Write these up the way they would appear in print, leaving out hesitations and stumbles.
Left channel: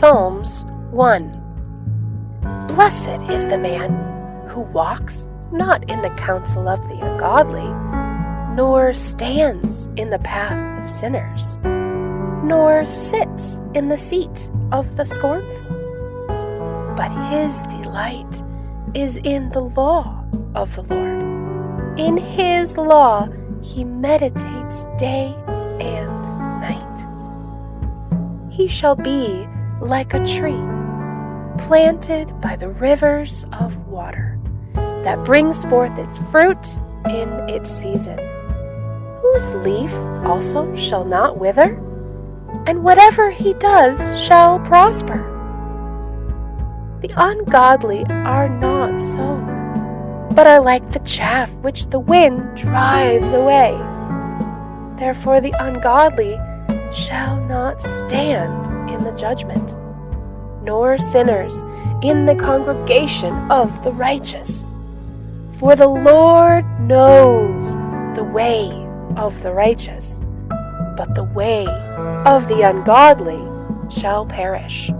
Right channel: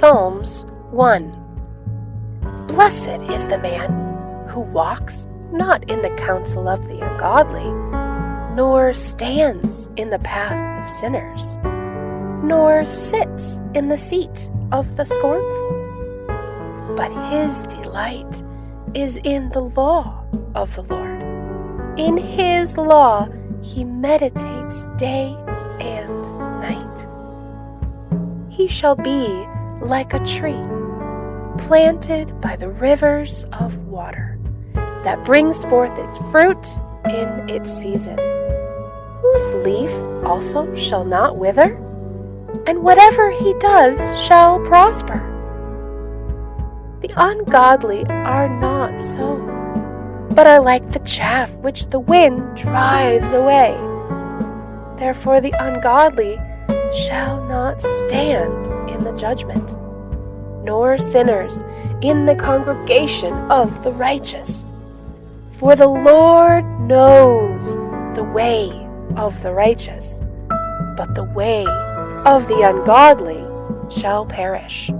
Psalms 1. Blessed is the man who walks not in the counsel of the ungodly, nor stands in the path of sinners, nor sits in the seat of the scornful. But his delight is in the law of the Lord. In his law he meditates day and night. He shall be like a tree planted by the rivers of water, that brings forth its fruit in its season, whose leaf also shall not wither, and whatever he does shall prosper. The ungodly are not so, but are like the chaff which the wind drives away. Therefore the ungodly shall not stand in the judgment, nor sinners in the congregation of the righteous. For the Lord knows the way of the righteous, but the way of the ungodly shall perish.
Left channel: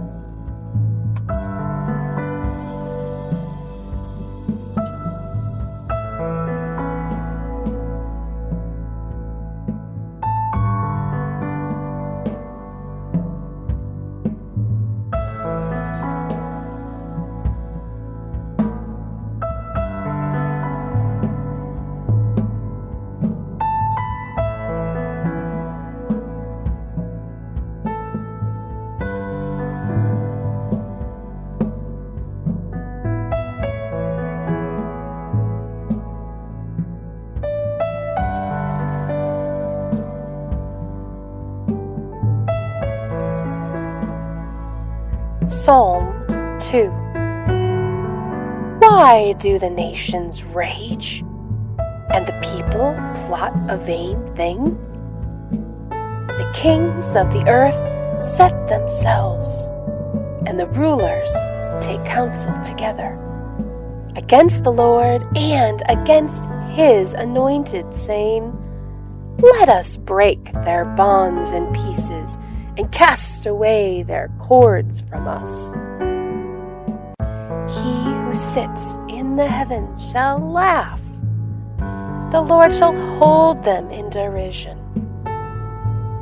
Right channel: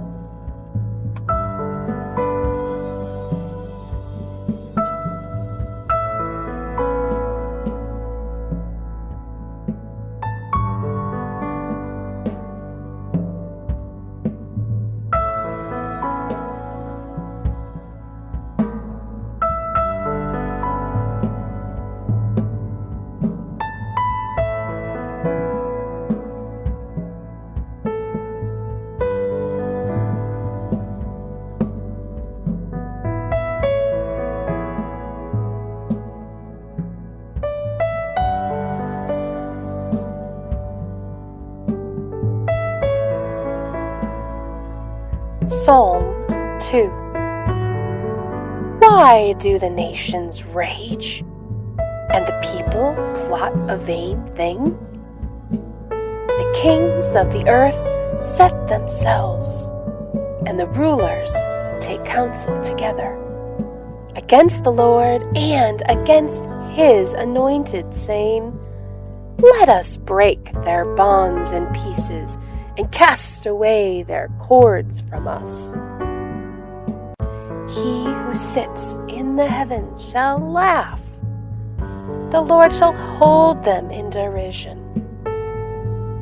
Psalm 2. Why do the nations rage, and the people plot a vain thing? The kings of the earth set themselves, and the rulers take counsel together against the Lord and against his anointed, saying, Let us break their bonds in pieces and cast away their cords from us. He who sits in the heavens shall laugh. The Lord shall hold them in derision.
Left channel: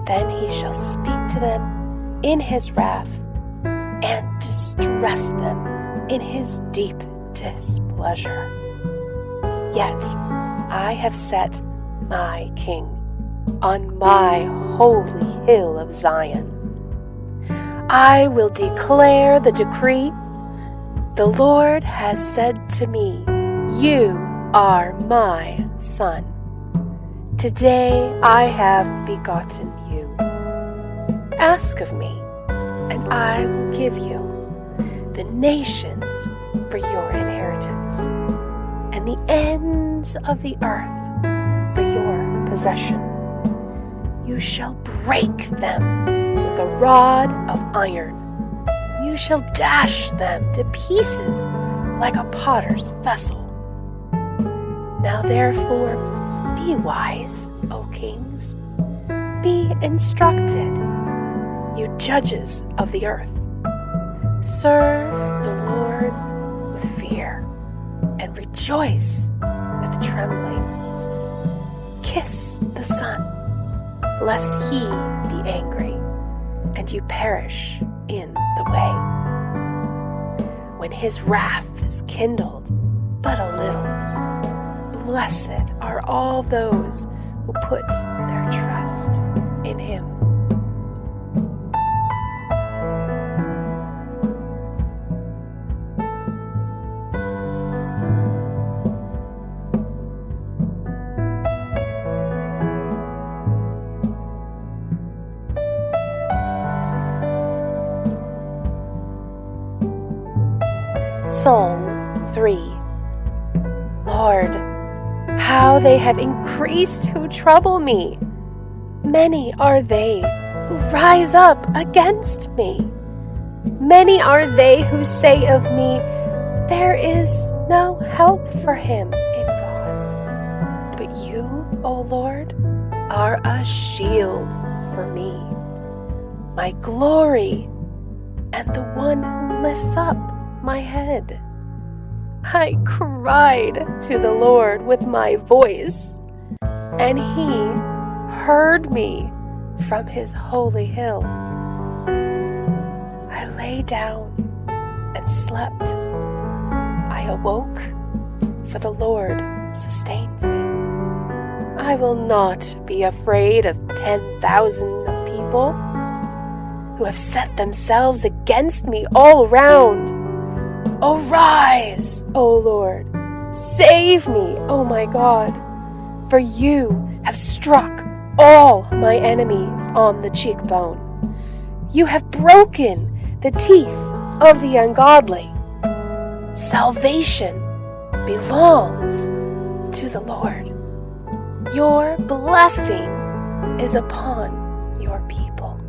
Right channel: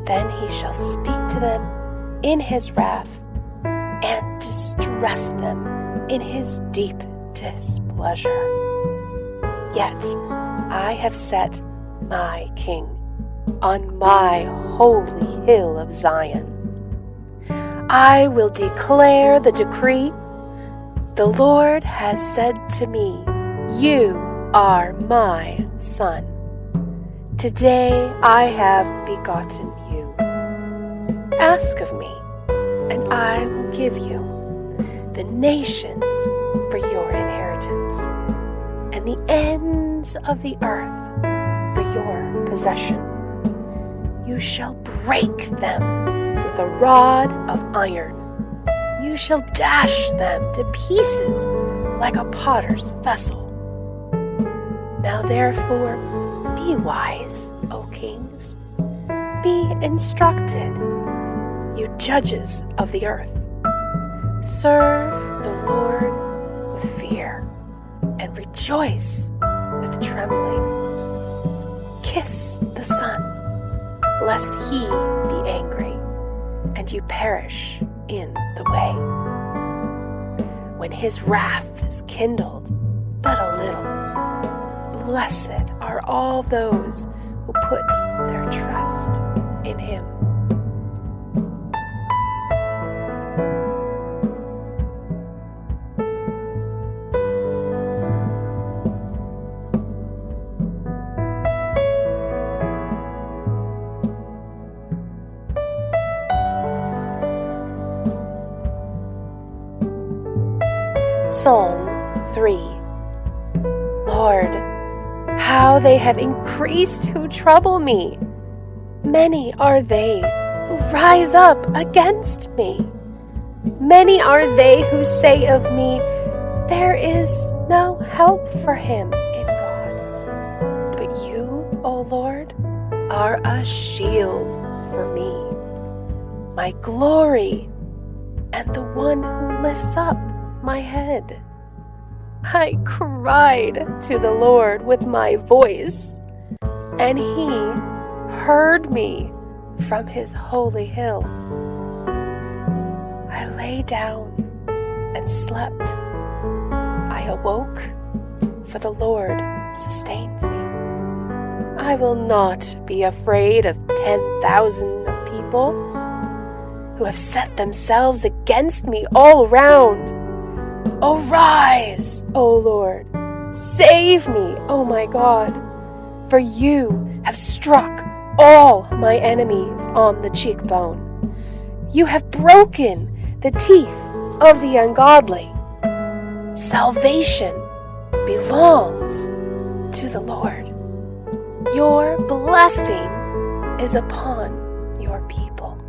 Then he shall speak to them in his wrath and distress them in his deep displeasure. Yet I have set my king on my holy hill of Zion. I will declare the decree. The Lord has said to me, You are my son. Today I have begotten you. Ask of me, and I will give you the nations for your inheritance, and the ends of the earth for your possession. You shall break them with a rod of iron. You shall dash them to pieces like a potter's vessel. Now therefore, be wise, O kings. Be instructed, you judges of the earth. Serve the Lord with fear and rejoice with trembling. Kiss the Son, lest he be angry and you perish in the way. When his wrath is kindled but a little, blessed are all those who put their trust in him. Psalm 3. Lord, how they have increased who trouble me. Many are they who rise up against me. Many are they who say of me, There is no help for him in God. But you, O Lord, are a shield for me, my glory and the one who lifts up my head. I cried to the Lord with my voice, and He heard me from His holy hill. I lay down and slept. I awoke, for the Lord sustained me. I will not be afraid of 10,000 of people who have set themselves against me all around. Arise, O Lord, save me, O my God, for you have struck all my enemies on the cheekbone. You have broken the teeth of the ungodly. Salvation belongs to the Lord. Your blessing is upon your people.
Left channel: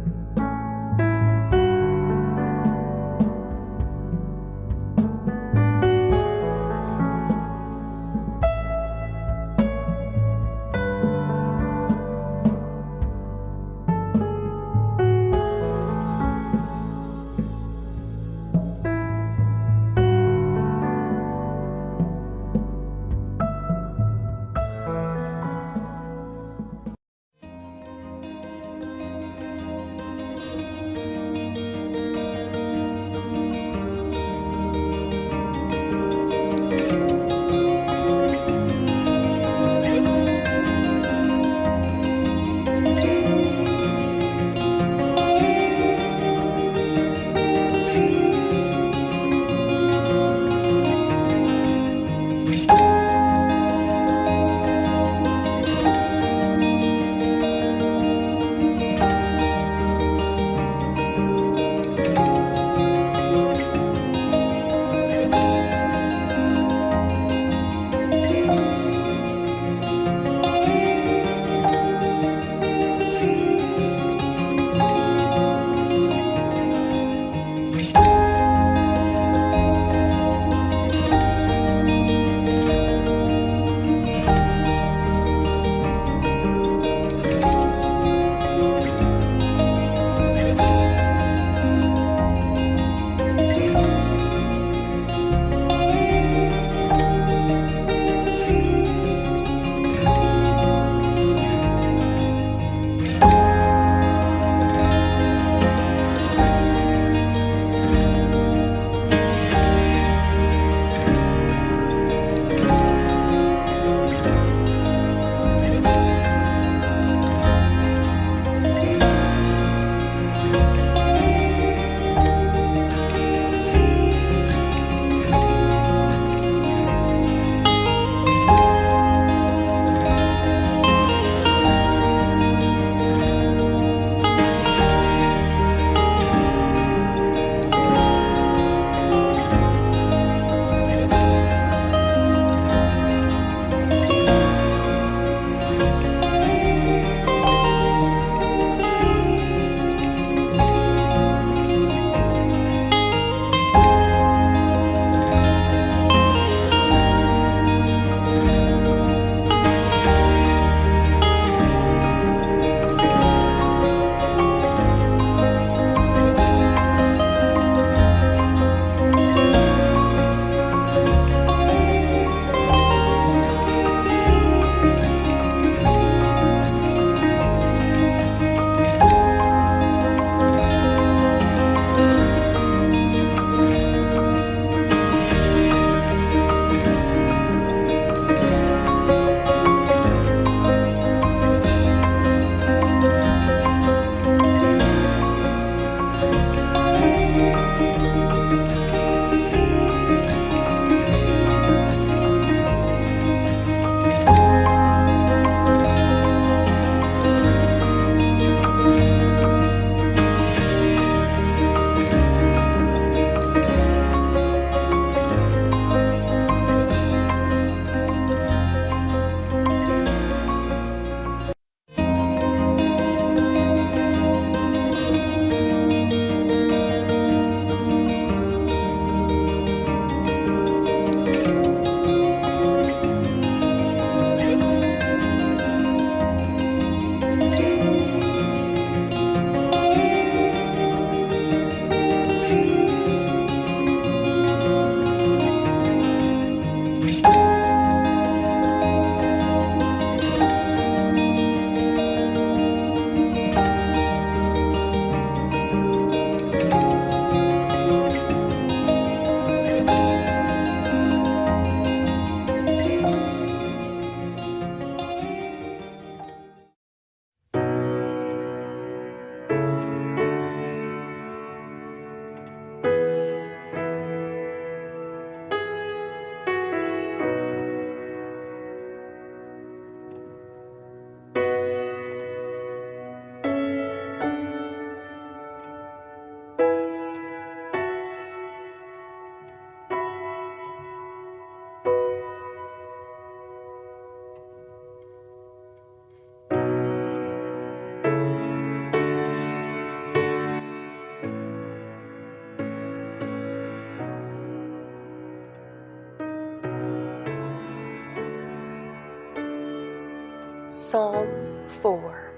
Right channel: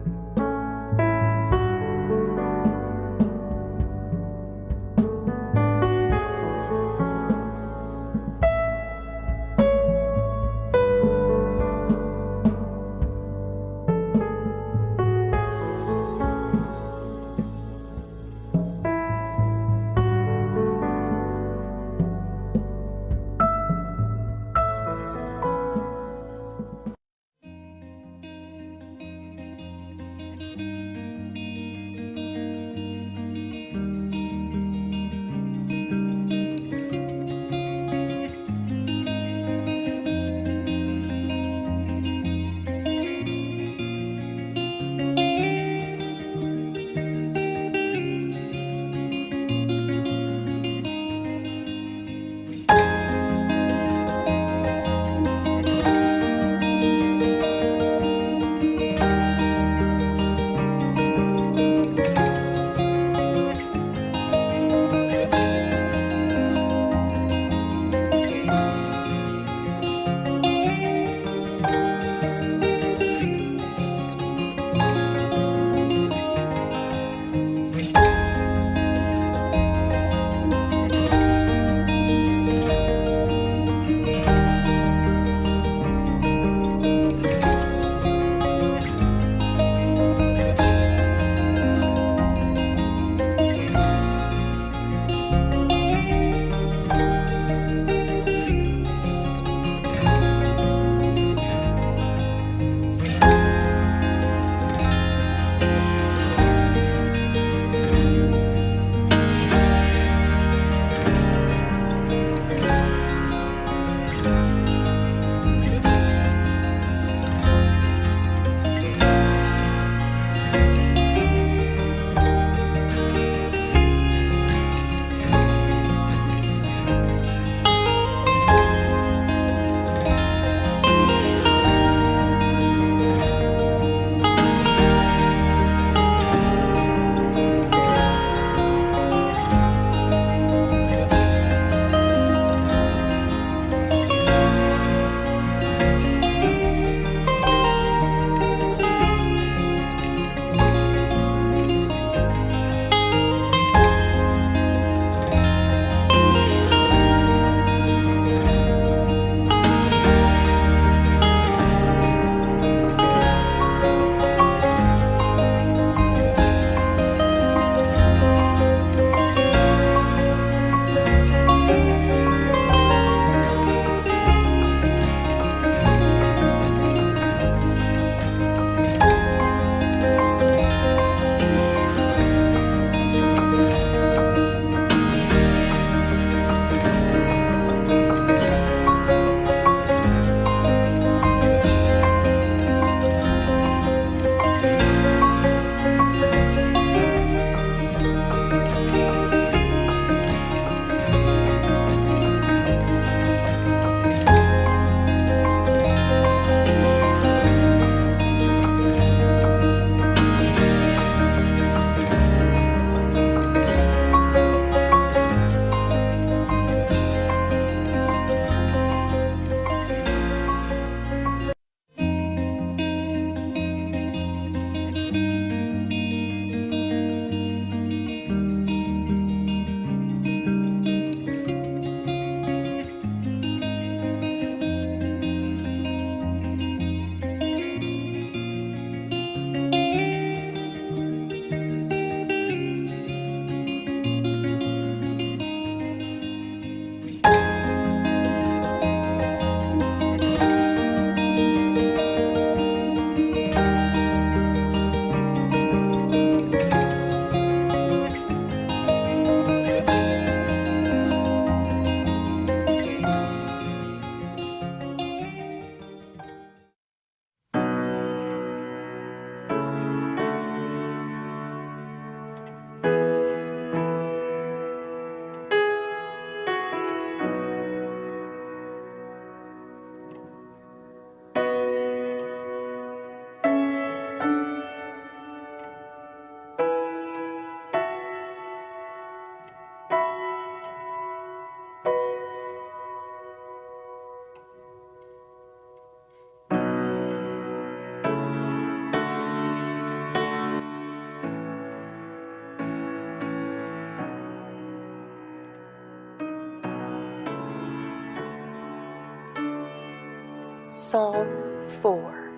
Psalm 4.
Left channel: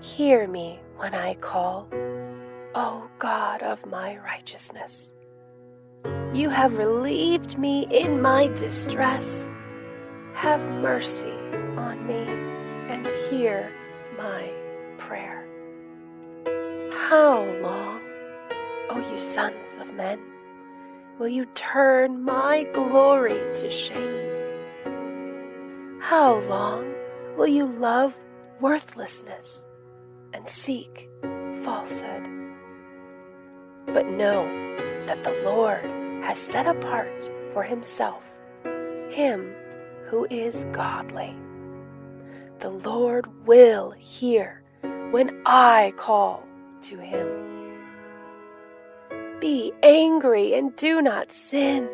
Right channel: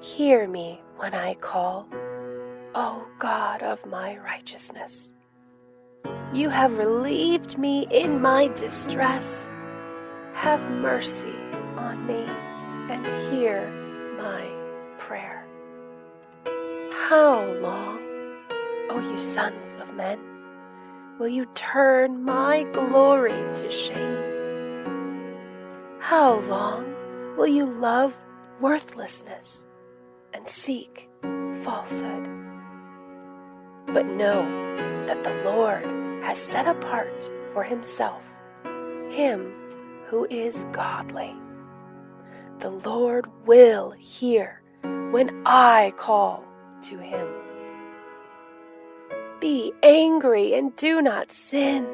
Hear me when I call, O God of my righteousness. You have relieved me in my distress. Have mercy on me and hear my prayer. How long, O you sons of men, will you turn my glory to shame? How long will you love worthlessness and seek falsehood? But know that the Lord has set apart for himself him who is godly. The Lord will hear when I call to him. Be angry and do not sin.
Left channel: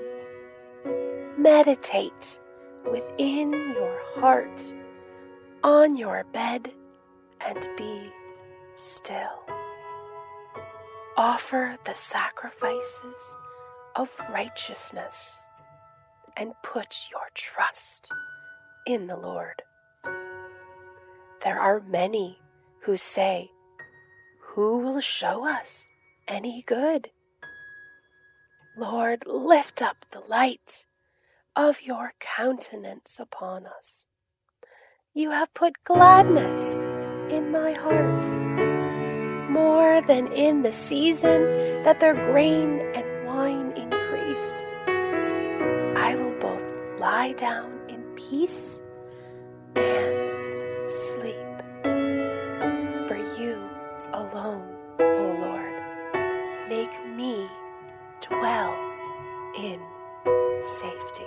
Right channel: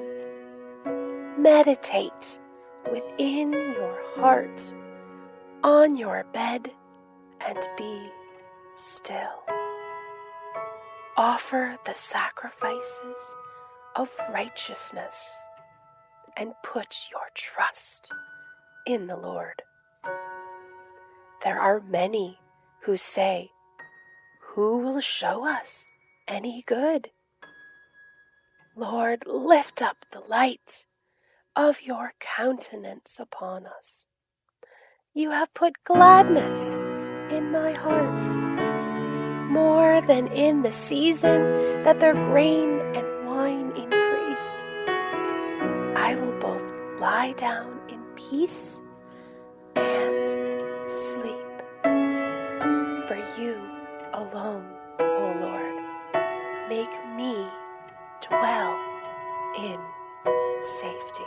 Meditate within your heart on your bed and be still. Offer the sacrifices of righteousness and put your trust in the Lord. There are many who say, "Who will show us any good?" Lord, lift up the light of your countenance upon us. You have put gladness in my heart, more than in the season that their grain and wine increased. I will both lie down in peace and sleep. For you alone, O Lord, make me dwell in safety.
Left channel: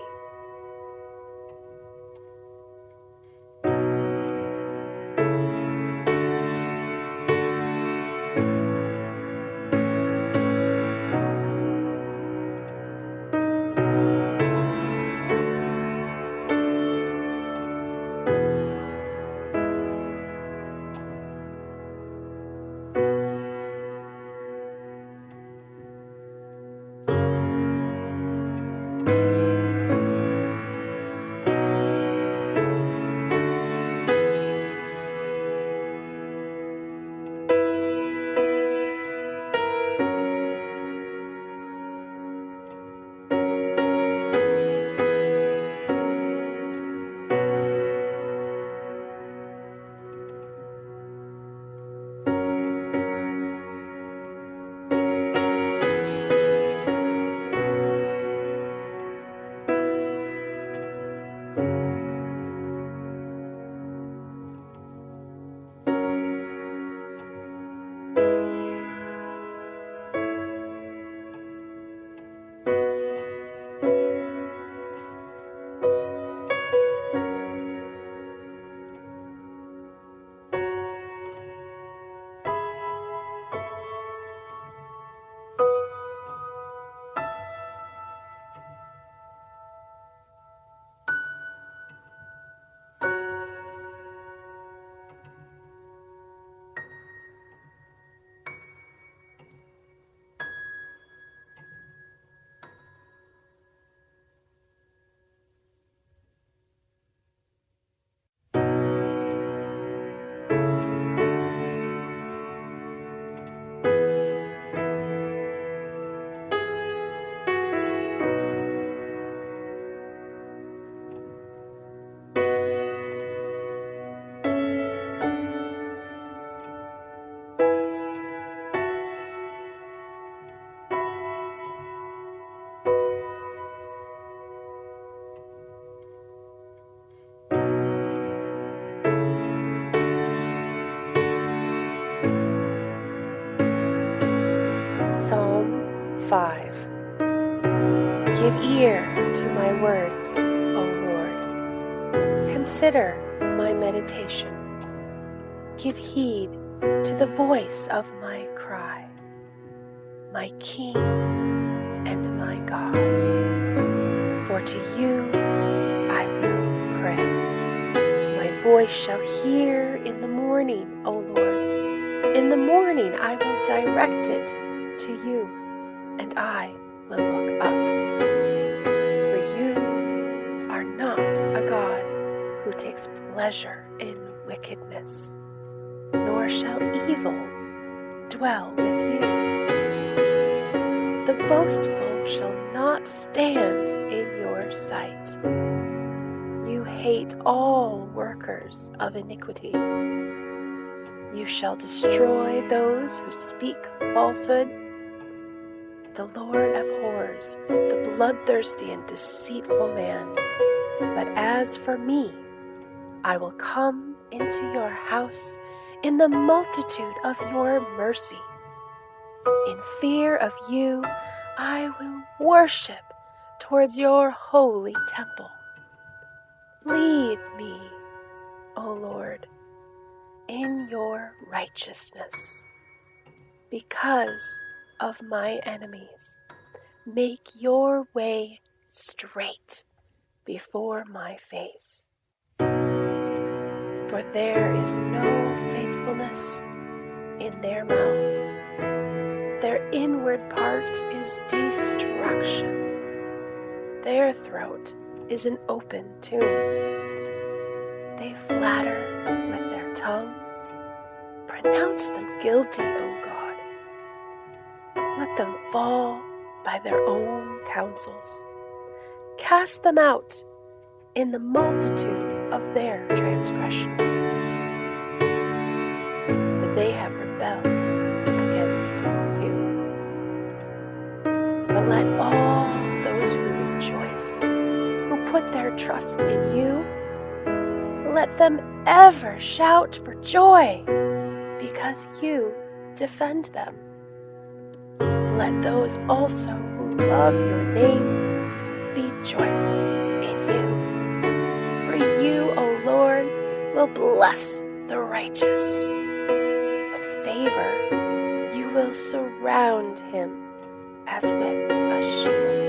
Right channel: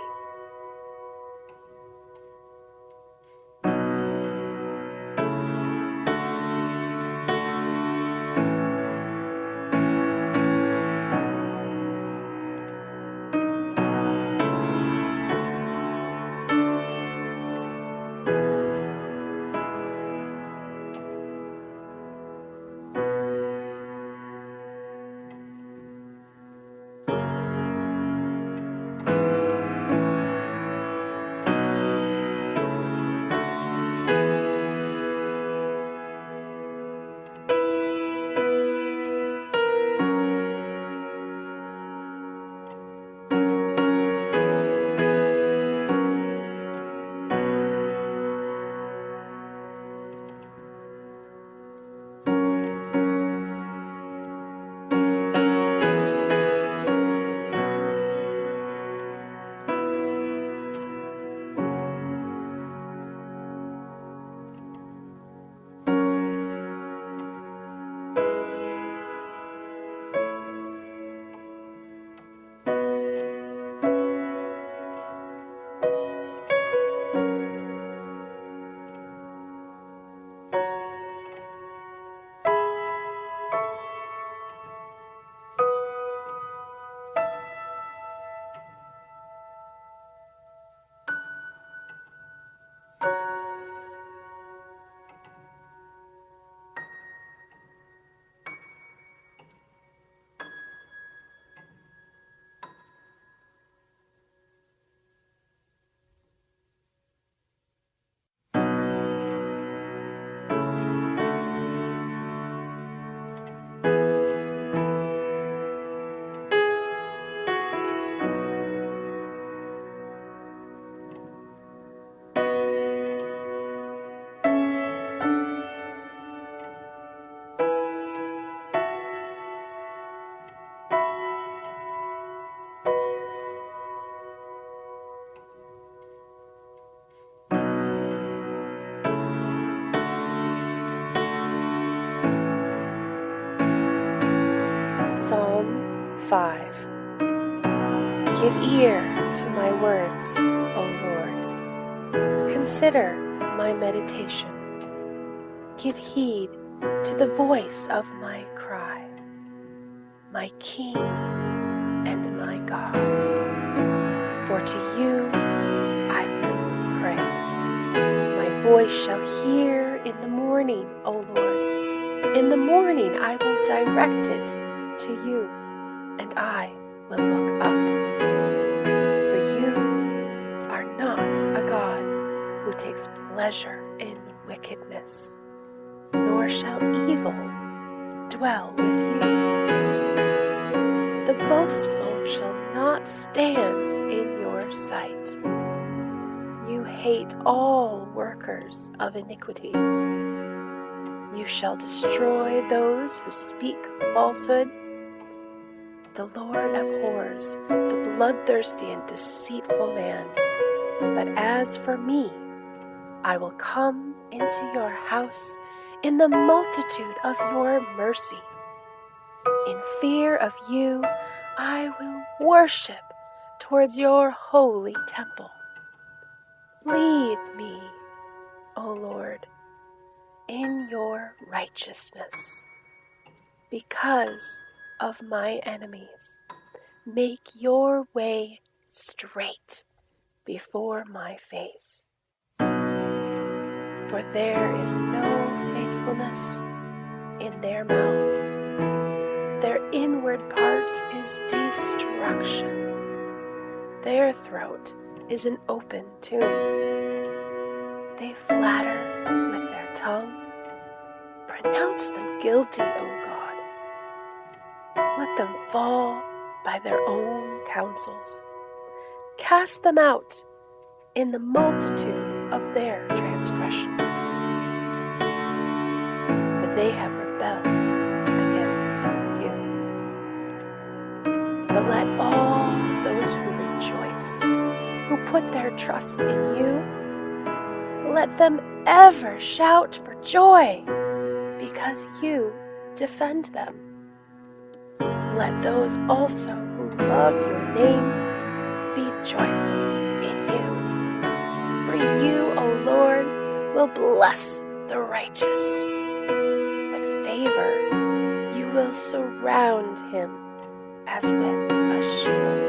Psalm 5. Give ear to my words, O Lord. Consider my meditation. Give heed to the voice of my cry, my King and my God. For to you I will pray. My voice shall hear in the morning, O Lord. In the morning I will direct it to you, and I will look up. For you are not a God who takes pleasure in wickedness, nor shall evil dwell with you. The boastful shall not stand in your sight. You hate all workers of iniquity. You shall destroy those who speak falsehood. The Lord abhors the bloodthirsty and deceitful man. But as for me, I will come into your house in the multitude of your mercy. In fear of you, I will worship towards your holy temple. Lead me, O Lord, in your righteousness. Because of my enemies, make your way straight before my face. For there is no faithfulness in their mouth. Their inward part is destruction. Their throat is an open tomb. They flatter with their tongue. Pronounce them guilty, O God. Let them fall by their own counsels. Cast them out in the multitude of their transgressions. For they have rebelled against you. But let all those who rejoice, who put their trust in you, let them ever shout for joy, because you defend them. Let those also who love your name be joyful in you. For you, O Lord, will bless the righteous. With favor you will surround him as with a shield.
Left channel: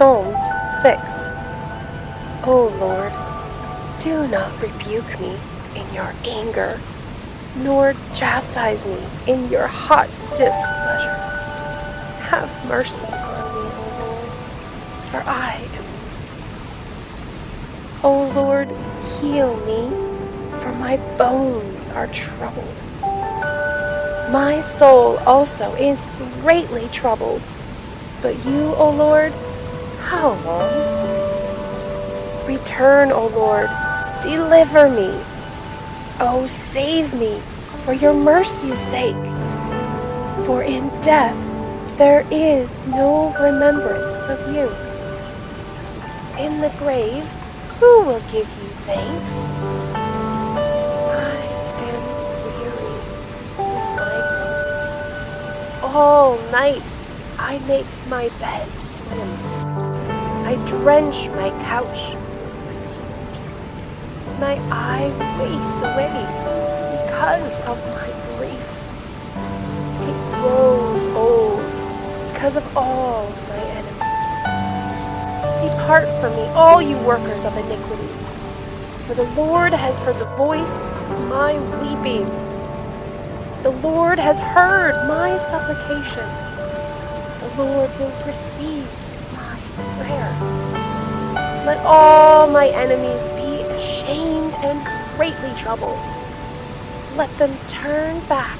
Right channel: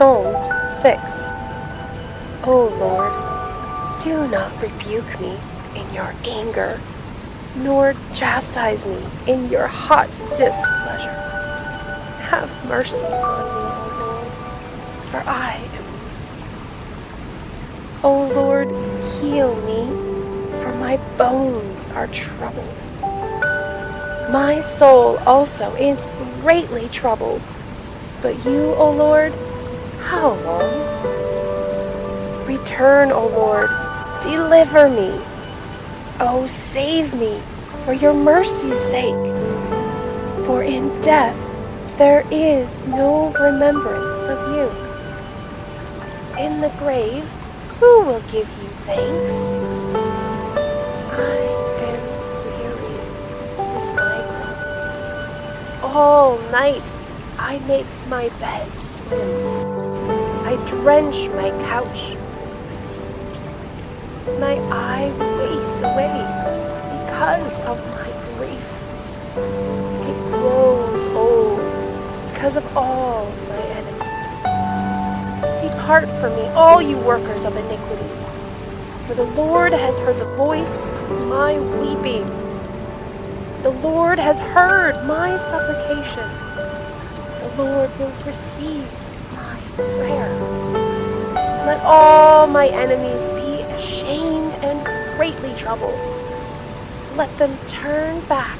Psalms 6. O Lord, do not rebuke me in your anger, nor chastise me in your hot displeasure. Have mercy on me, O Lord, for I am weak. O Lord, heal me, for my bones are troubled. My soul also is greatly troubled. But you, O Lord, how long? Return, O Lord, deliver me. Oh, save me for your mercy's sake. For in death there is no remembrance of you. In the grave, who will give you thanks? I am weary with my groans. All night I make my bed swim. I drench my couch with my tears. My eye wastes away because of my grief. It grows old because of all my enemies. Depart from me, all you workers of iniquity, for the Lord has heard the voice of my weeping. The Lord has heard my supplication. The Lord will receive my prayer. Let all my enemies be ashamed and greatly troubled. Let them turn back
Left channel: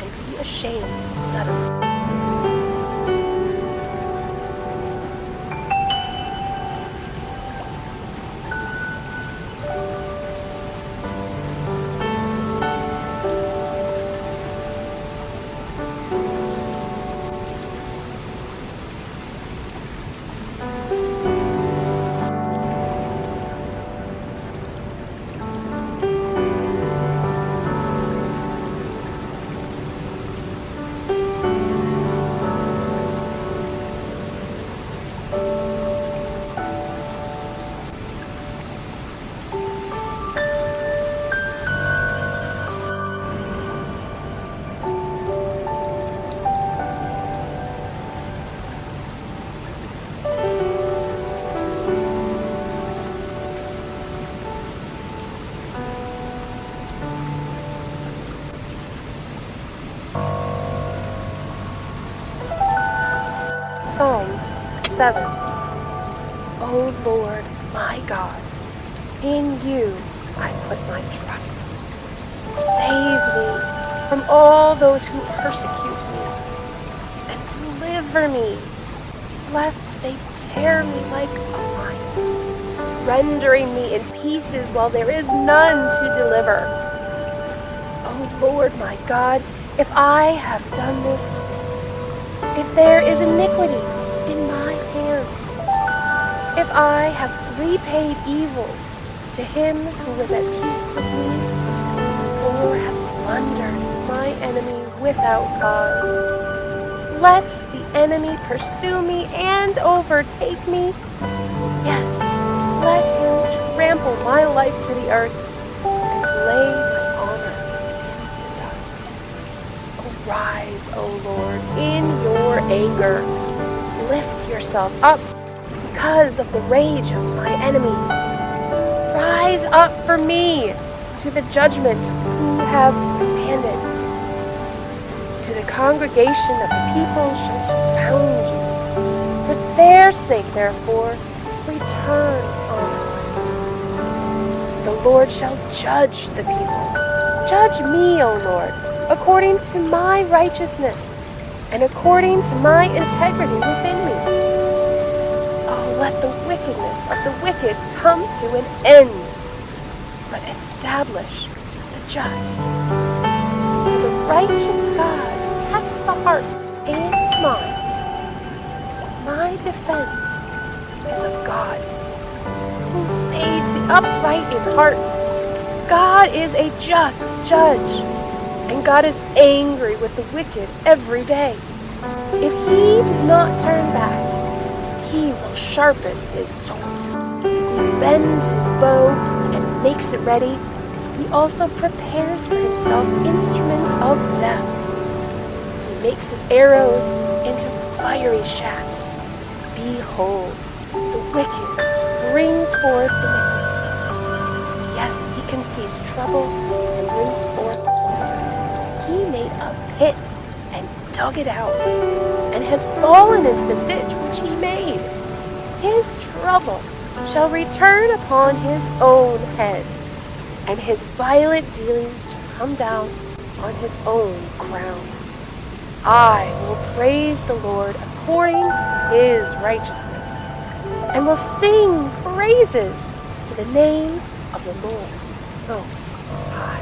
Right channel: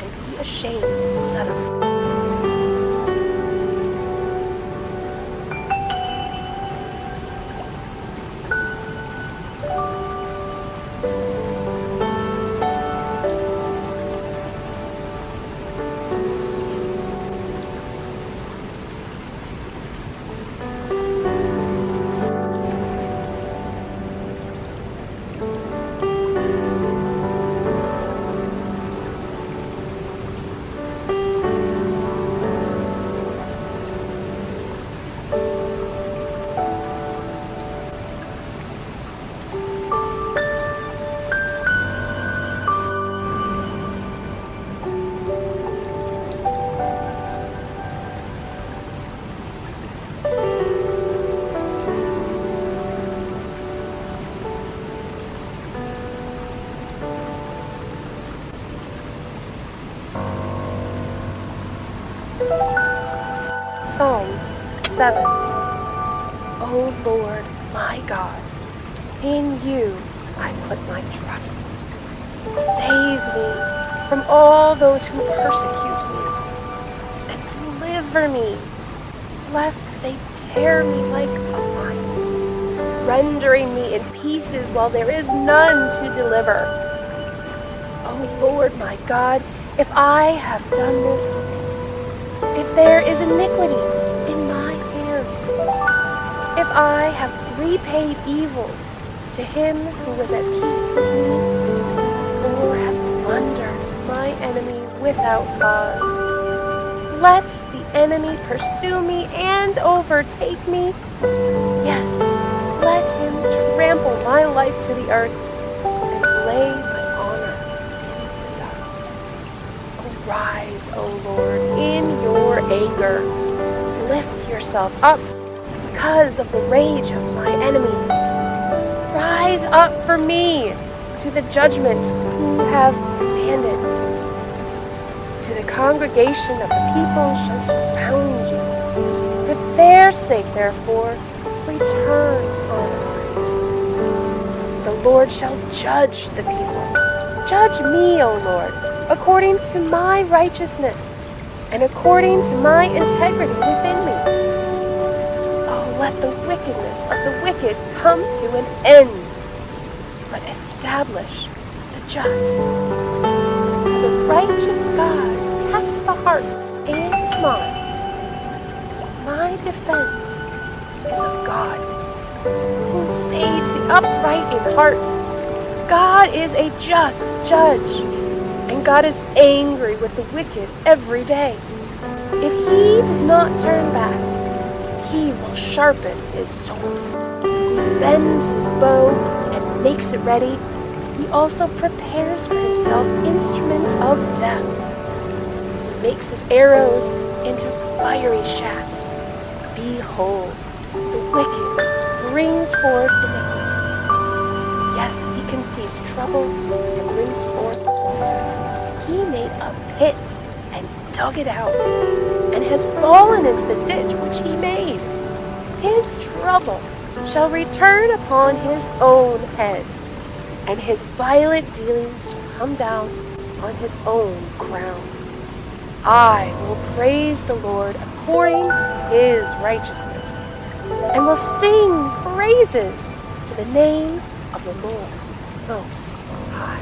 and be ashamed suddenly. Psalms 7. O Lord, my God, in you I put my trust. Save me from all those who persecute me, and deliver me, lest they tear me like a lion, rendering me in pieces while there is none to deliver. O Lord, my God, if I have done this, if there is iniquity in my hands, if I have repaid evil to him who was at peace with me, or have plundered my enemy without cause, let the enemy pursue me and overtake me. Yes, let him trample my life to the earth and lay my honor in the dust. Arise, O Lord, in your anger. Lift yourself up because of the rage of my enemies. Rise up for me to the judgment who have commanded. To the congregation of the people shall surround you. For their sake, therefore, return on high. The Lord shall judge the people. Judge me, O Lord, according to my righteousness and according to my integrity within me. Oh, let the wickedness of the wicked come to an end, but establish the just. For the righteous God tests the hearts and minds. My defense is of God, who saves the upright in heart. God is a just judge, and God is angry with the wicked every day. If he does not turn back, he will sharpen his sword. He bends his bow and makes it ready. He also prepares for himself instruments of death. He makes his arrows into fiery shafts. Behold, the wicked brings forth iniquity. Yes, he conceives trouble and brings forth falsehood. He made a pit and dug it out, and has fallen into the ditch which he made. His trouble shall return upon his own head, and his violent dealings shall come down on his own crown. I will praise the Lord according to his righteousness, and will sing praises to the name of the Lord Most High.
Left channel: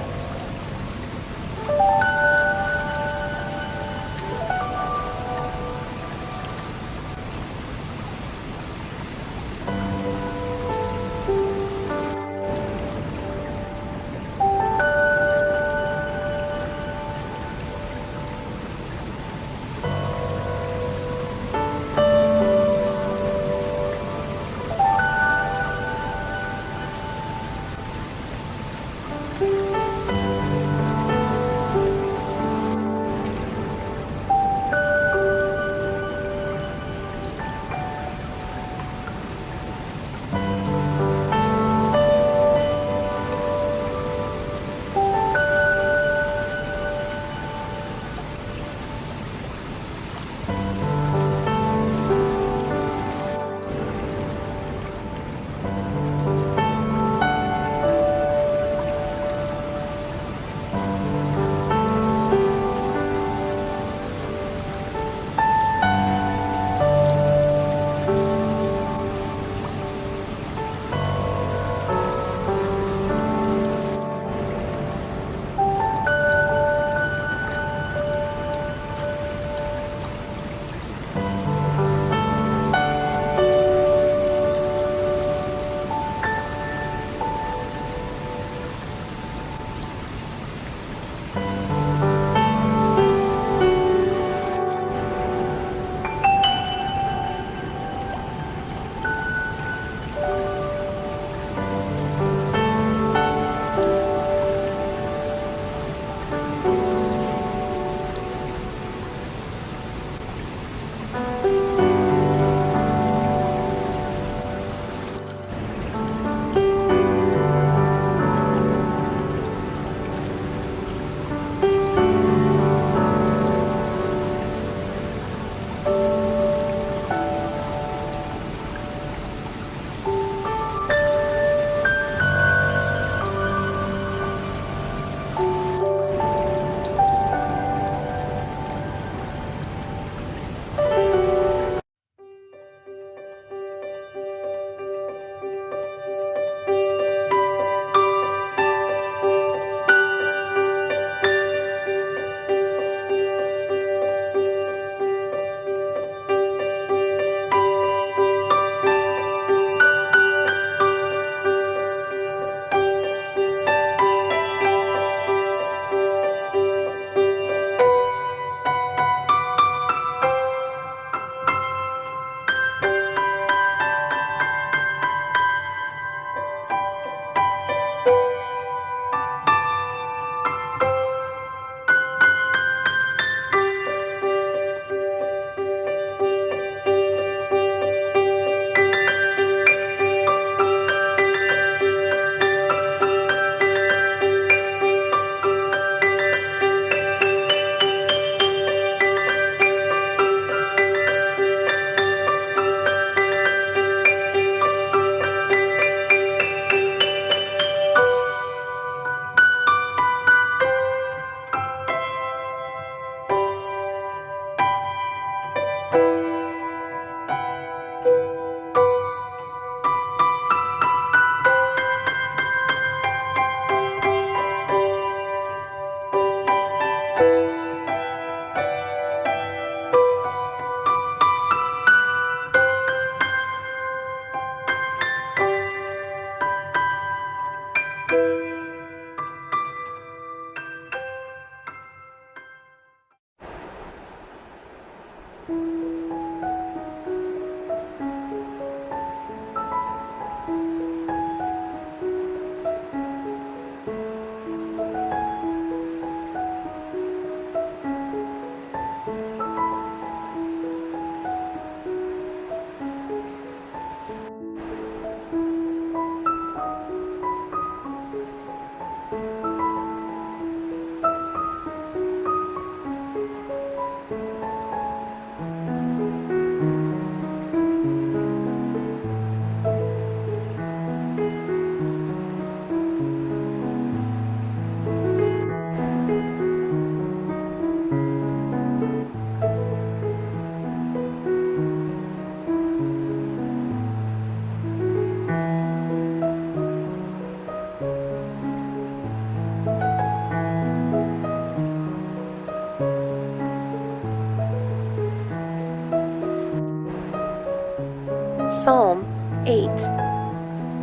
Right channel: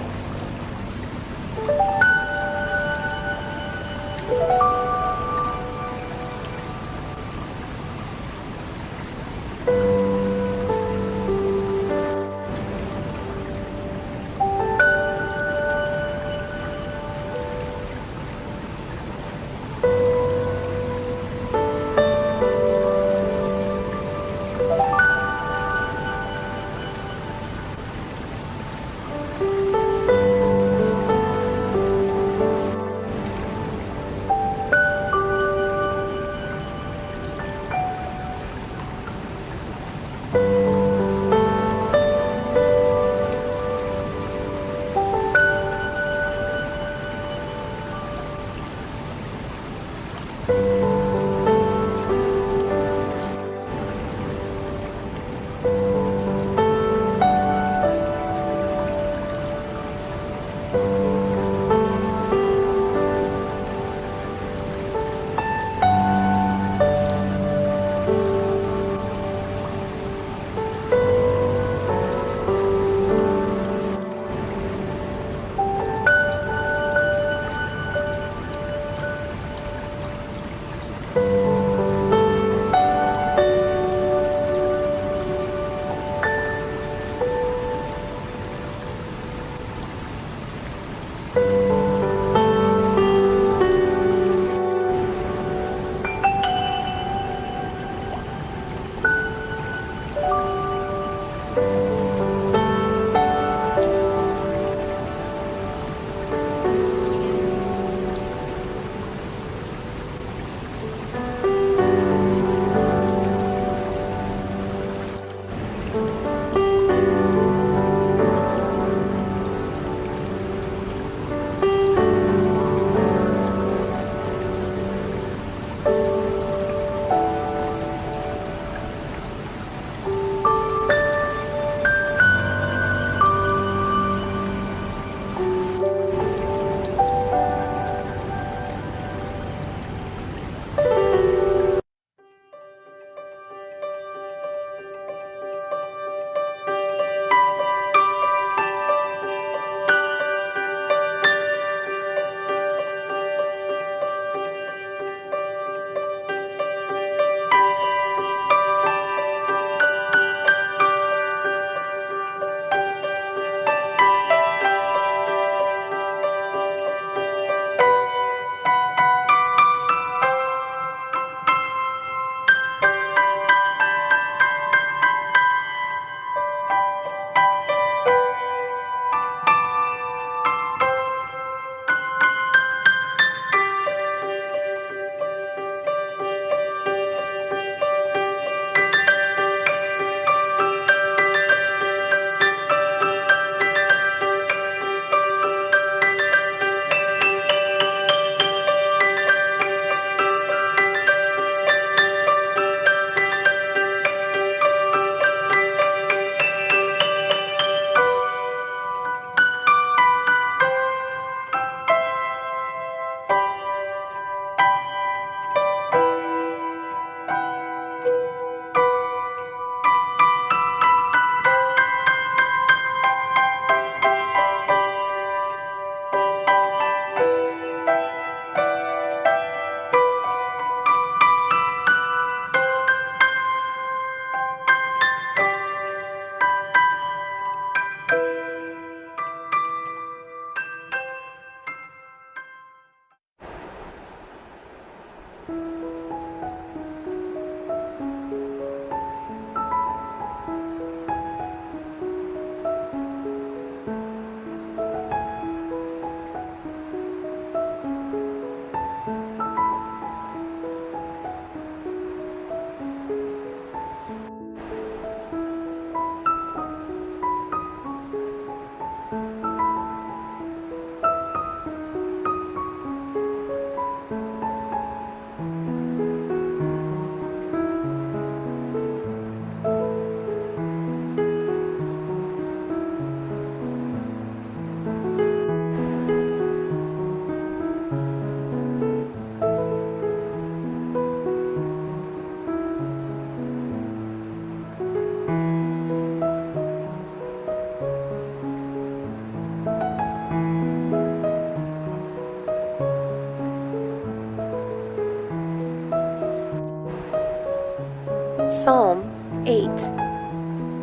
Psalm 8.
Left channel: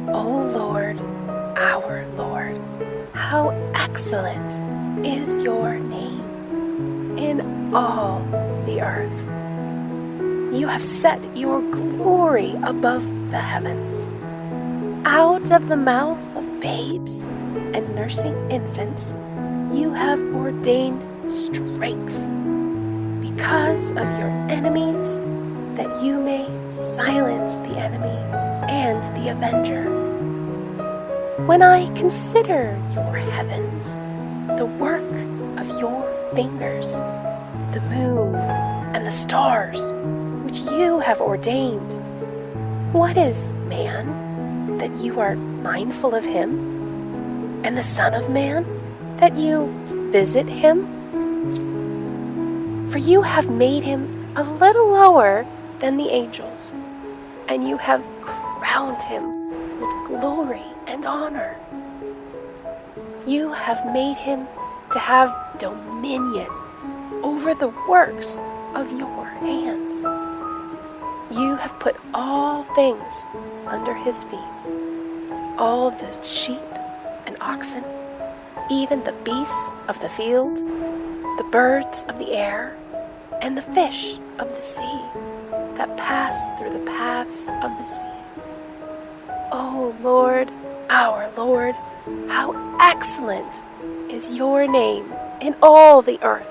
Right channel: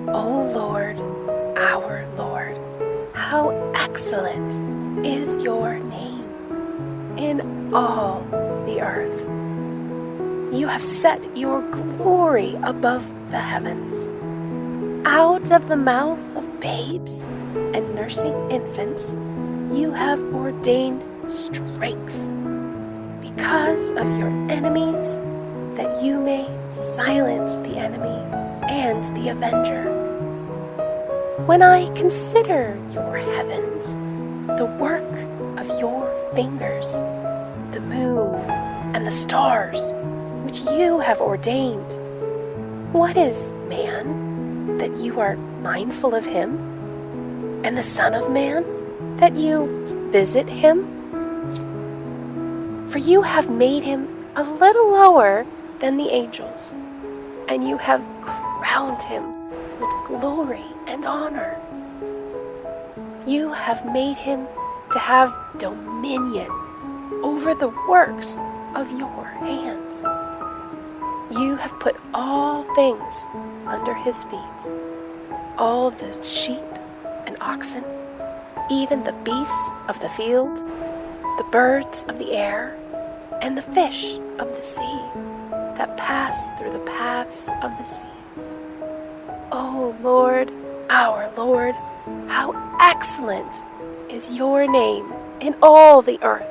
O Lord, our Lord, how excellent is your name in all the earth. You have set your glory above the heavens. Out of the mouth of babes and nursing infants, you have ordained strength because of your enemies, that you may silence the enemy and the avenger. When I consider your heavens, the work of your fingers, the moon and the stars, which you have ordained, what is man, that you are mindful of him, and the Son of Man, that you visit him? For you have made him a little lower than the angels, and you have crowned him with glory and honor. You have made him to have dominion over the works of your hands. You have put all things under his feet, all the sheep and oxen, even the beasts of the field, the birds of the air, and the fish of the sea that pass through the paths of the seas. O Lord, our Lord, how excellent is your name in all the earth.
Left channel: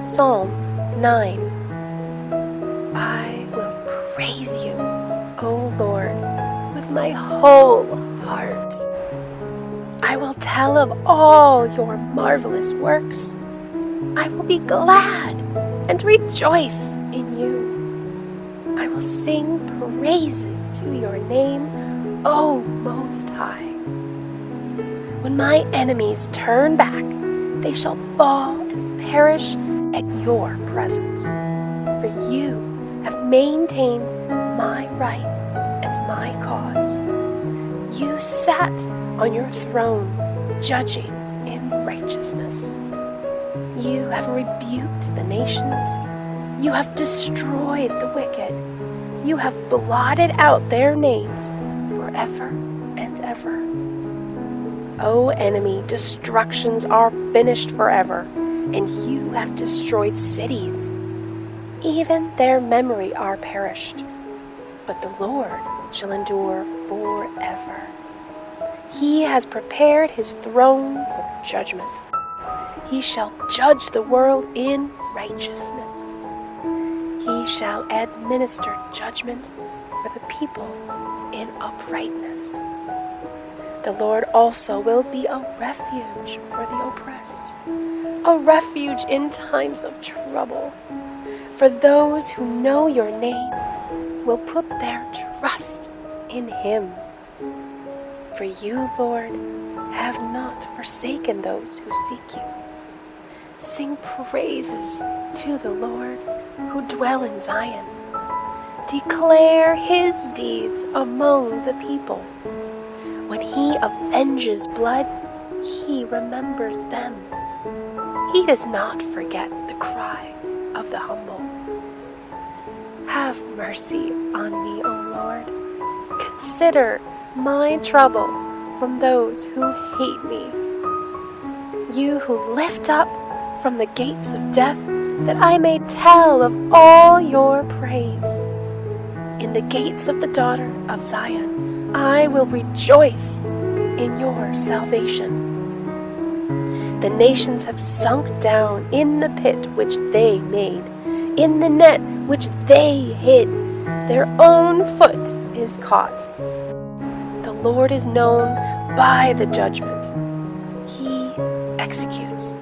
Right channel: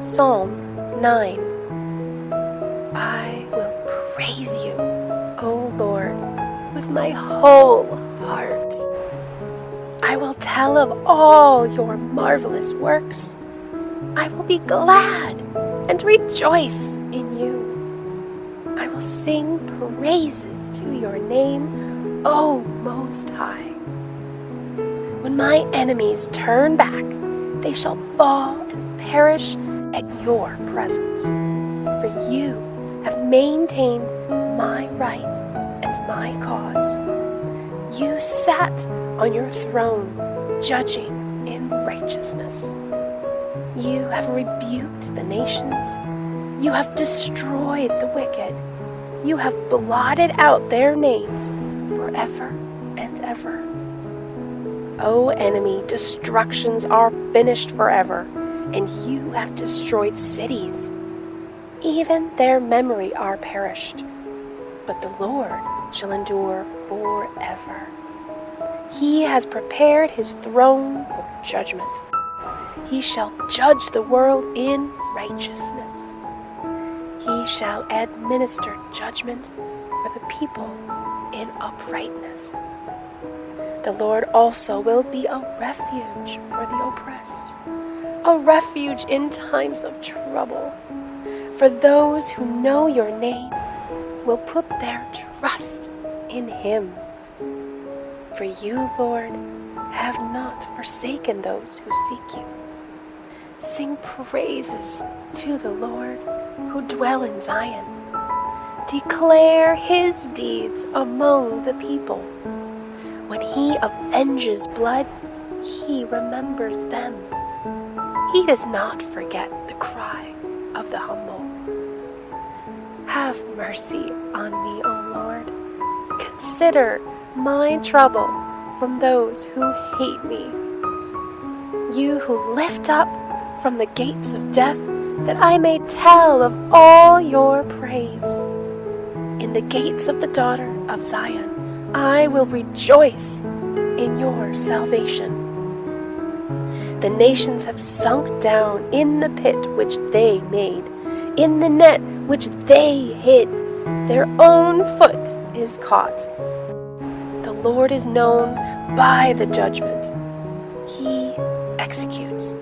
Psalm 9. I will praise you, O Lord, with my whole heart. I will tell of all your marvelous works. I will be glad and rejoice in you. I will sing praises to your name, O Most High. When my enemies turn back, they shall fall and perish at your presence. For you have maintained my right and my cause. You sat on your throne, judging in righteousness. You have rebuked the nations. You have destroyed the wicked. You have blotted out their names forever and ever. O enemy, destructions are finished forever, and you have destroyed cities. Even their memory are perished, but the Lord shall endure forever. He has prepared his throne for judgment. He shall judge the world in righteousness. He shall administer judgment for the people in uprightness. The Lord also will be a refuge for the oppressed, a refuge in times of trouble. For those who know your name will put their trust in him. For you, Lord, have not forsaken those who seek you. Sing praises to the Lord who dwell in Zion. Declare his deeds among the people. When he avenges blood, he remembers them. He does not forget the cry of the humble. Have mercy on me, O Lord. Consider my trouble from those who hate me. You who lift up from the gates of death, that I may tell of all your praise. in the gates of the daughter of Zion. I will rejoice in your salvation. The nations have sunk down in the pit which they made, in the net which they hid. Their own foot is caught. The Lord is known by the judgment. He executes.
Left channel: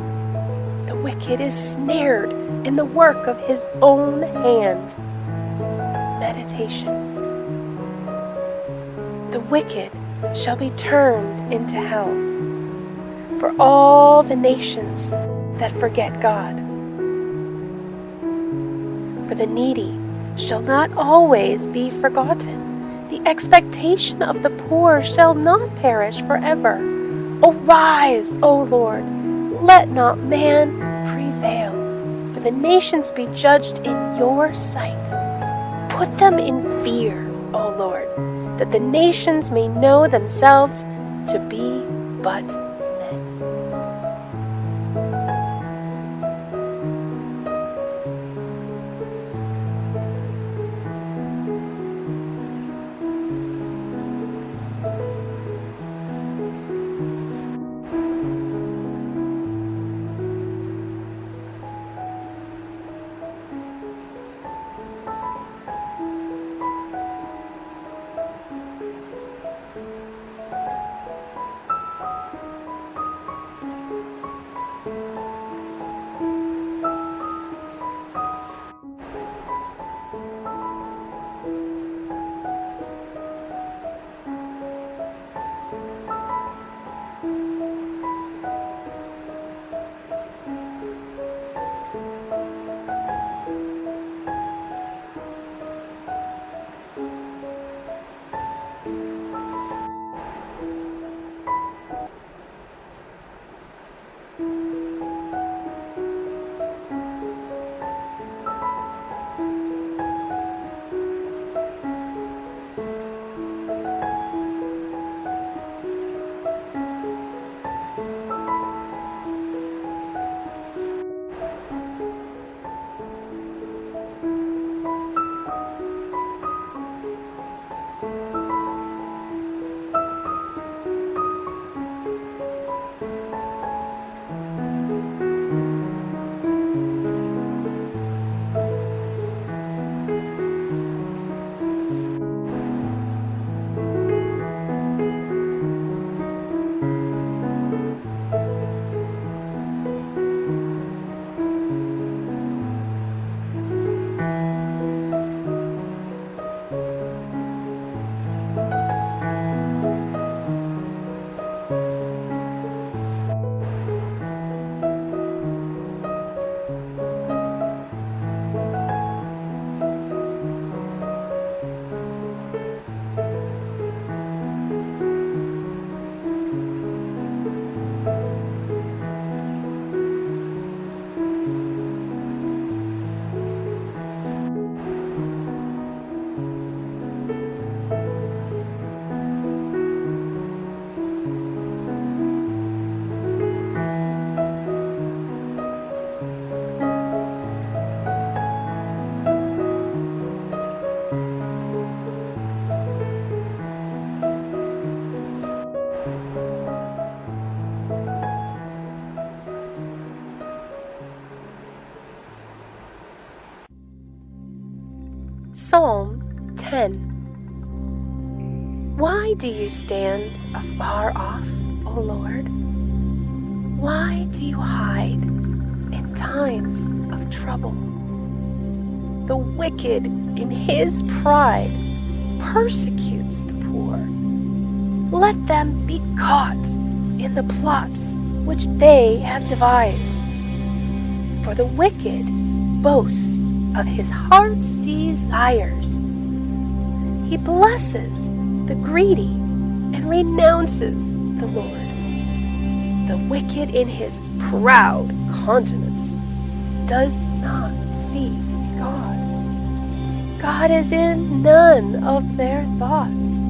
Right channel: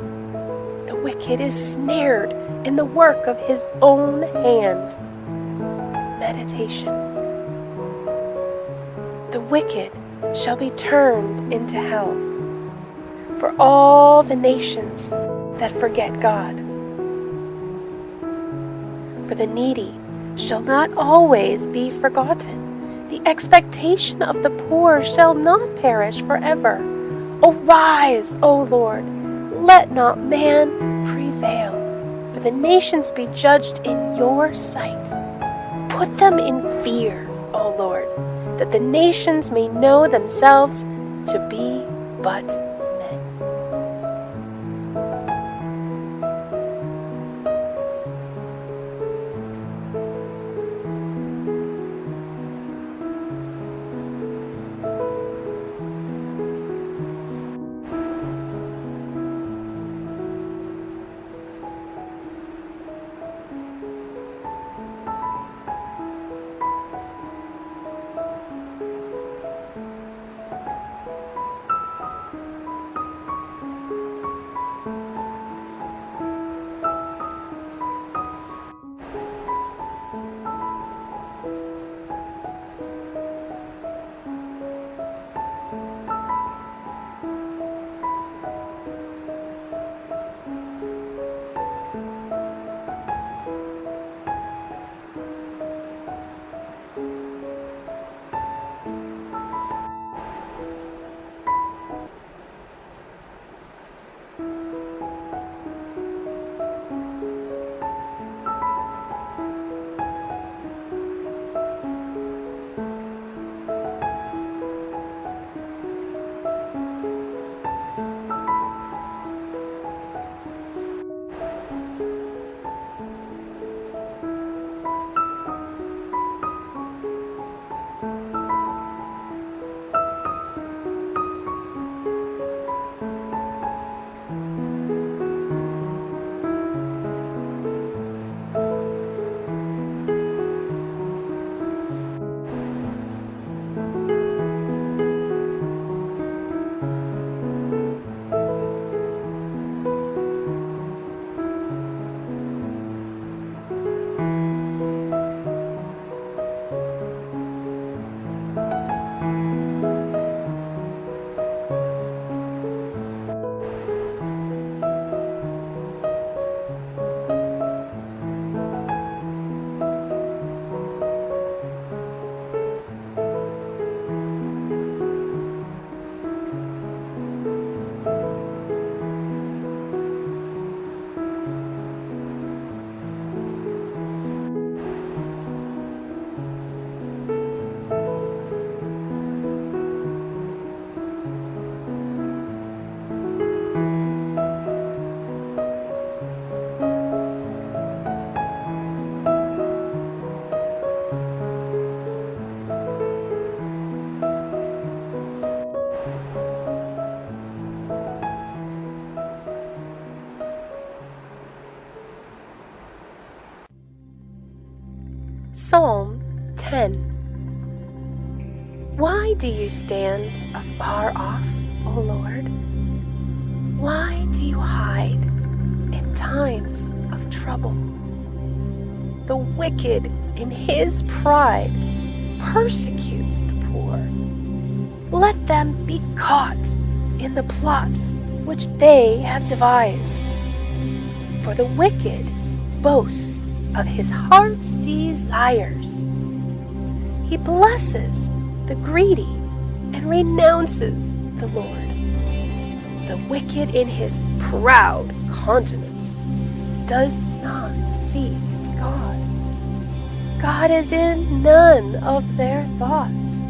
The wicked is snared in the work of his own hand. Meditation. The wicked shall be turned into hell for all the nations that forget God. For the needy shall not always be forgotten. The expectation of the poor shall not perish forever. Arise, O Lord, let not man prevail. For the nations be judged in your sight. Put them in fear, O Lord, that the nations may know themselves to be but men. Psalm 10. Why do you stand afar off, O Lord? Why do you hide in times of trouble? The wicked in his pride persecutes the poor. Let them be caught in the plots which they have devised. For the wicked boasts of his heart's desires. He blesses the greedy and renounces the Lord. The wicked in his proud countenance does not seek God. God is in none of their thoughts.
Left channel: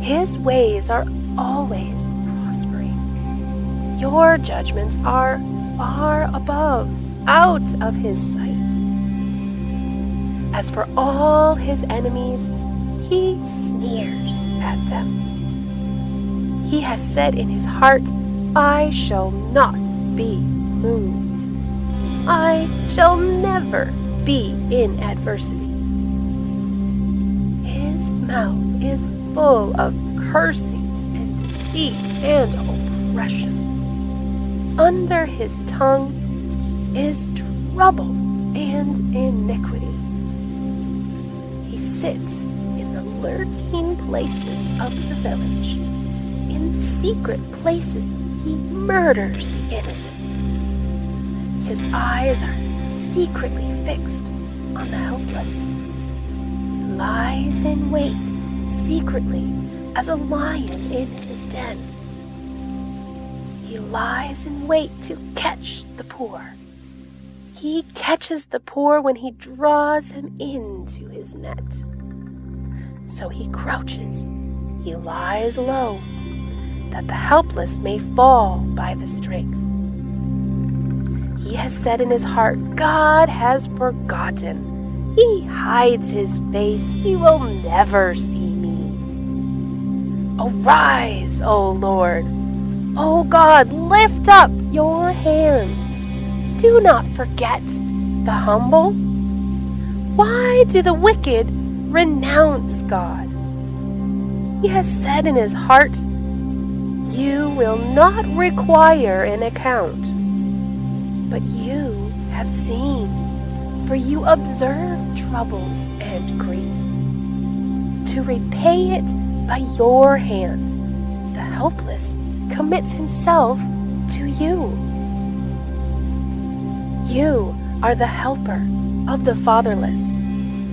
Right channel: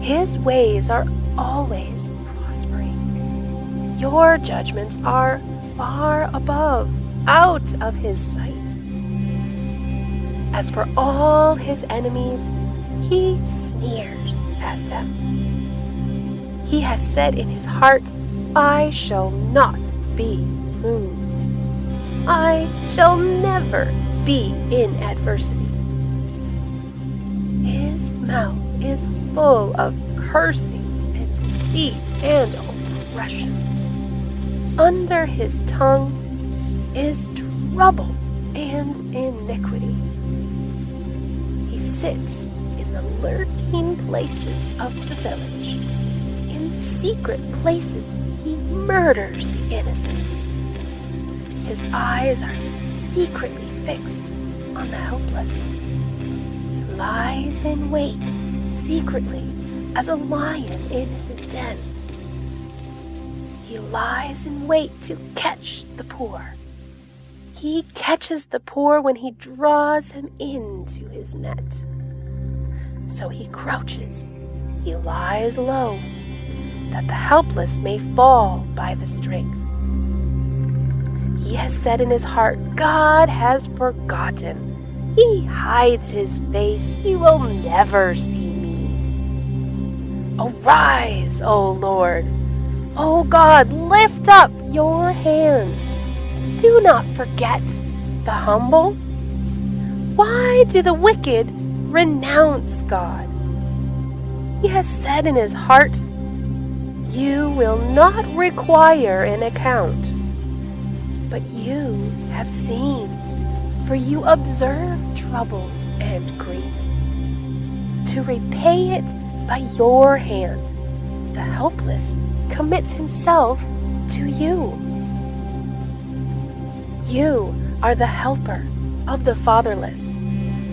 His ways are always prospering. Your judgments are far above, out of his sight. As for all his enemies, he sneers at them. He has said in his heart, I shall not be moved. I shall never be in adversity. His mouth is full of cursings and deceit and oppression. Under his tongue is trouble and iniquity. He sits in the lurking places of the village. In the secret places, he murders the innocent. His eyes are secretly fixed on the helpless. He lies in wait secretly as a lion in his den. He lies in wait to catch the poor. He catches the poor when he draws him into his net. So he crouches, he lies low, that the helpless may fall by the strength. He has said in his heart, God has forgotten. He hides his face, he will never see me. Arise, O Lord. O God, lift up your hand. Do not forget the humble. Why do the wicked renounce God? He has said in his heart, you will not require an account. But you have seen, for you observe trouble and grief. To repay it by your hand, the helpless commits himself to you. You are the helper of the fatherless.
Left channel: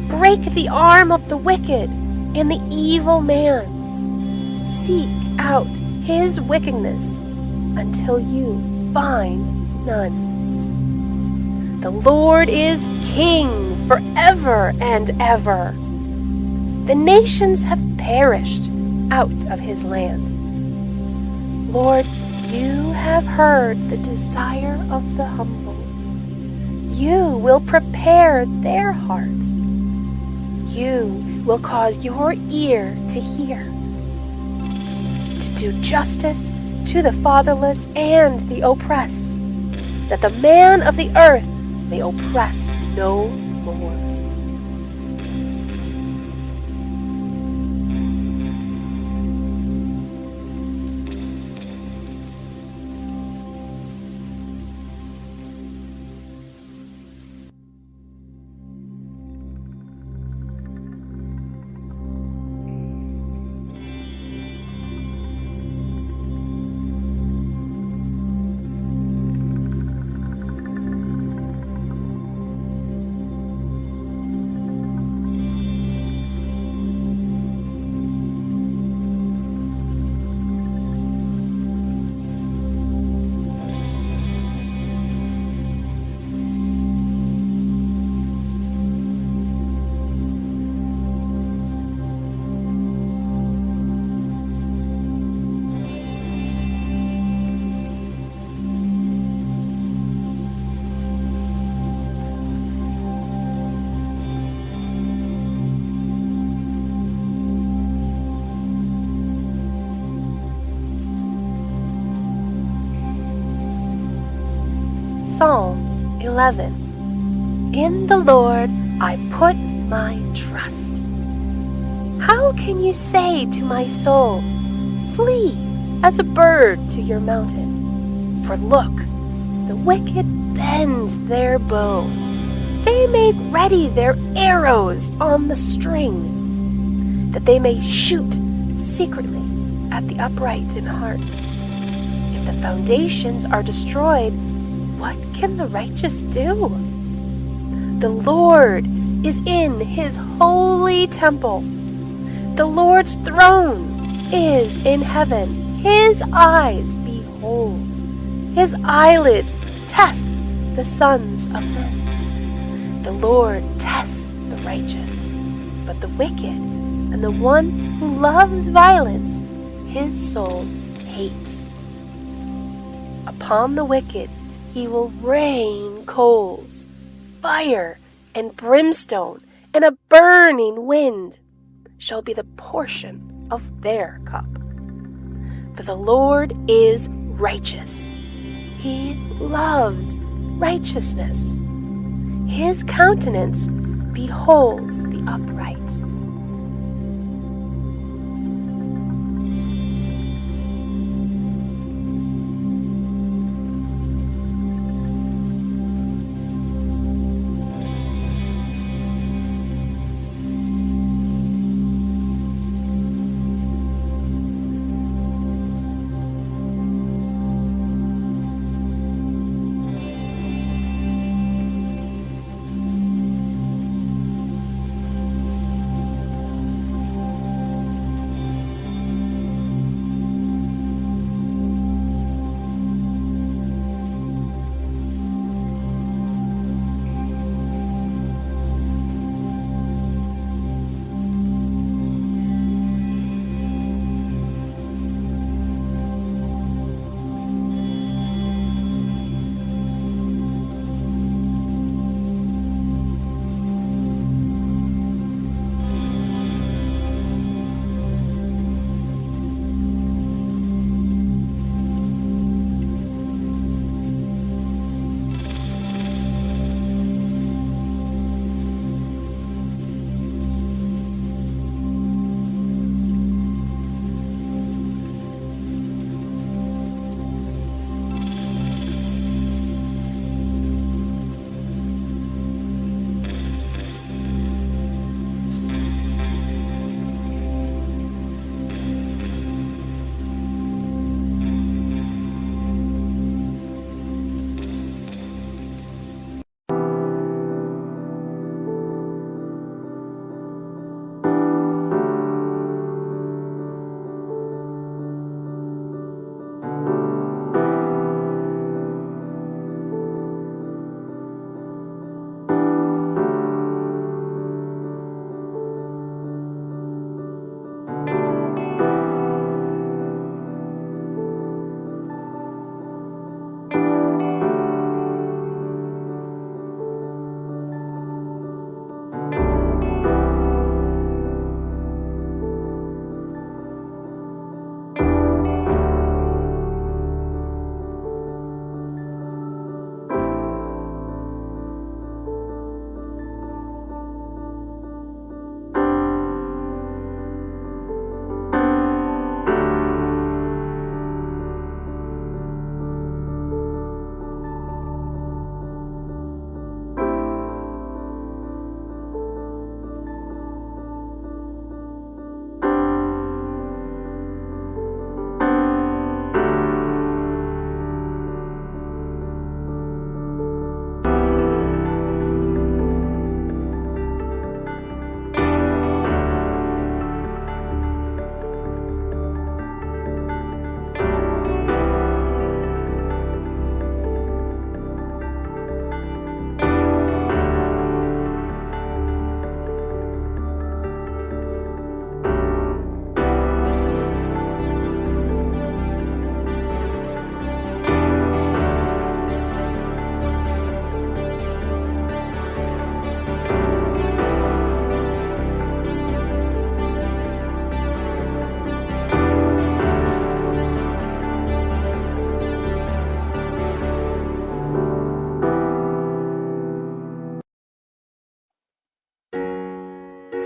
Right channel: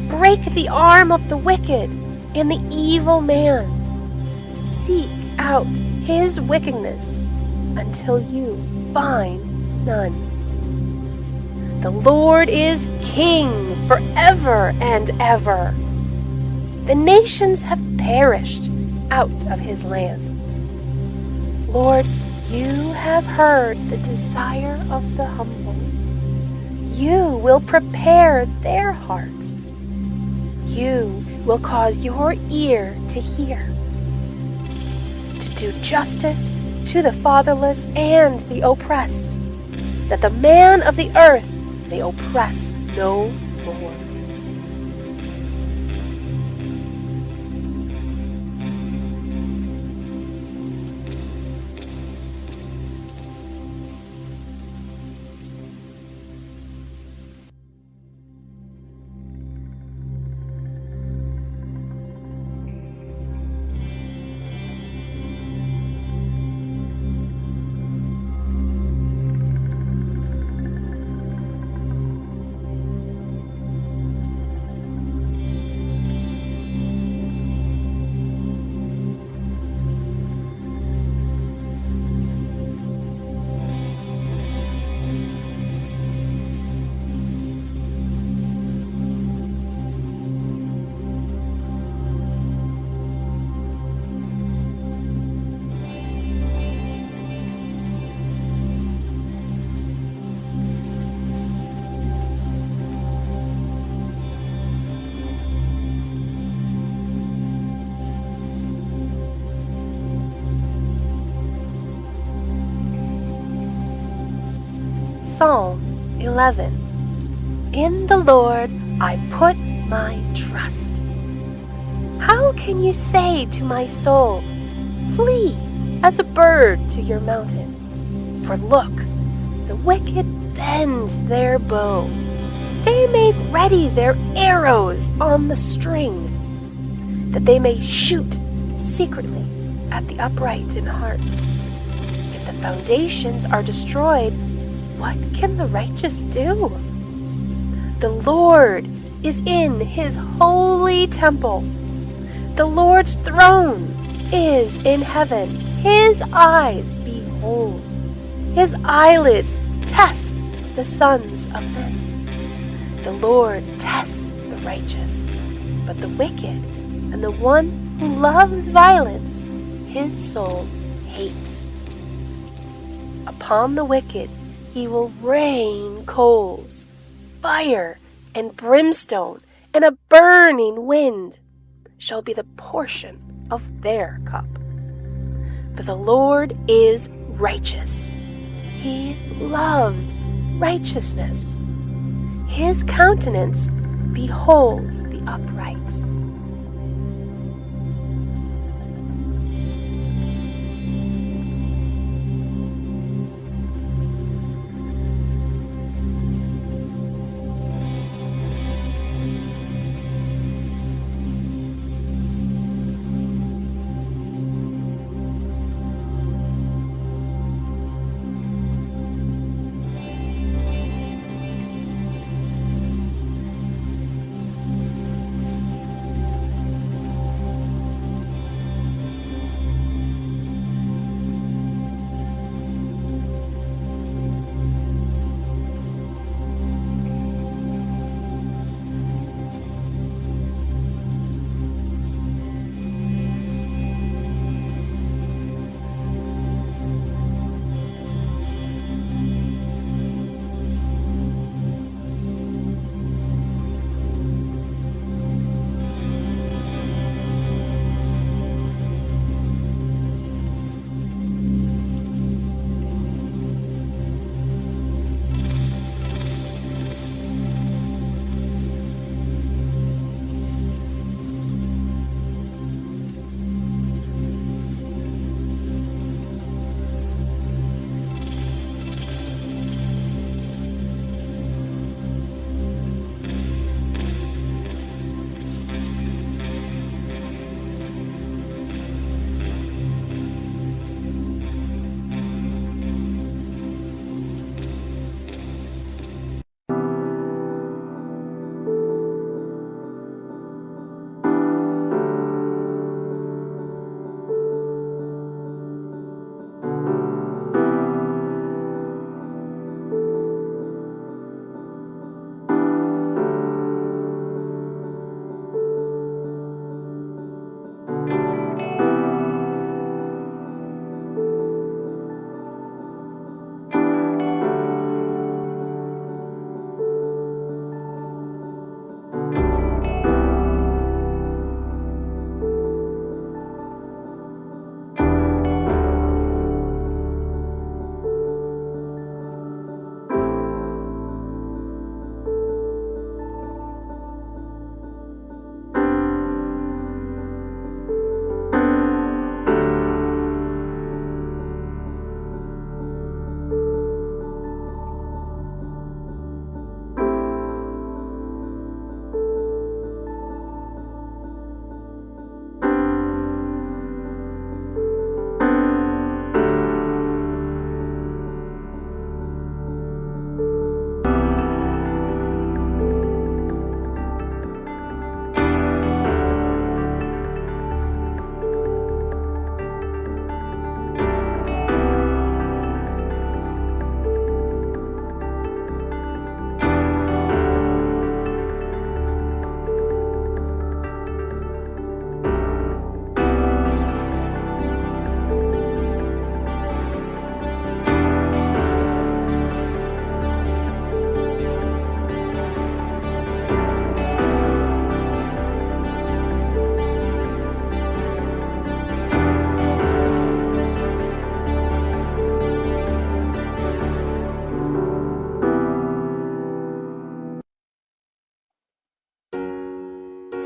Break the arm of the wicked and the evil man. Seek out his wickedness until you find none. The Lord is King forever and ever. The nations have perished out of his land. Lord, you have heard the desire of the humble. You will prepare their heart. You will cause your ear to hear, to do justice to the fatherless and the oppressed, that the man of the earth may oppress no more. Psalm 11. In the Lord I put my trust. How can you say to my soul, flee as a bird to your mountain? For look, the wicked bend their bow. They make ready their arrows on the string, that they may shoot secretly at the upright in heart. If the foundations are destroyed, what can the righteous do? The Lord is in his holy temple. The Lord's throne is in heaven. His eyes behold. His eyelids test the sons of men. The Lord tests the righteous, but the wicked and the one who loves violence, his soul hates. Upon the wicked he will rain coals, fire, and brimstone, and a burning wind shall be the portion of their cup. For the Lord is righteous. He loves righteousness. His countenance beholds the upright.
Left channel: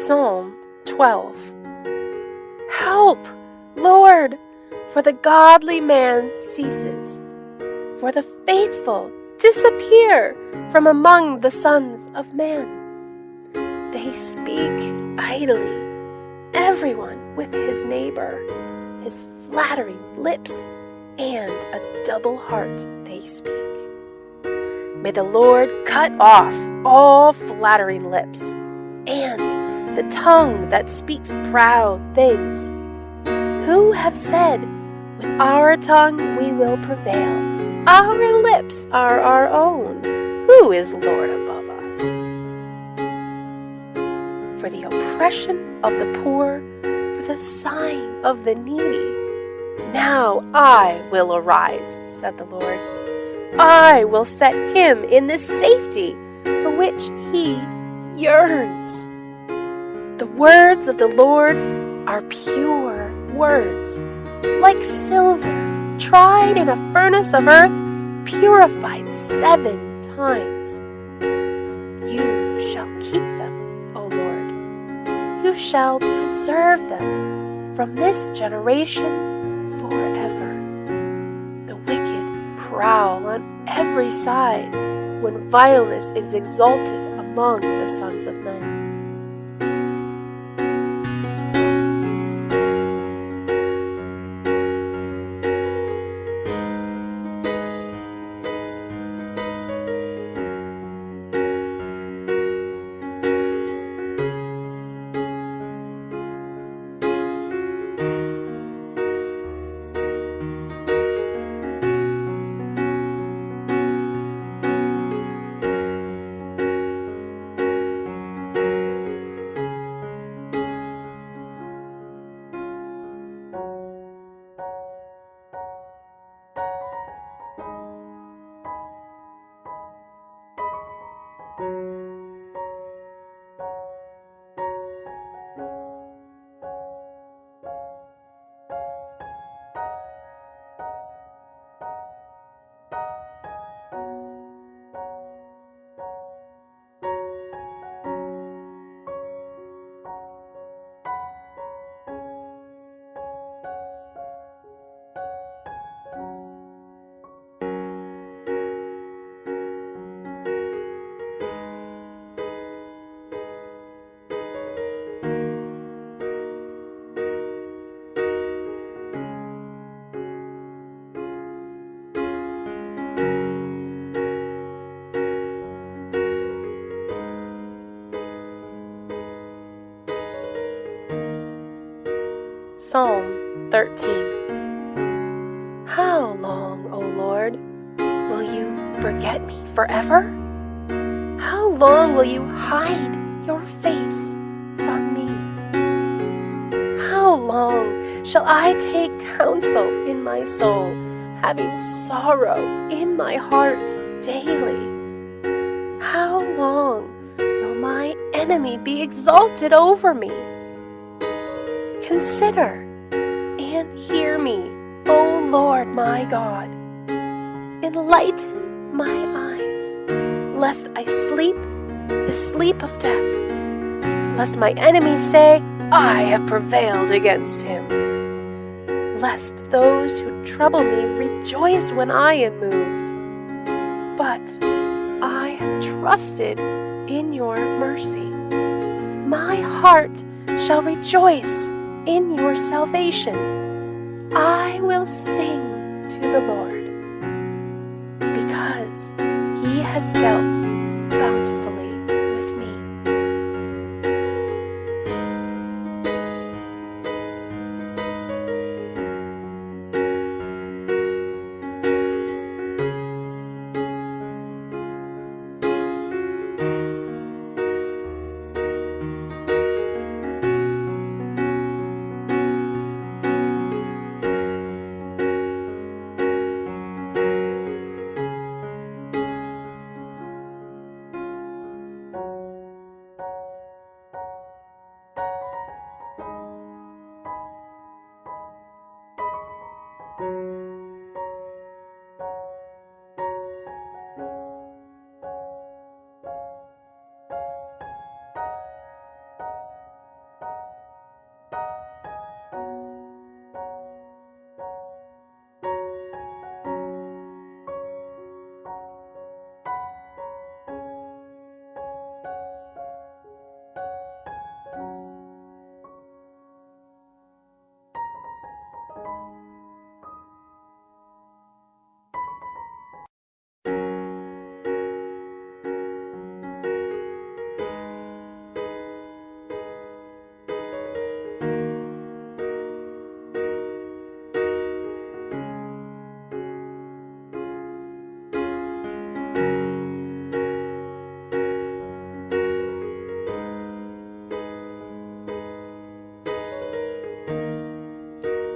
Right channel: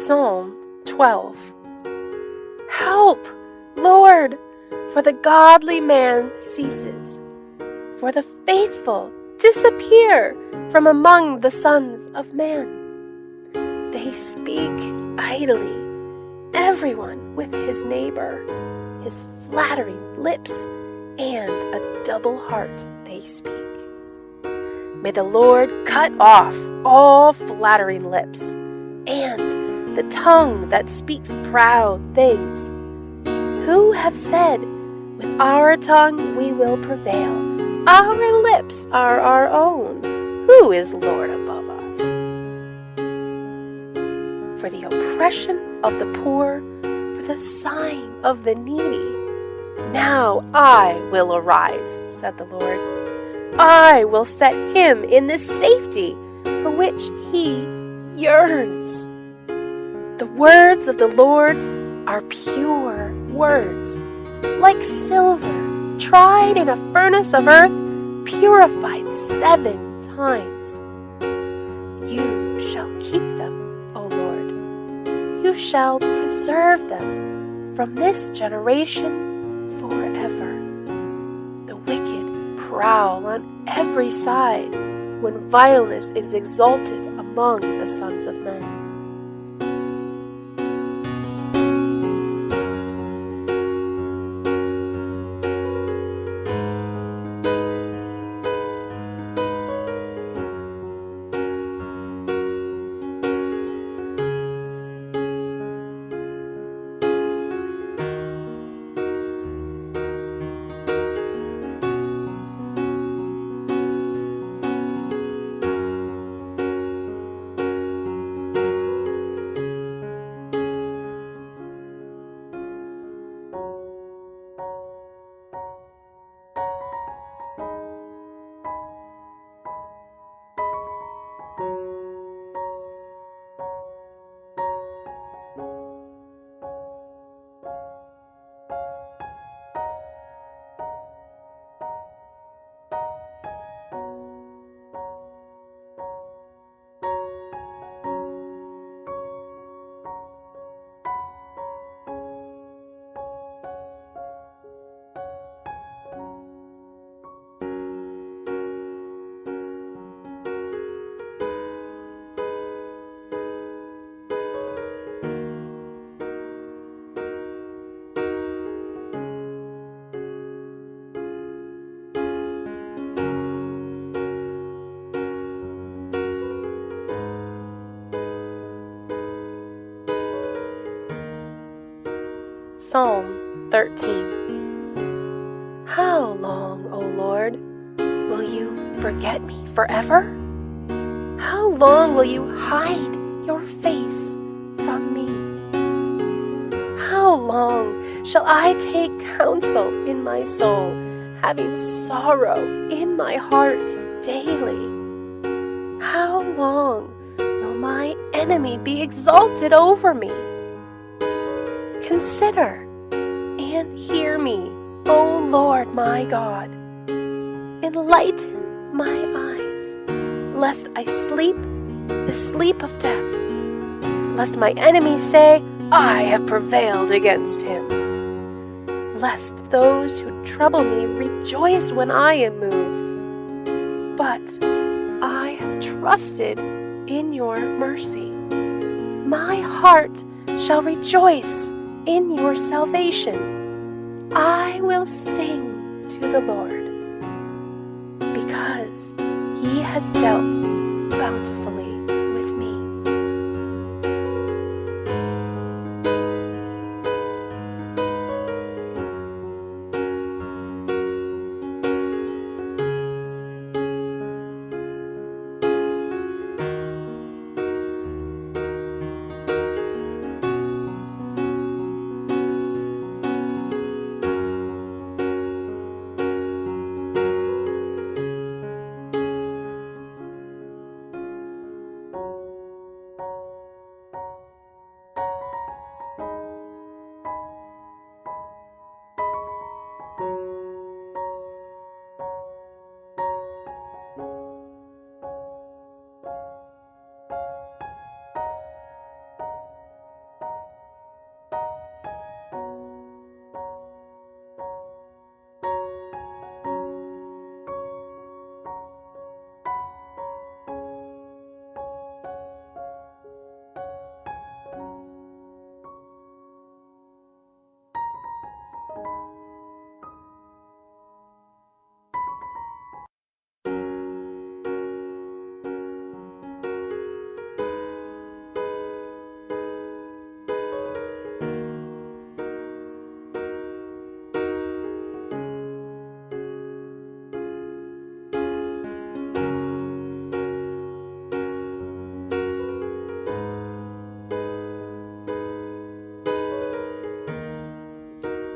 Psalm 12. Help, Lord, for the godly man ceases, for the faithful disappear from among the sons of man. They speak idly, everyone with his neighbor, his flattering lips, and a double heart they speak. May the Lord cut off all flattering lips, and the tongue that speaks proud things. Who have said, with our tongue we will prevail, our lips are our own, who is Lord above us? For the oppression of the poor, for the sighing of the needy, now I will arise, said the Lord. I will set him in the safety for which he yearns. The words of the Lord are pure words, like silver tried in a furnace of earth, purified 7 times. You shall keep them, O Lord. You shall preserve them from this generation forever. The wicked prowl on every side when vileness is exalted among the sons of men. Psalm 13. How long, O Lord, will you forget me forever? How long will you hide your face from me? How long shall I take counsel in my soul, having sorrow in my heart daily? How long will my enemy be exalted over me? Consider and hear me, O Lord my God. Enlighten my eyes, lest I sleep the sleep of death, lest my enemies say, I have prevailed against him, lest those who trouble me rejoice when I am moved. But I have trusted in your mercy. My heart shall rejoice in your salvation. I will sing to the Lord, because he has dealt bountifully with me.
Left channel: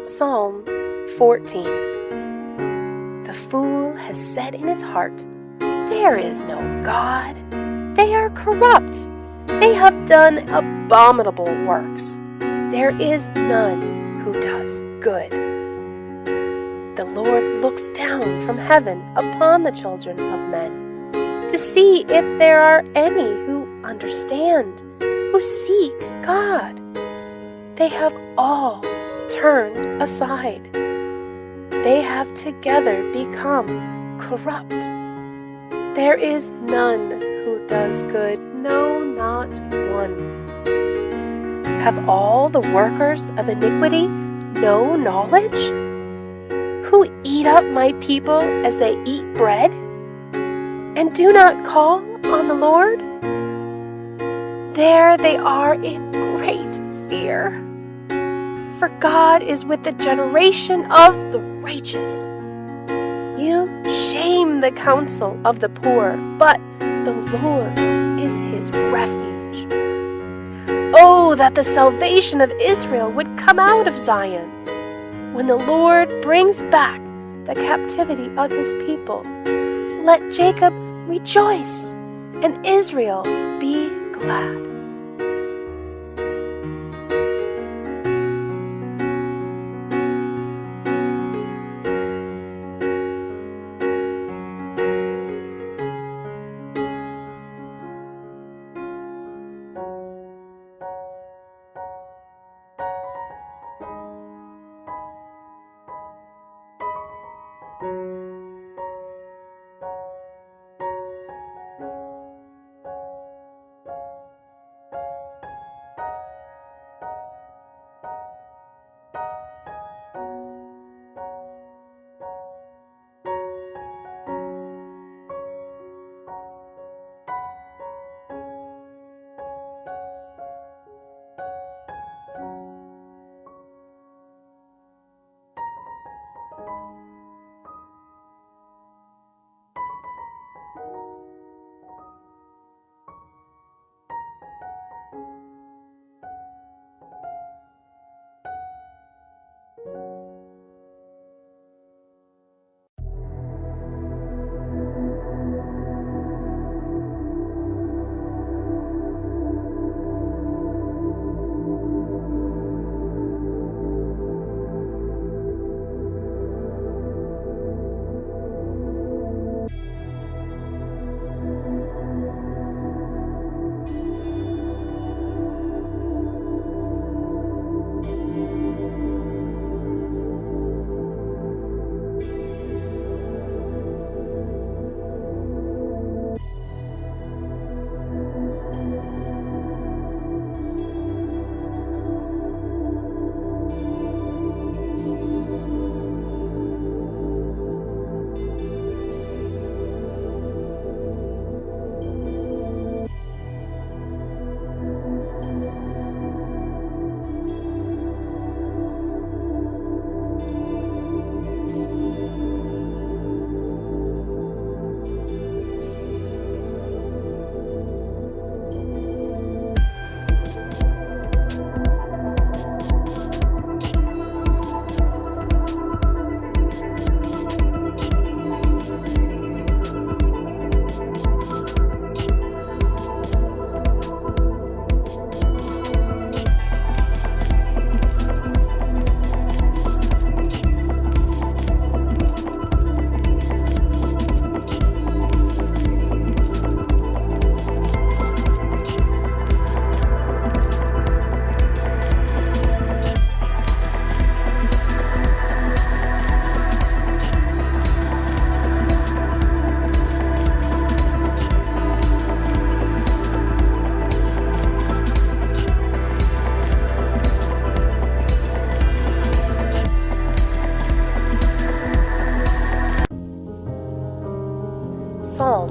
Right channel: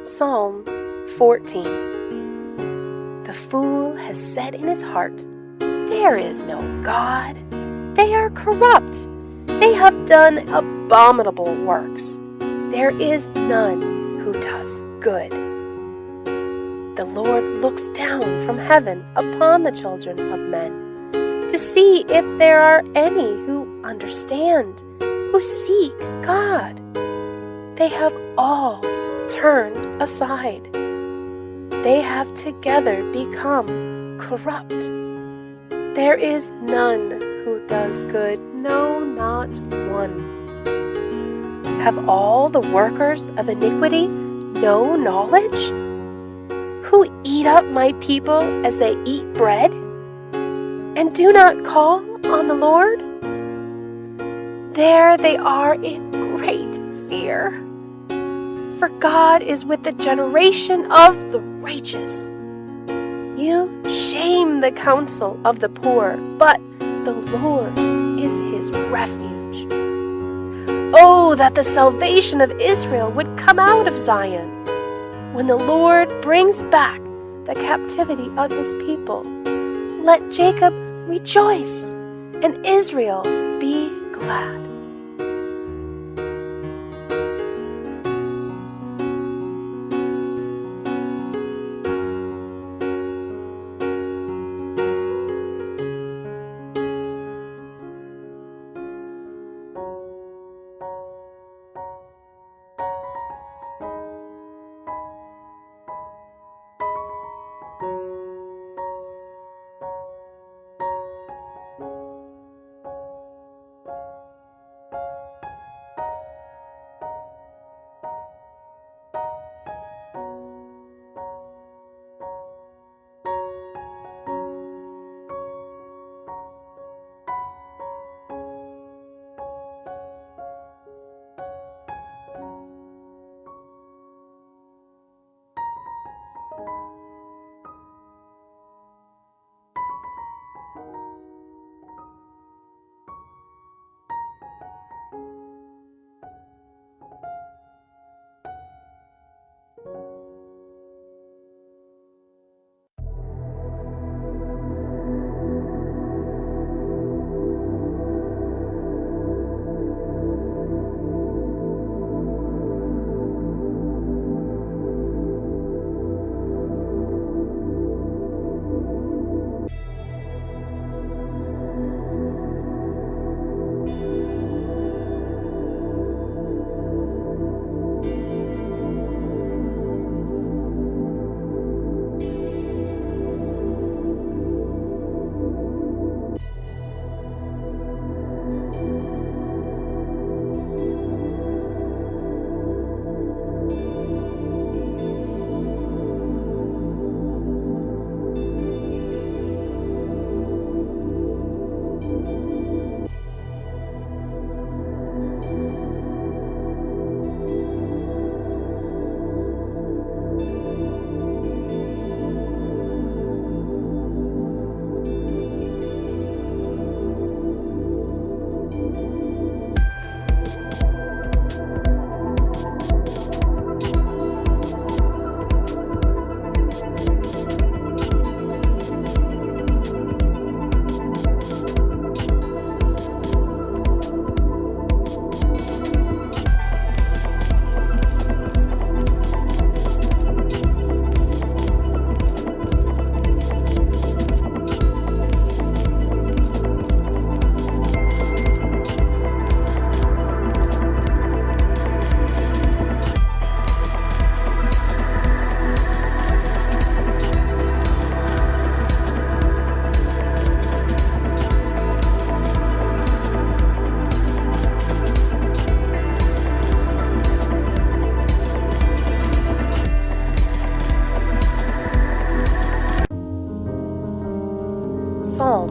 Psalm 14. The fool has said in his heart, there is no God. They are corrupt. They have done abominable works. There is none who does good. The Lord looks down from heaven upon the children of men to see if there are any who understand, who seek God. They have all turned aside. They have together become corrupt. There is none who does good, no, not one. Have all the workers of iniquity no knowledge? Who eat up my people as they eat bread, and do not call on the Lord? There they are in great fear. For God is with the generation of the righteous. You shame the counsel of the poor, but the Lord is his refuge. Oh, that the salvation of Israel would come out of Zion, when the Lord brings back the captivity of his people. Let Jacob rejoice, and Israel be glad. Psalm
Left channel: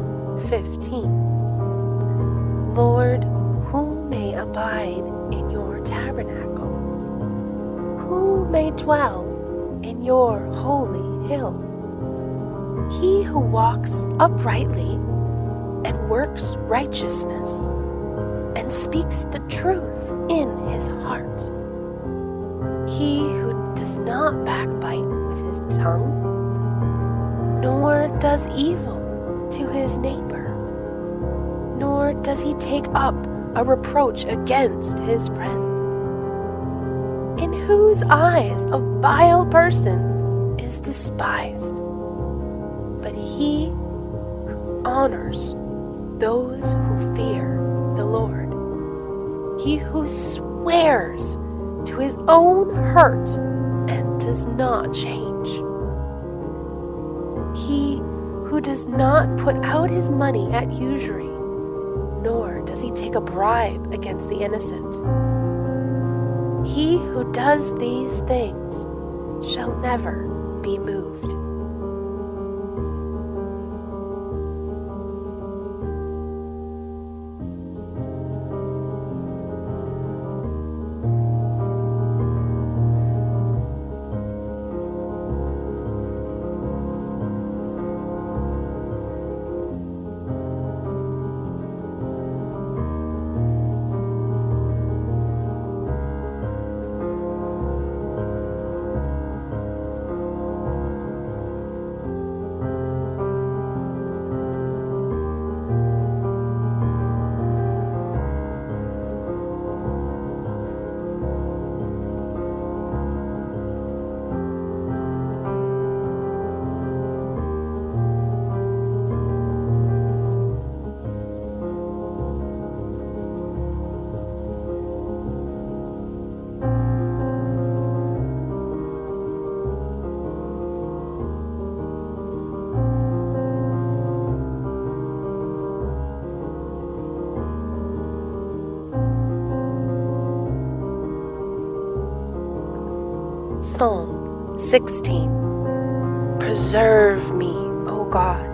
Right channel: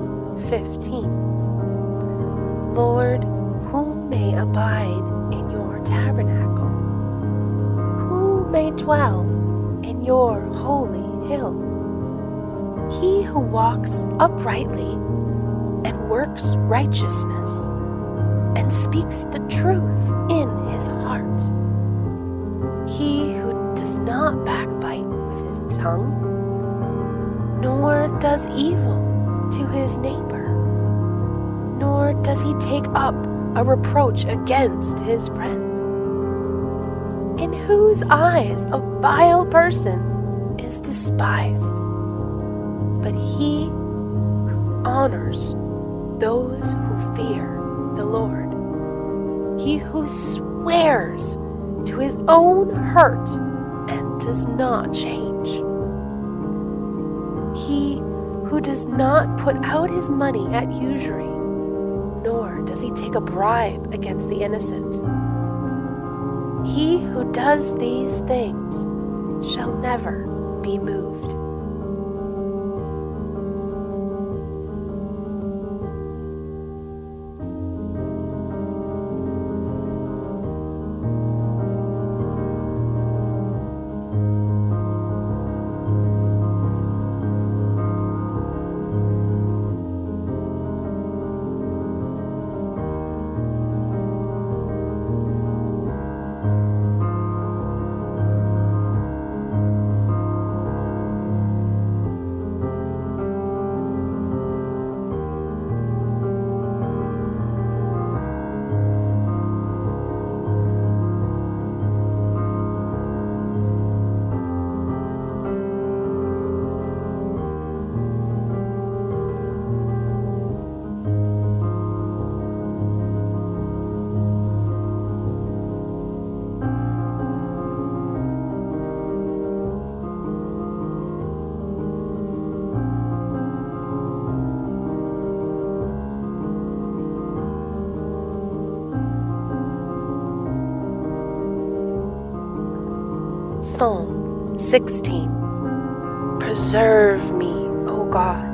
15. Lord, who may abide in your tabernacle? Who may dwell in your holy hill? He who walks uprightly and works righteousness and speaks the truth in his heart. He who does not backbite with his tongue, nor does evil to his neighbor, nor does he take up a reproach against his friend. In whose eyes a vile person is despised, but he who honors those who fear the Lord. He who swears to his own hurt and does not change. He who does not put out his money at usury, nor does he take a bribe against the innocent. He who does these things shall never be moved. Psalm 16. Preserve me, O God,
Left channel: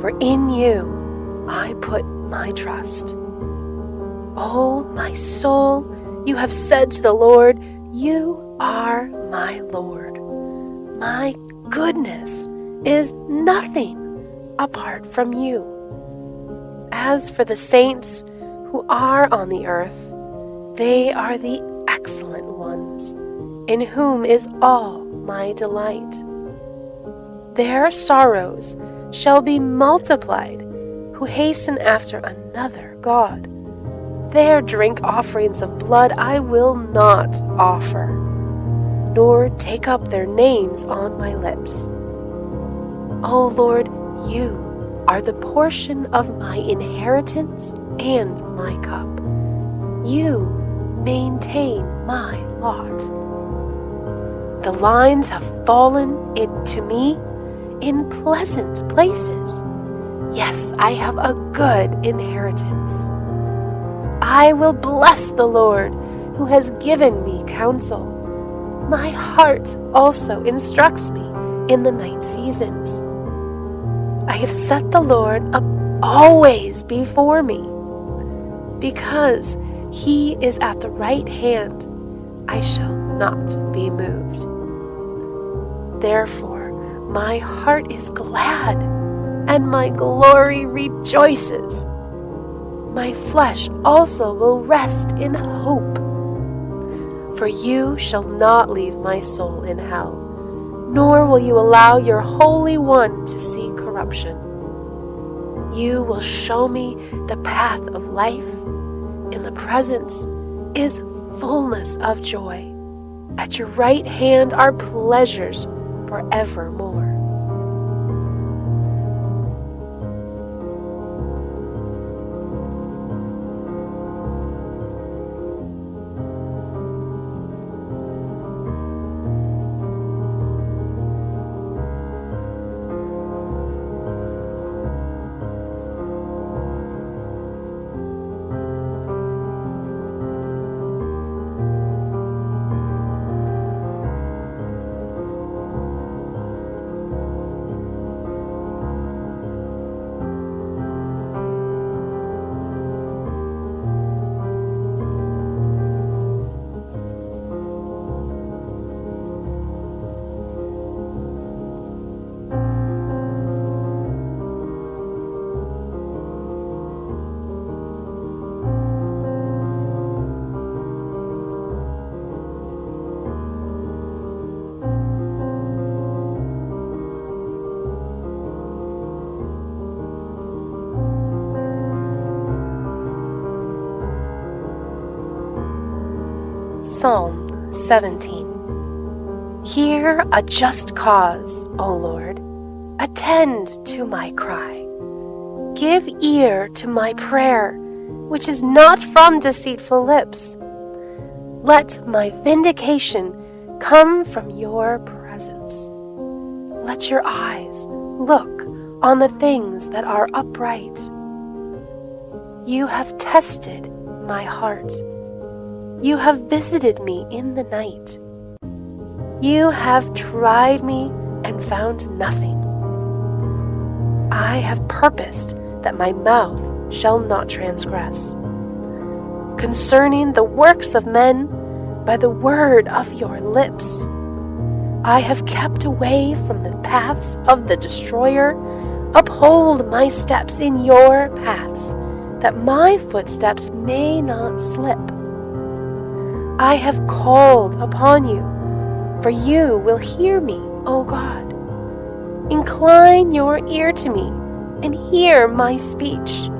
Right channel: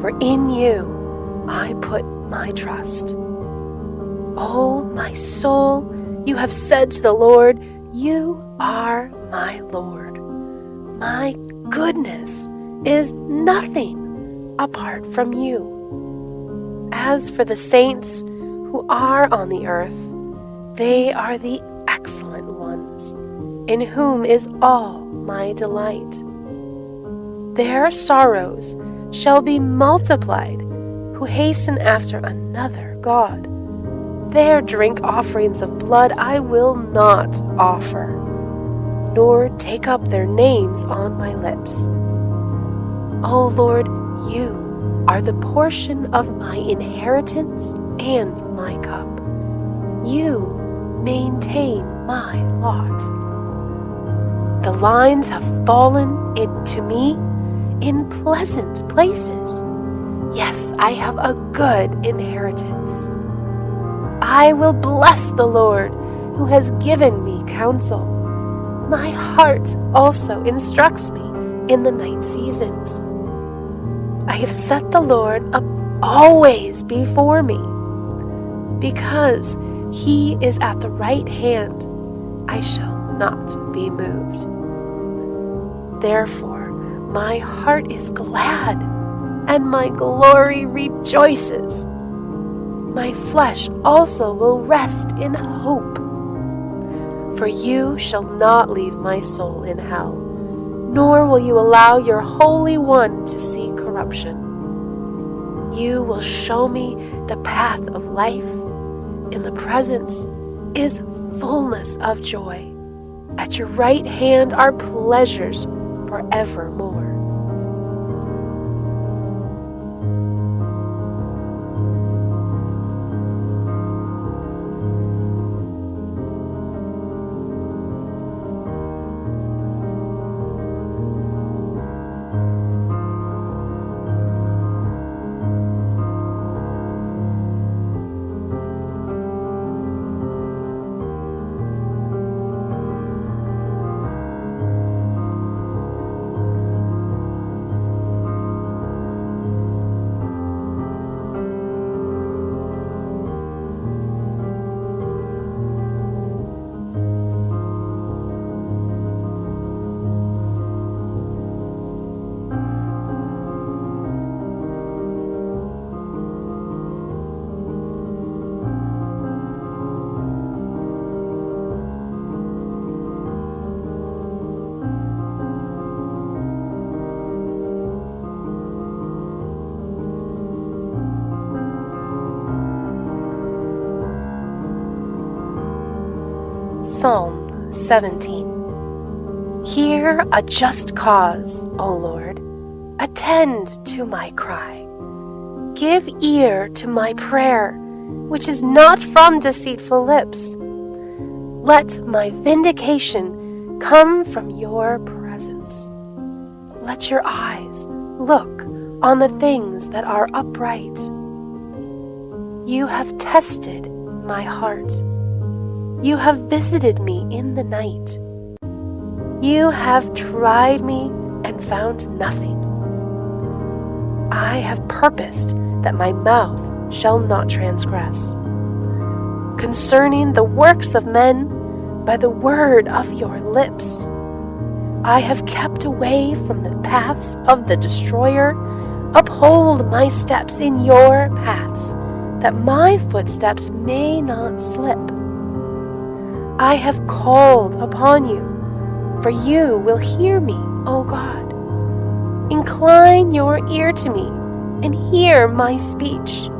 for in you I put my trust. O my soul, you have said to the Lord, you are my Lord. My goodness is nothing apart from you. As for the saints who are on the earth, they are the excellent ones, in whom is all my delight. Their sorrows shall be multiplied, who hasten after another God. Their drink offerings of blood I will not offer, nor take up their names on my lips. O Lord, you are the portion of my inheritance and my cup. You maintain my lot. The lines have fallen to me in pleasant places. Yes, I have a good inheritance. I will bless the Lord, who has given me counsel. My heart also instructs me in the night seasons. I have set the Lord up always before me. Because he is at the right hand, I shall not be moved. Therefore, my heart is glad, and my glory rejoices. My flesh also will rest in hope. For you shall not leave my soul in hell, nor will you allow your Holy One to see corruption. You will show me the path of life. In the presence is fullness of joy. At your right hand are pleasures forevermore. Psalm 17. Hear a just cause, O Lord. Attend to my cry. Give ear to my prayer, which is not from deceitful lips. Let my vindication come from your presence. Let your eyes look on the things that are upright. You have tested my heart. You have visited me in the night. You have tried me and found nothing. I have purposed that my mouth shall not transgress. Concerning the works of men, by the word of your lips, I have kept away from the paths of the destroyer. Uphold my steps in your paths, that my footsteps may not slip. I have called upon you, for you will hear me, O God. Incline your ear to me and hear my speech.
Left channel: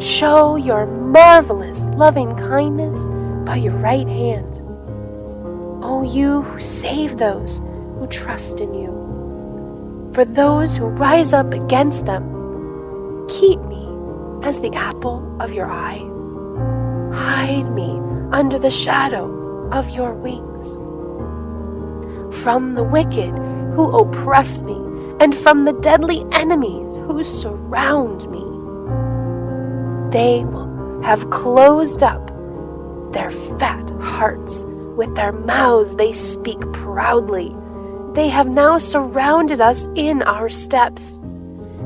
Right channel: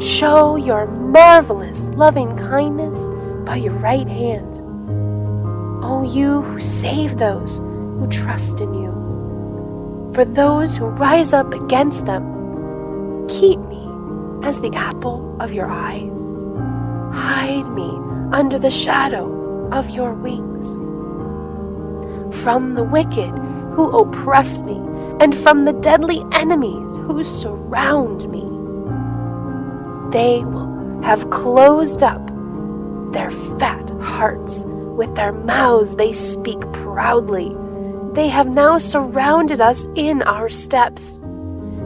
Show your marvelous loving kindness by your right hand. O you who save those who trust in you. For those who rise up against them, keep me as the apple of your eye. Hide me under the shadow of your wings. From the wicked who oppress me, and from the deadly enemies who surround me. They will have closed up their fat hearts. With their mouths they speak proudly. They have now surrounded us in our steps.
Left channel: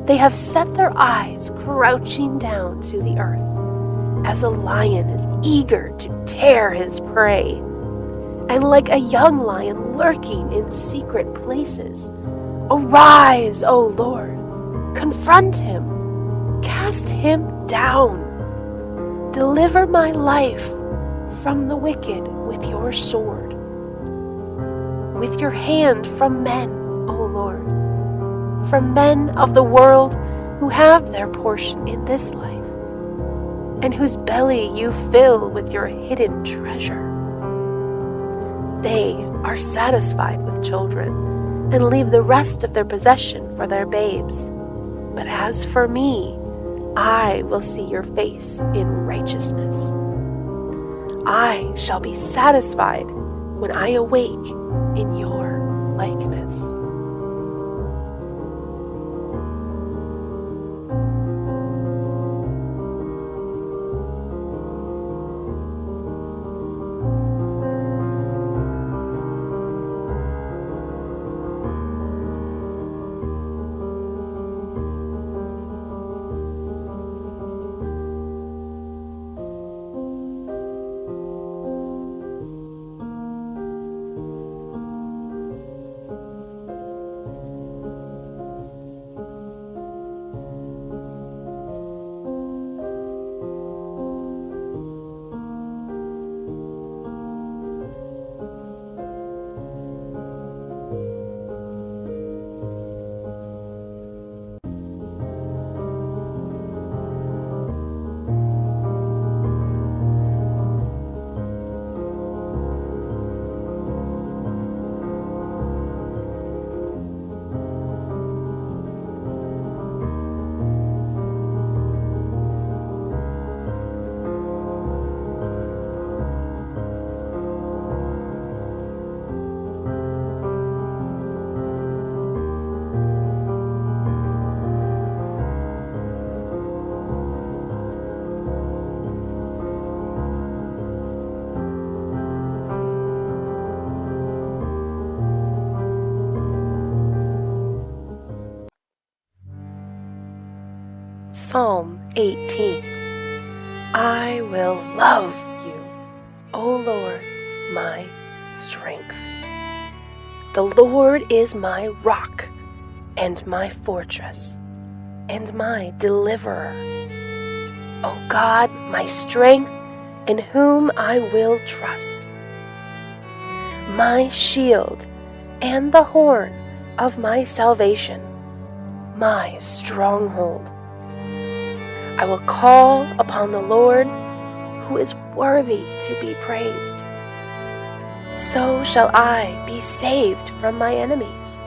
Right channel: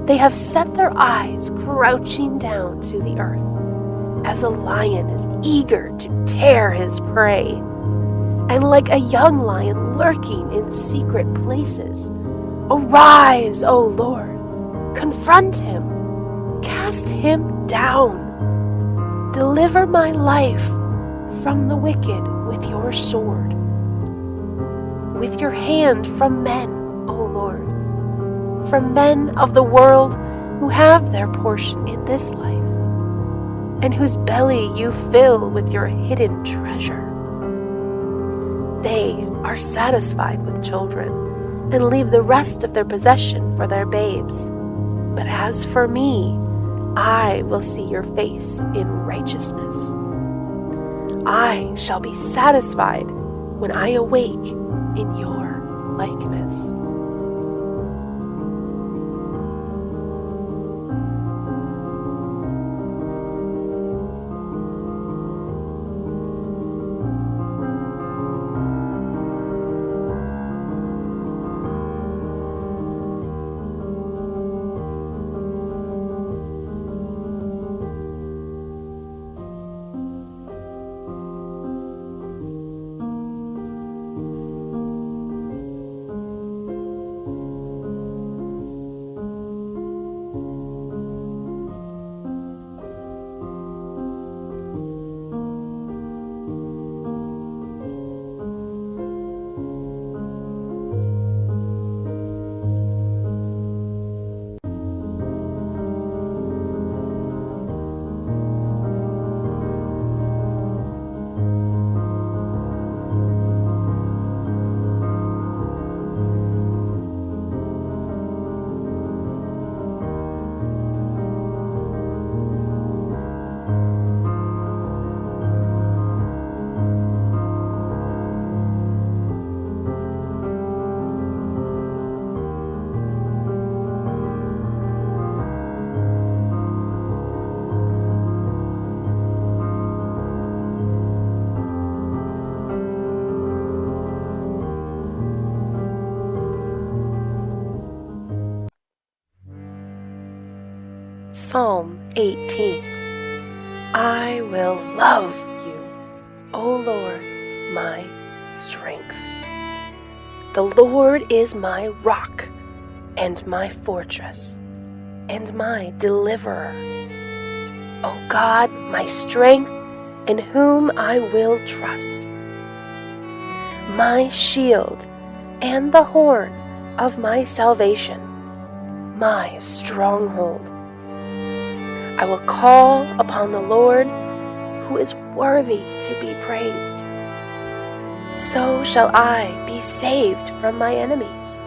They have set their eyes crouching down to the earth, as a lion is eager to tear his prey, and like a young lion lurking in secret places. Arise, O Lord, confront him, cast him down. Deliver my life from the wicked with your sword, with your hand from men, O Lord, from men of the world who have their portion in this life, and whose belly you fill with your hidden treasure. They are satisfied with children, and leave the rest of their possession for their babes. But as for me, I will see your face in righteousness. I shall be satisfied when I awake in your likeness. Psalm 18. I will love you, O Lord, my strength. The Lord is my rock and my fortress and my deliverer. O God, my strength, in whom I will trust. My shield and the horn of my salvation, my stronghold. I will call upon the Lord, who is worthy to be praised. so shall I be saved from my enemies.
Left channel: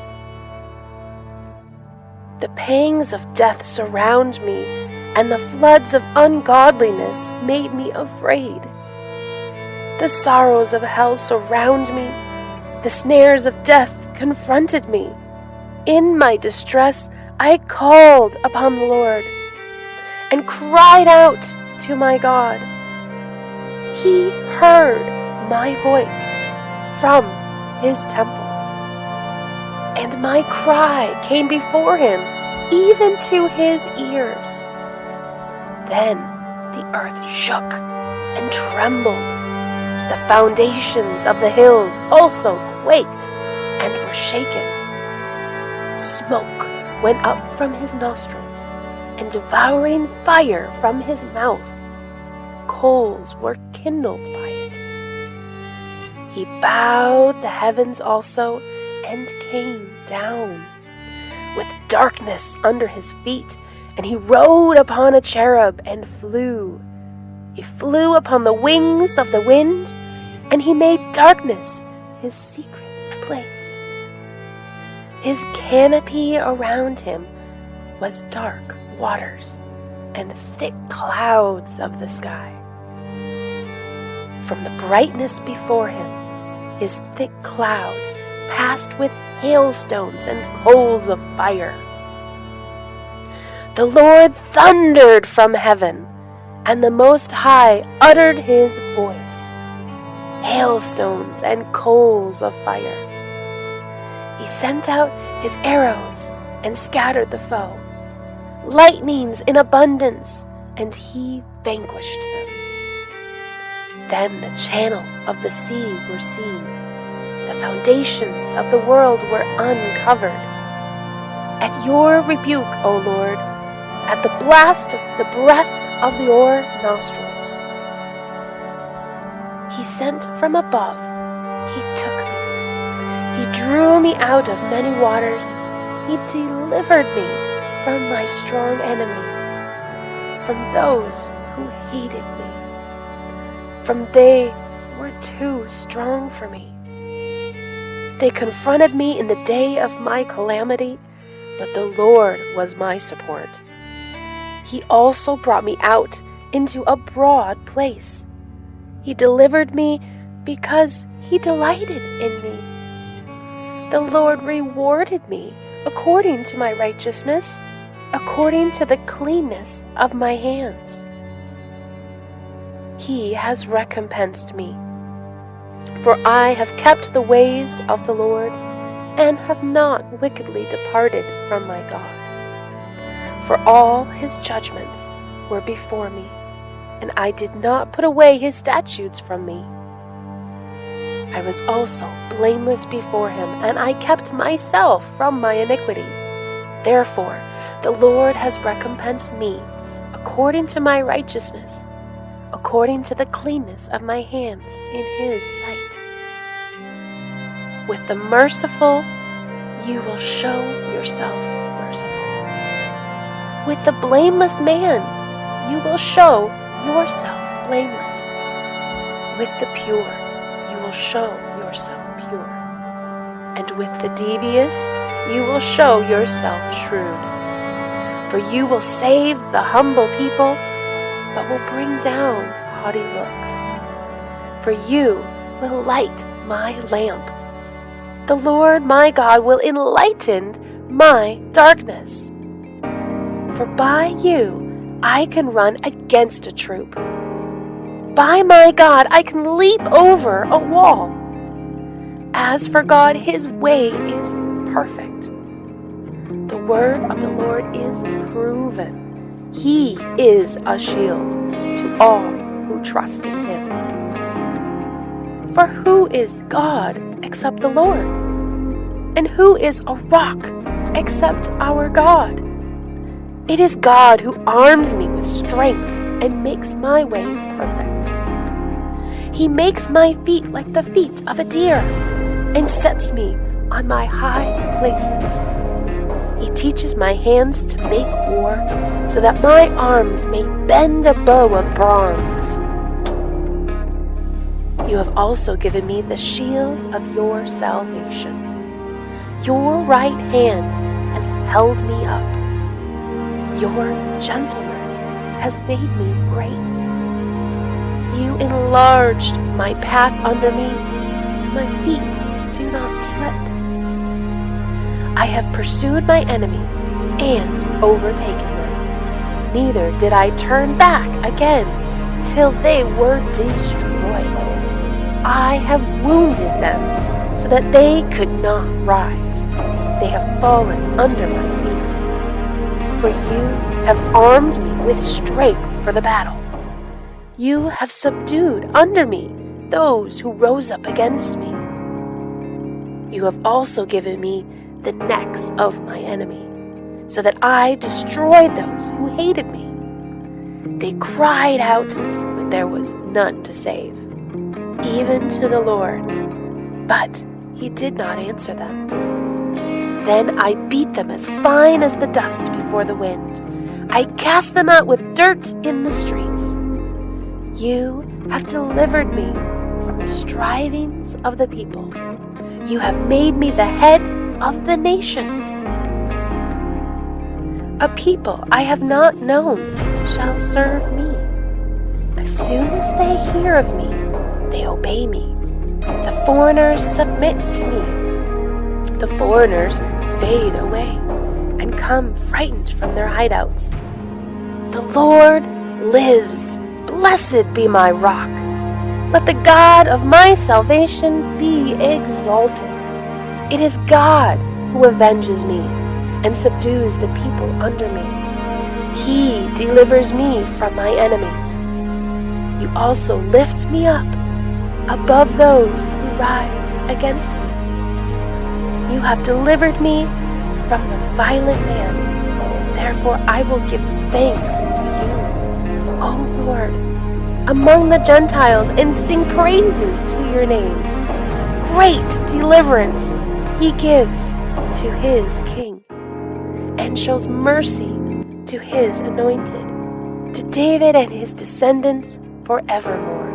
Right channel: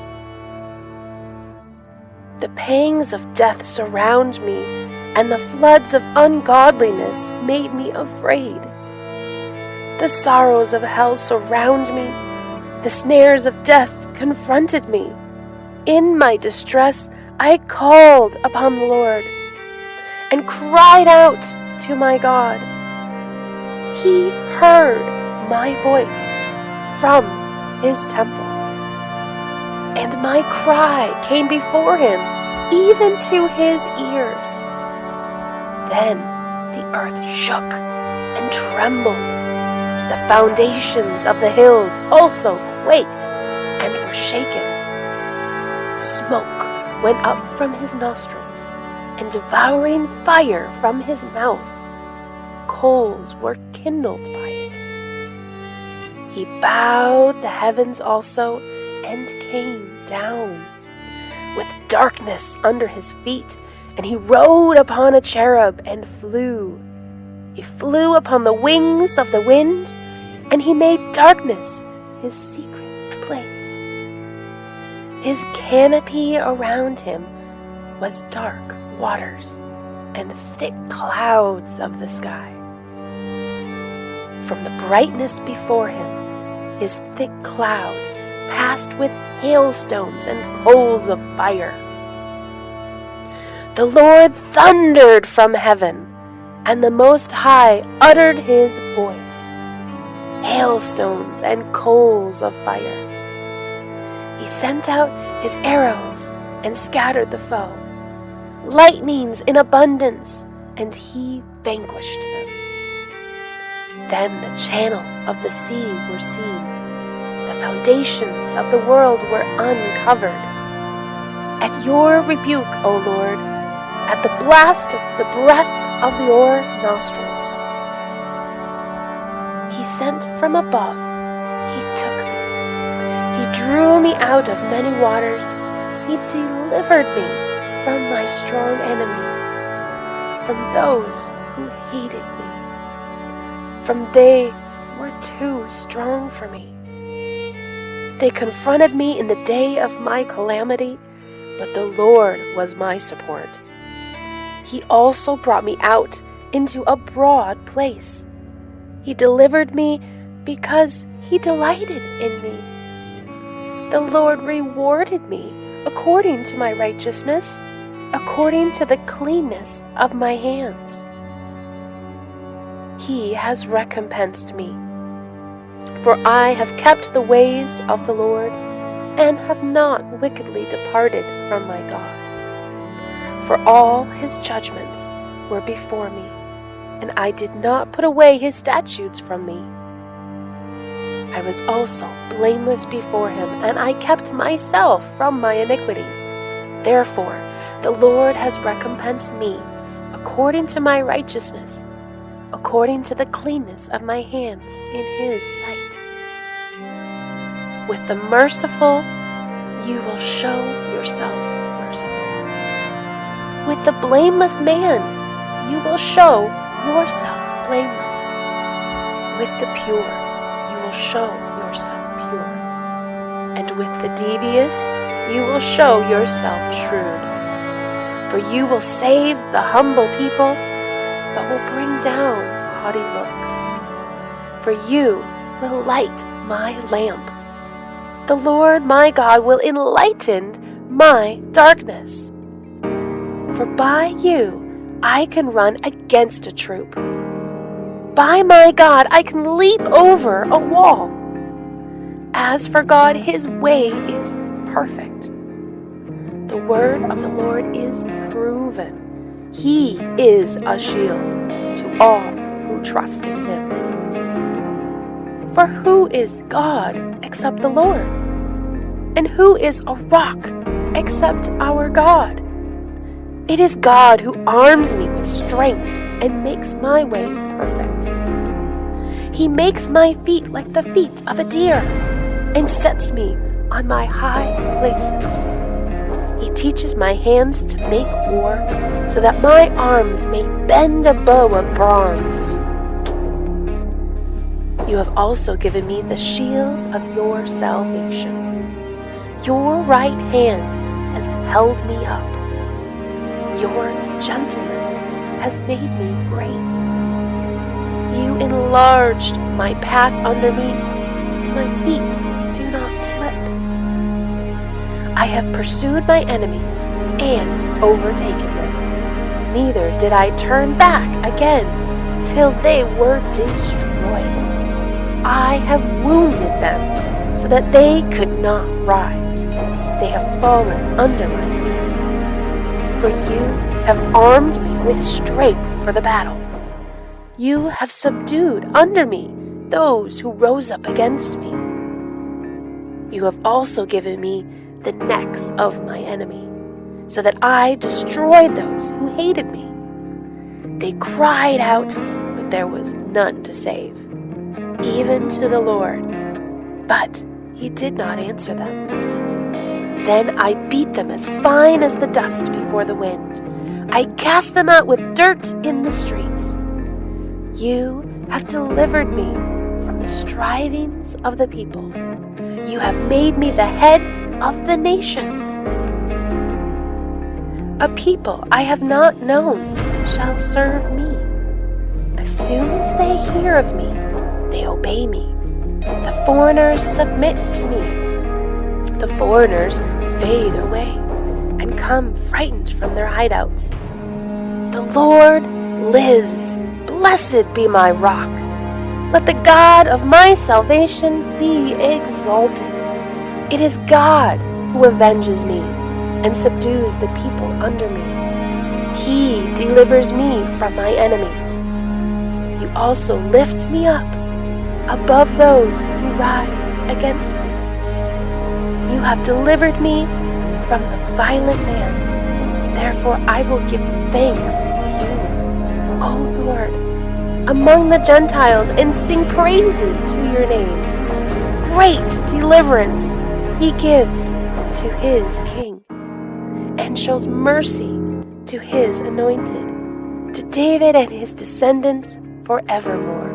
The pangs of death surround me, and the floods of ungodliness made me afraid. The sorrows of hell surround me, the snares of death confronted me. In my distress I called upon the Lord, and cried out to my God. He heard my voice from his temple, and my cry came before him, even to his ears. Then the earth shook and trembled. The foundations of the hills also quaked and were shaken. Smoke went up from his nostrils, and devouring fire from his mouth. Coals were kindled by it. He bowed the heavens also, and came down with darkness under his feet, and he rode upon a cherub and flew. He flew upon the wings of the wind, and he made darkness his secret place. His canopy around him was dark waters and thick clouds of the sky. From the brightness before him, his thick clouds passed with hailstones and coals of fire. The Lord thundered from heaven, and the Most High uttered his voice. Hailstones and coals of fire. He sent out his arrows and scattered the foe. Lightnings in abundance, and he vanquished them. Then the channel of the sea were seen. The foundations of the world were uncovered. At your rebuke, O Lord, at the blast of the breath of your nostrils, he sent from above, he took me. He drew me out of many waters. He delivered me from my strong enemy, from those who hated me, from they were too strong for me. They confronted me in the day of my calamity, but the Lord was my support. He also brought me out into a broad place. He delivered me because he delighted in me. The Lord rewarded me according to my righteousness, according to the cleanness of my hands. He has recompensed me, for I have kept the ways of the Lord, and have not wickedly departed from my God. For all his judgments were before me, and I did not put away his statutes from me. I was also blameless before him, and I kept myself from my iniquity. Therefore, the Lord has recompensed me according to my righteousness, according to the cleanness of my hands in his sight. With the merciful, you will show yourself merciful. With the blameless man, you will show yourself blameless. With the pure, you will show yourself pure. And with the devious, you will show yourself shrewd. For you will save the humble people, but will bring down haughty looks. For you will light my lamp. The Lord my God will enlighten my darkness. For by you I can run against a troop. By my God I can leap over a wall. As for God, his way is perfect. The word of the Lord is proven. He is a shield to all who trust in him. For who is God except the Lord? And who is a rock except our God? It is God who arms me with strength and makes my way perfect. He makes my feet like the feet of a deer and sets me on my high places. He teaches my hands to make war so that my arms may bend a bow of bronze. You have also given me the shield of your salvation. Your right hand has held me up. Your gentleness has made me great. You enlarged my path under me, so my feet do not slip. I have pursued my enemies and overtaken them. Neither did I turn back again till they were destroyed. I have wounded them so that they could not rise. They have fallen under my feet. For you have armed me with strength for the battle. You have subdued under me those who rose up against me. You have also given me the necks of my enemy, so that I destroyed those who hated me. They cried out, but there was none to save, even to the Lord, but he did not answer them. Then I beat them as fine as the dust before the wind. I cast them out with dirt in the streets. You have delivered me from the strivings of the people. You have made me the head of the nations. A people I have not known shall serve me. As soon as they hear of me, they obey me. The foreigners submit to me. The foreigners fade away and come frightened from their hideouts. The Lord lives. Blessed be my rock. Let the God of my salvation be exalted. It is God who avenges me and subdues the people under me. He delivers me from my enemies. You also lift me up above those who rise against me. You have delivered me from the violent man. Therefore I will give thanks to you, O Lord, among the Gentiles, and sing praises to your name. Great deliverance he gives to his king, and shows mercy to his anointed, to David and his descendants forevermore.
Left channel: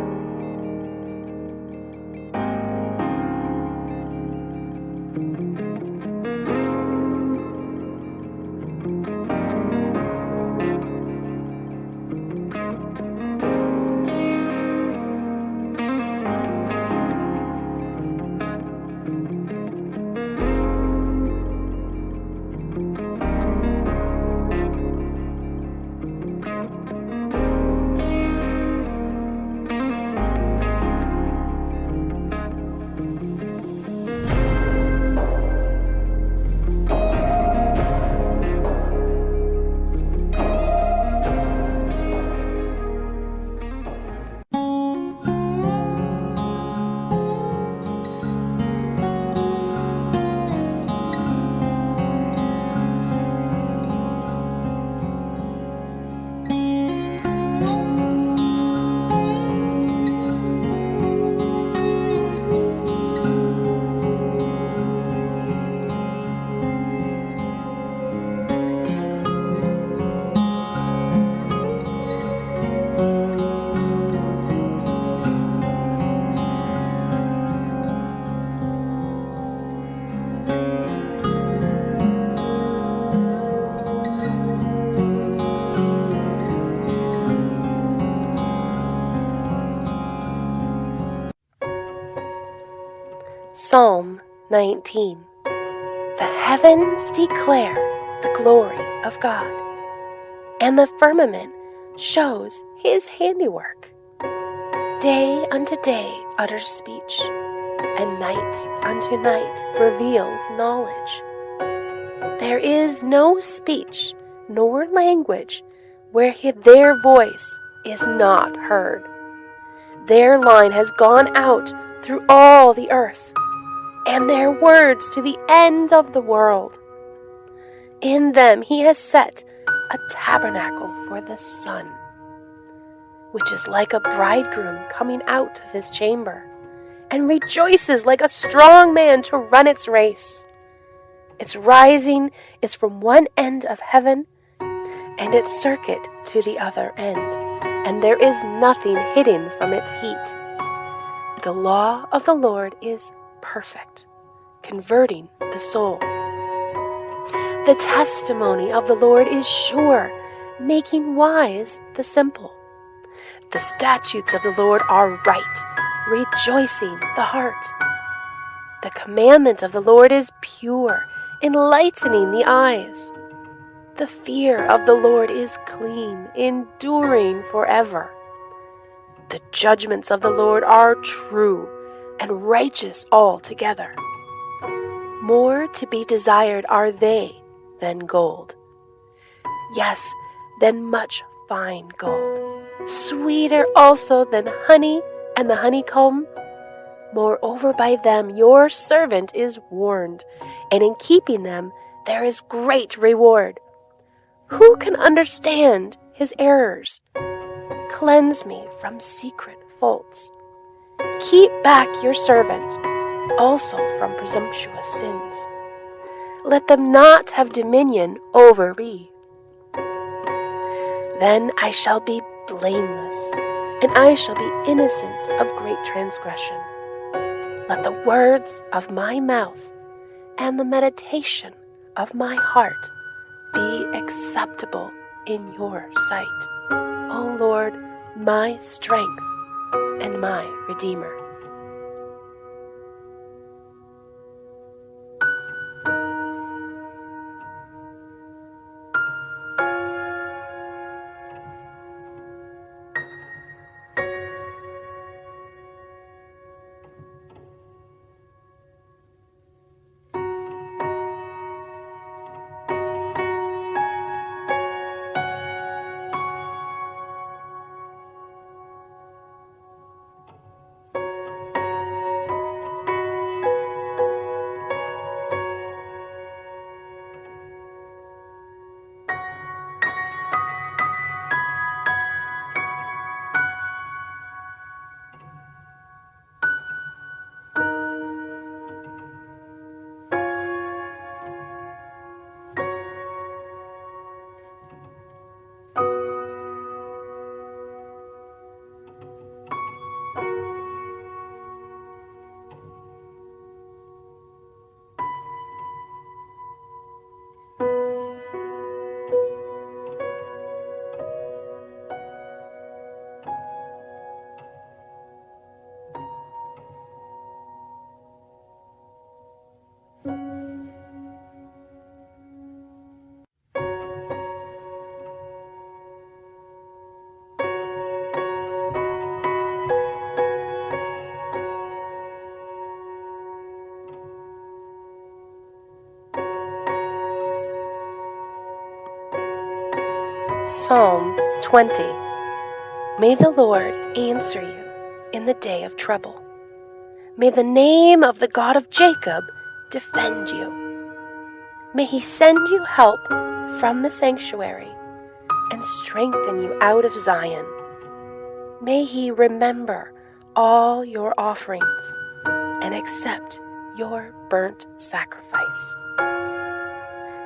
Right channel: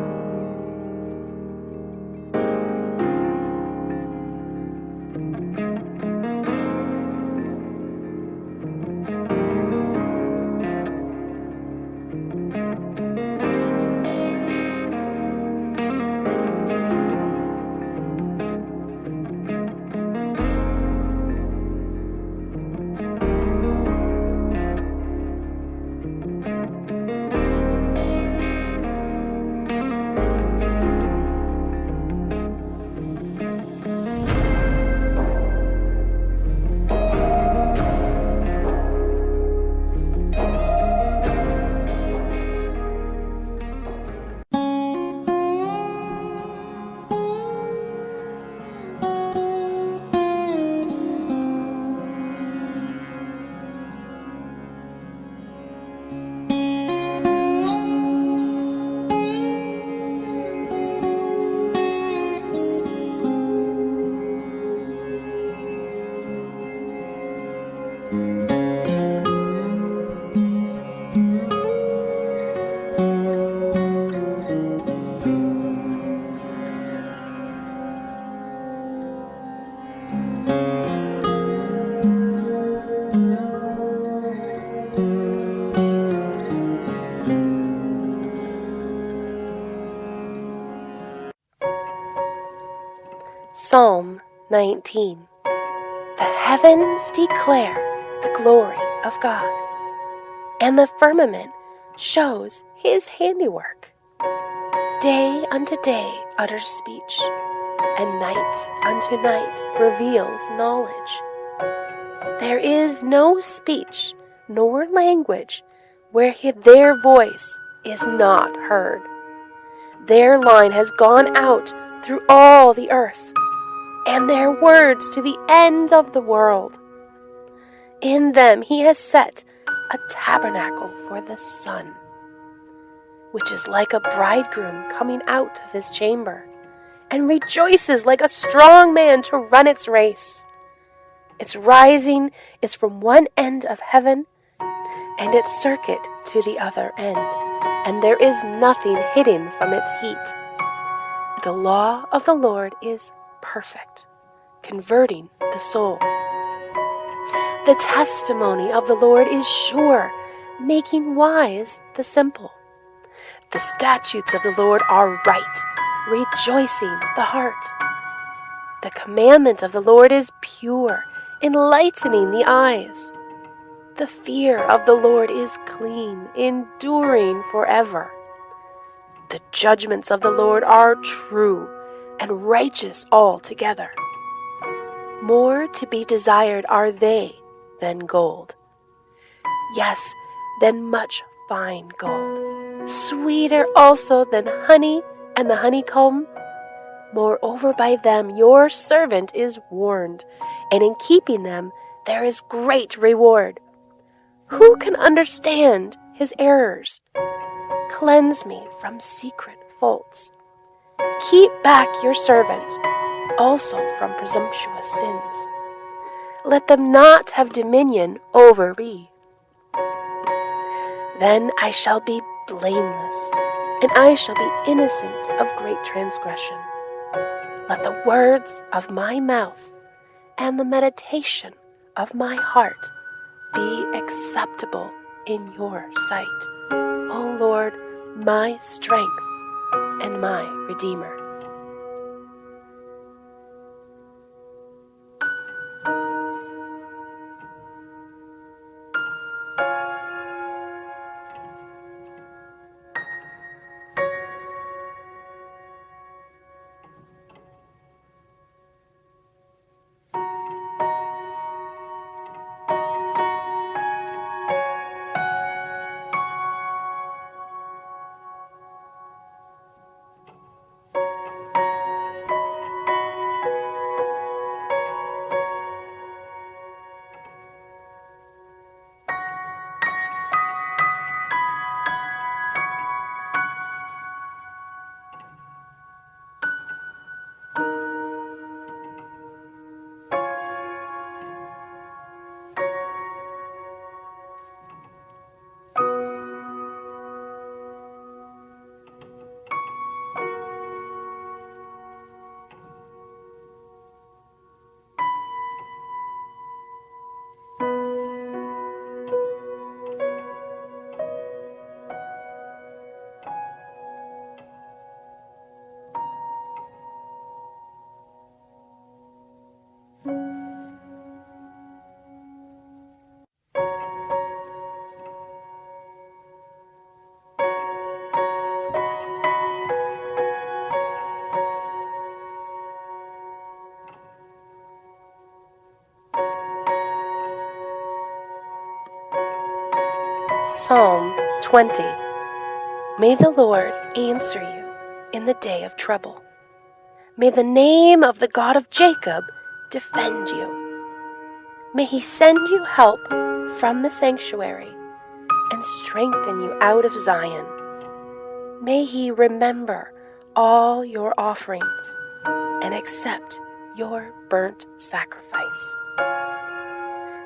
Psalm 19. The heavens declare the glory of God, and the firmament shows his handiwork. Day unto day utters speech, and night unto night reveals knowledge. There is no speech nor language where their voice is not heard. Their line has gone out through all the earth, and their words to the end of the world. In them he has set a tabernacle for the sun, which is like a bridegroom coming out of his chamber, and rejoices like a strong man to run its race. Its rising is from one end of heaven, and its circuit to the other end, and there is nothing hidden from its heat. The law of the Lord is perfect, converting the soul. The testimony of the Lord is sure, making wise the simple. The statutes of the Lord are right, rejoicing the heart. The commandment of the Lord is pure, enlightening the eyes. The fear of the Lord is clean, enduring forever. The judgments of the Lord are true and righteous altogether. More to be desired are they than gold. Yes, than much fine gold. Sweeter also than honey and the honeycomb. Moreover, by them your servant is warned, and in keeping them there is great reward. Who can understand his errors? Cleanse me from secret faults. Keep back your servant, also from presumptuous sins. Let them not have dominion over me. Then I shall be blameless, and I shall be innocent of great transgression. Let the words of my mouth and the meditation of my heart be acceptable in your sight, O Lord, my strength and my Redeemer. Psalm 20. May the Lord answer you in the day of trouble. May the name of the God of Jacob defend you. May he send you help from the sanctuary and strengthen you out of Zion. May he remember all your offerings and accept your burnt sacrifice.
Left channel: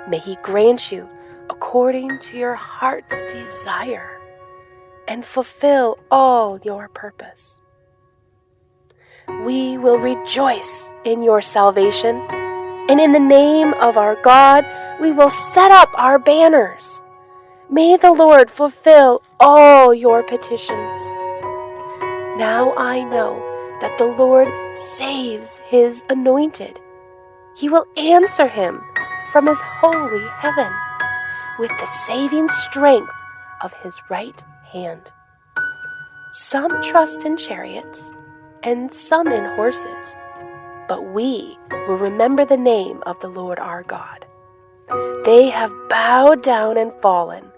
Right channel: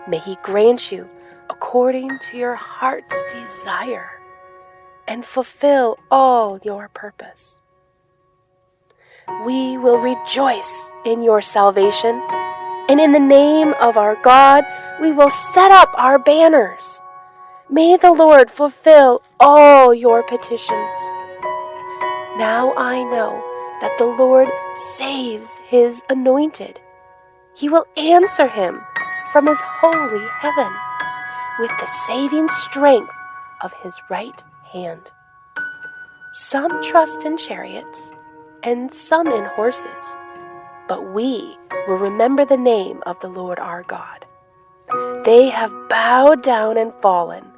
May he grant you according to your heart's desire and fulfill all your purpose. We will rejoice in your salvation, and in the name of our God we will set up our banners. May the Lord fulfill all your petitions. Now I know that the Lord saves his anointed. He will answer him from his holy heaven with the saving strength of his right hand. Some trust in chariots and some in horses, but we will remember the name of the Lord our God. They have bowed down and fallen,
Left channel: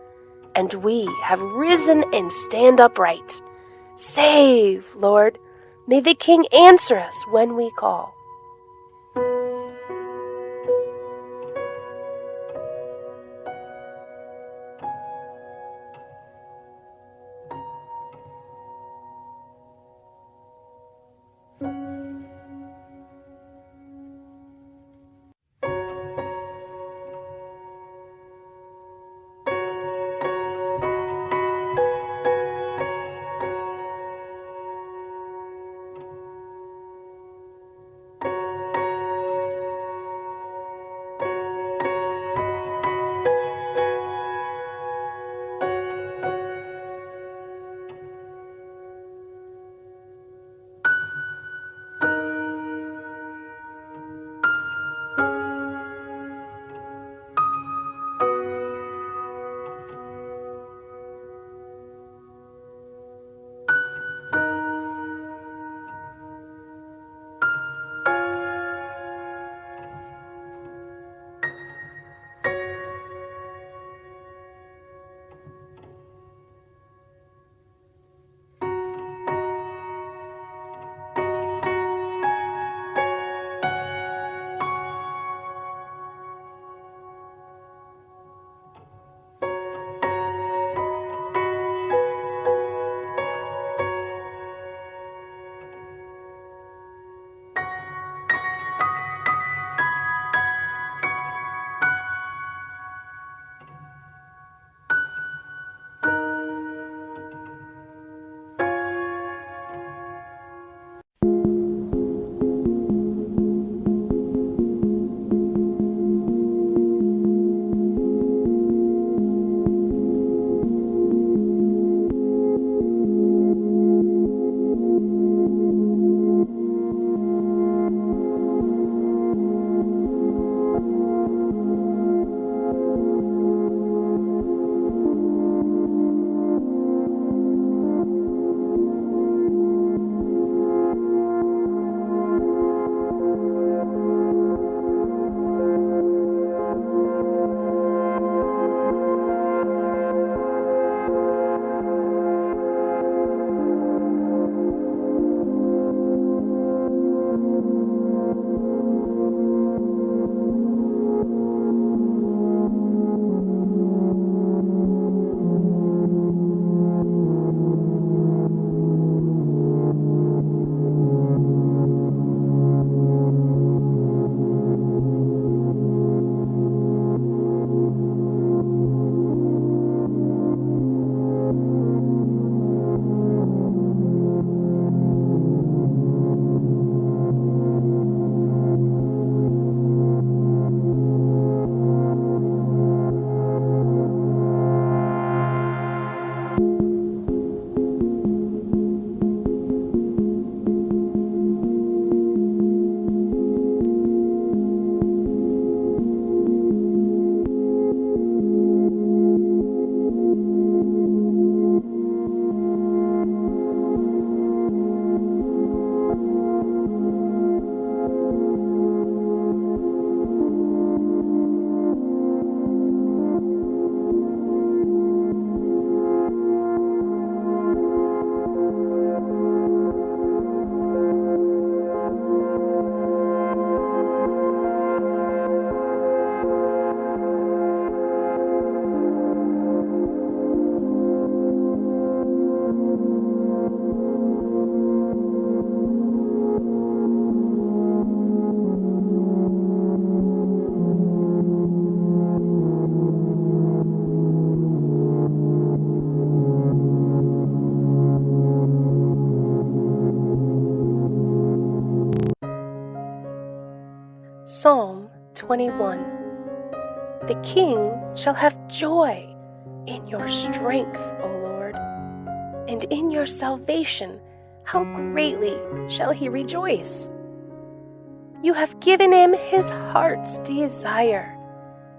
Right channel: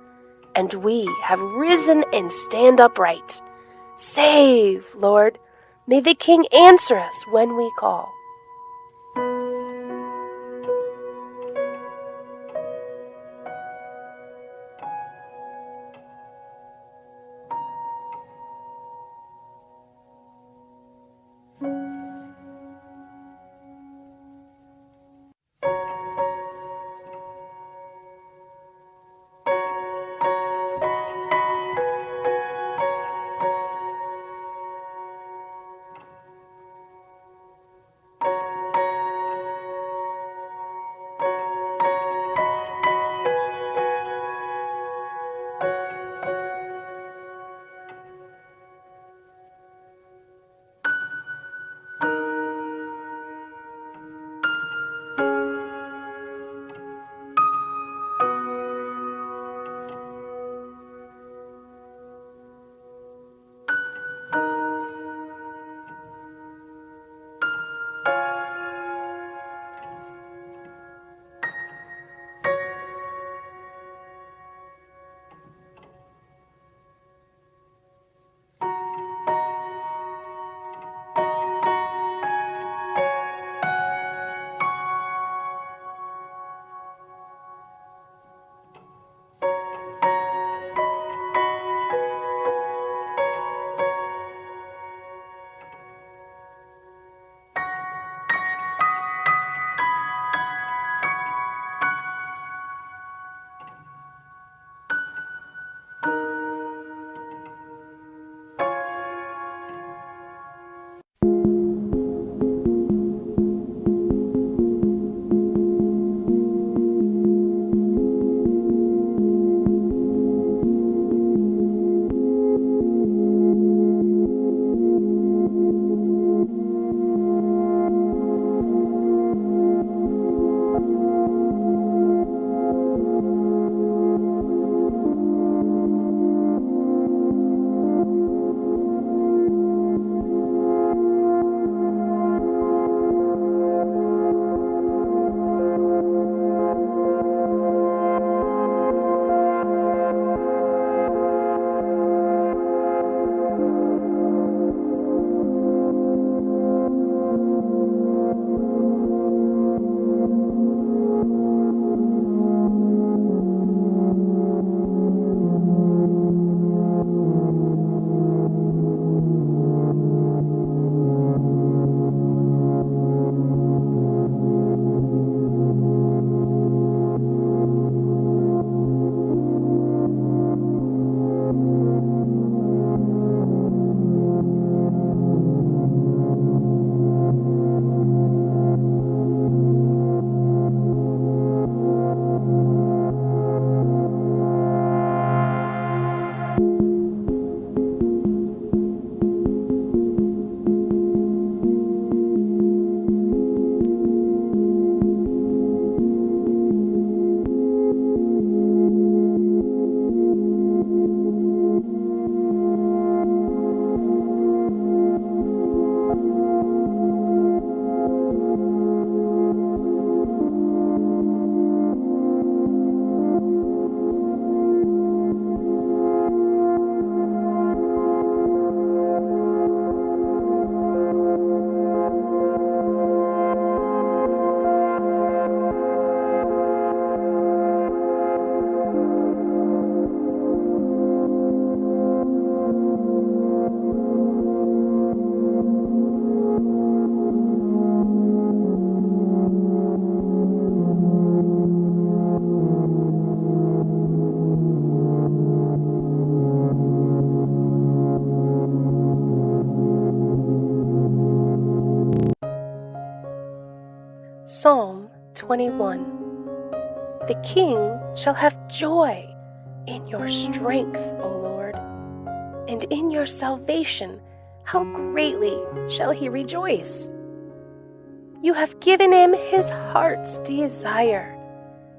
and we have risen and stand upright. Save, Lord. May the King answer us when we call. Psalm 21. The king shall have joy in your strength, O Lord, and in your salvation how greatly shall he rejoice. You have given him his heart's desire,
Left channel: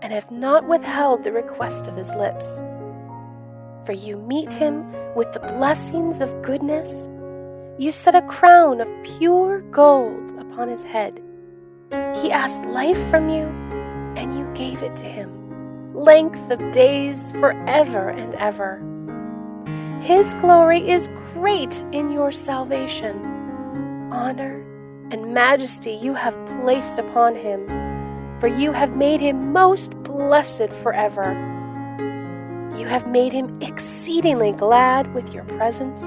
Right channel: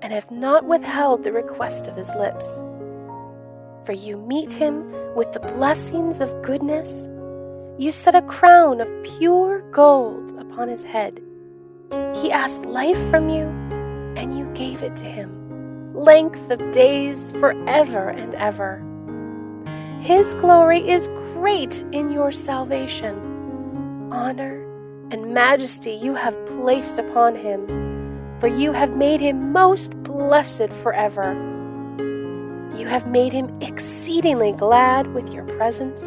and have not withheld the request of his lips. For you meet him with the blessings of goodness. You set a crown of pure gold upon his head. He asked life from you, and you gave it to him, length of days forever and ever. His glory is great in your salvation. Honor and majesty you have placed upon him, for you have made him most blessed forever. You have made him exceedingly glad with your presence,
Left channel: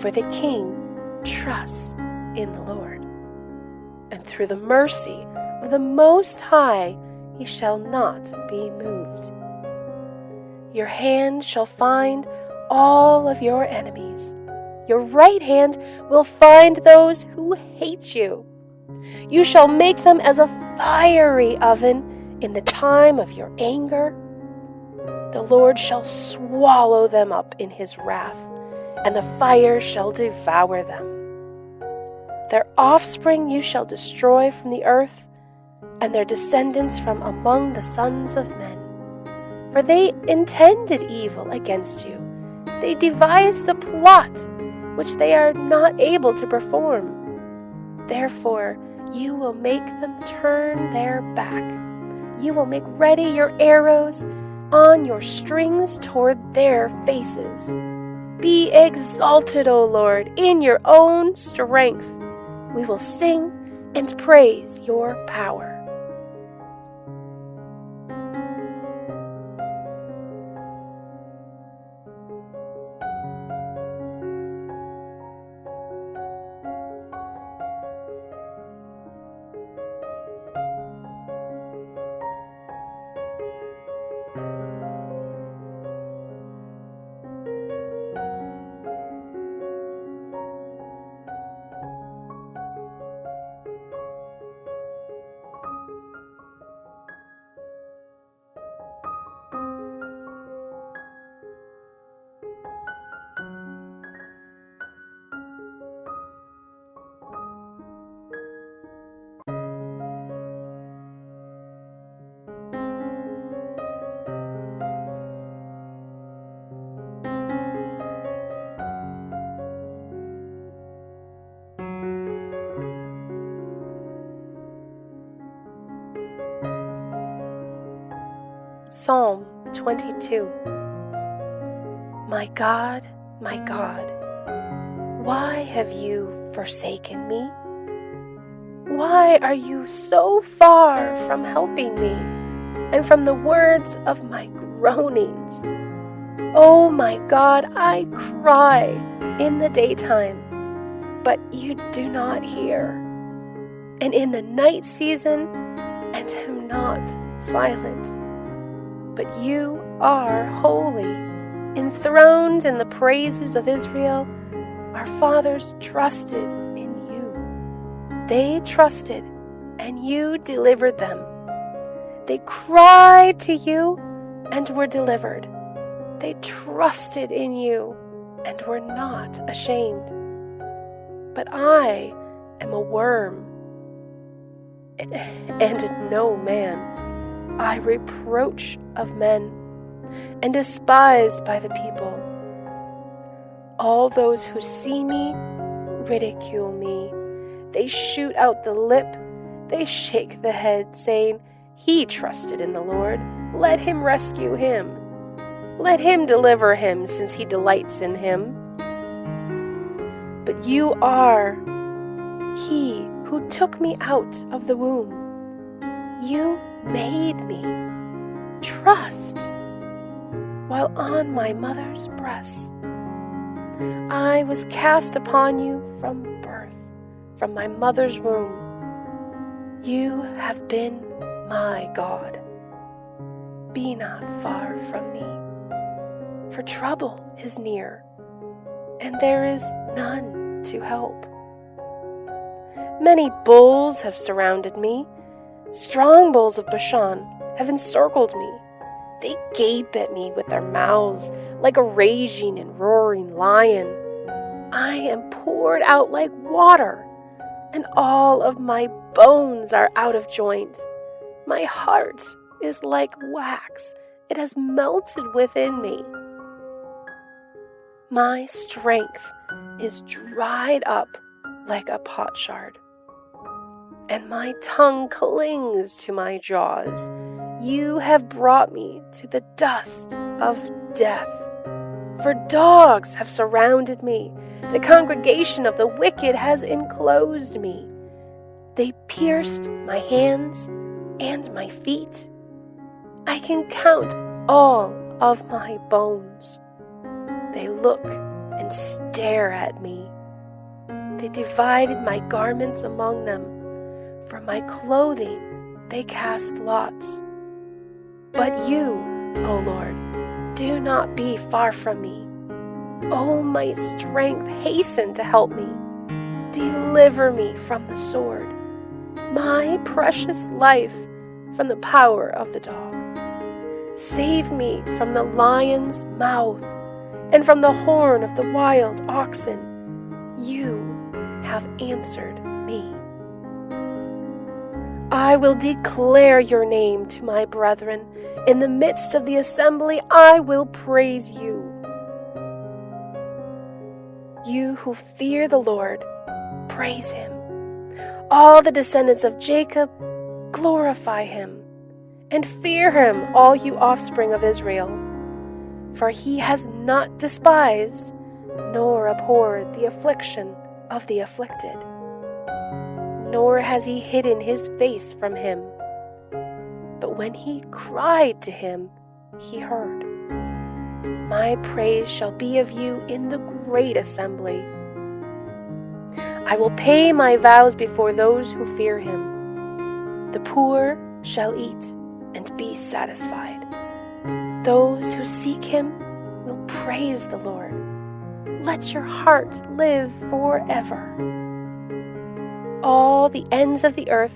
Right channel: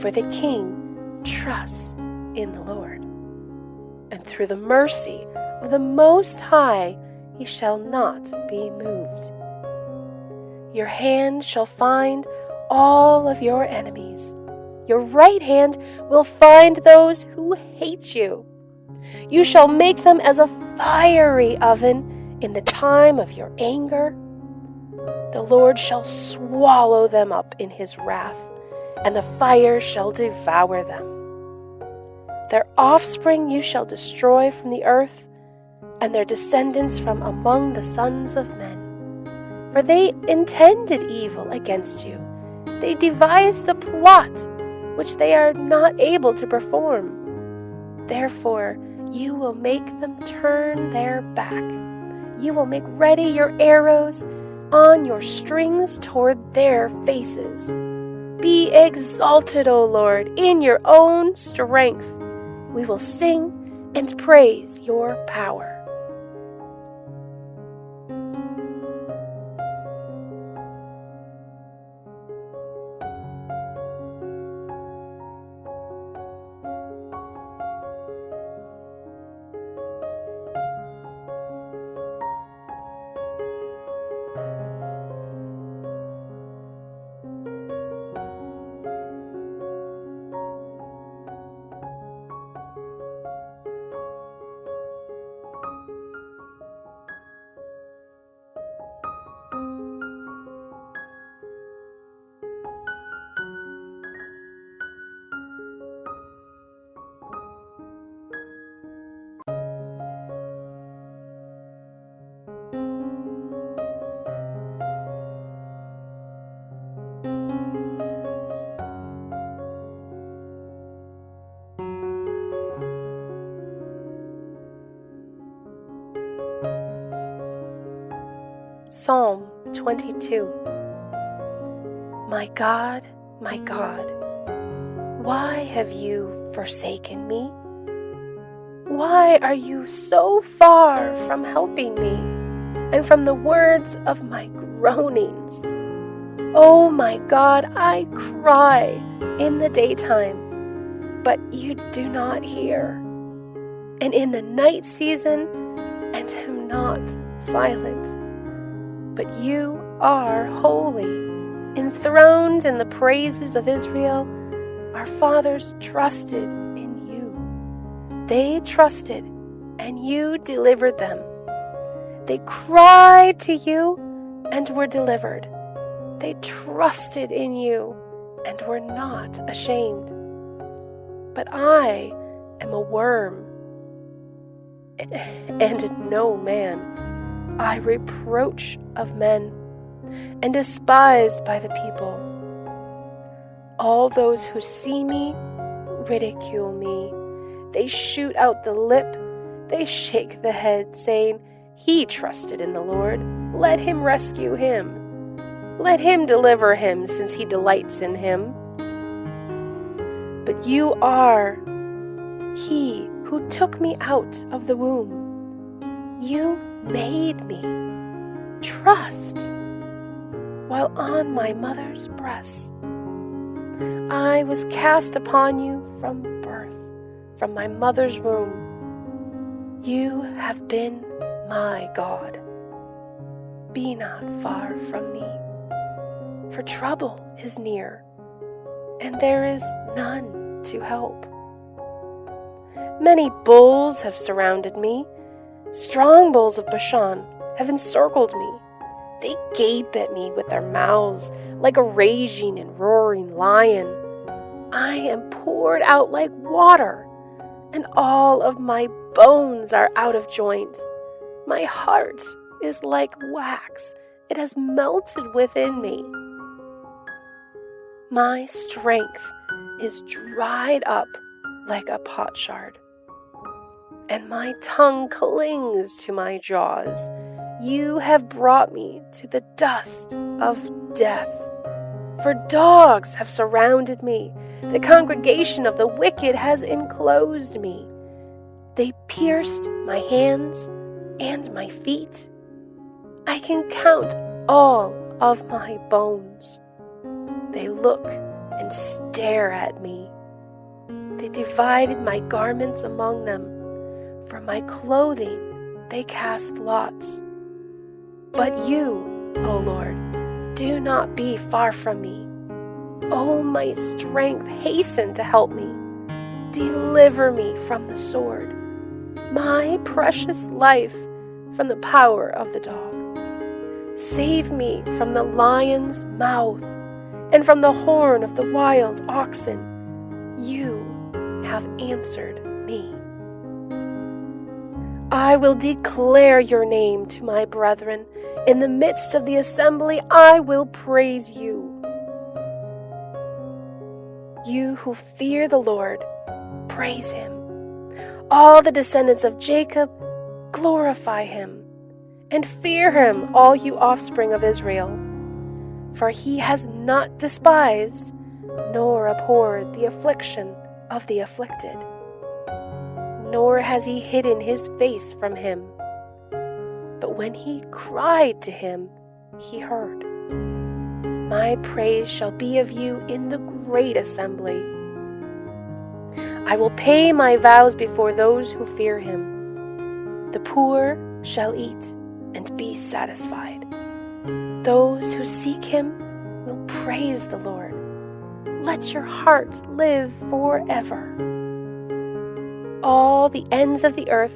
for the king trusts in the Lord. And through the mercy of the Most High he shall not be moved. Your hand shall find all of your enemies. Your right hand will find those who hate you. You shall make them as a fiery oven in the time of your anger. The Lord shall swallow them up in his wrath, and the fire shall devour them. Their offspring you shall destroy from the earth, and their descendants from among the sons of men. For they intended evil against you. They devised a plot which they are not able to perform. Therefore, you will make them turn their back. You will make ready your arrows on your strings toward their faces. Be exalted, O Lord, in your own strength. We will sing and praise your power. Psalm 22. My God, why have you forsaken me? Why are you so far from helping me and from the words of my groanings? Oh my God, I cry in the daytime, but you do not hear, and in the night season, and am not silent. But you are holy, enthroned in the praises of Israel. Our fathers trusted in you. They trusted, and you delivered them. They cried to you and were delivered. They trusted in you and were not ashamed. But I am a worm and no man. I reproach of men, and despised by the people. All those who see me ridicule me. They shoot out the lip, they shake the head, saying, He trusted in the Lord. Let him rescue him. Let him deliver him, since he delights in him. But you are he who took me out of the womb. You made me trust while on my mother's breast. I was cast upon you from birth, from my mother's womb. You have been my God. Be not far from me, for trouble is near, and there is none to help. Many bulls have surrounded me, Strong bulls of Bashan have encircled me. They gape at me with their mouths like a raging and roaring lion. I am poured out like water, and all of my bones are out of joint. My heart is like wax. It has melted within me. My strength is dried up like a potsherd, and my tongue clings to my jaws. You have brought me to the dust of death. For dogs have surrounded me. The congregation of the wicked has enclosed me. They pierced my hands and my feet. I can count all of my bones. They look and stare at me. They divided my garments among them. For my clothing they cast lots. But you, O Lord, do not be far from me. O my strength, hasten to help me. Deliver me from the sword, my precious life from the power of the dog. Save me from the lion's mouth and from the horn of the wild oxen. You have answered me. I will declare your name to my brethren. In the midst of the assembly, I will praise you. You who fear the Lord, praise him. All the descendants of Jacob, glorify him. And fear him, all you offspring of Israel. For he has not despised, nor abhorred the affliction of the afflicted. Nor has he hidden his face from him. But when he cried to him, he heard. My praise shall be of you in the great assembly. I will pay my vows before those who fear him. The poor shall eat and be satisfied. Those who seek him will praise the Lord. Let your heart live forever. All the ends of the earth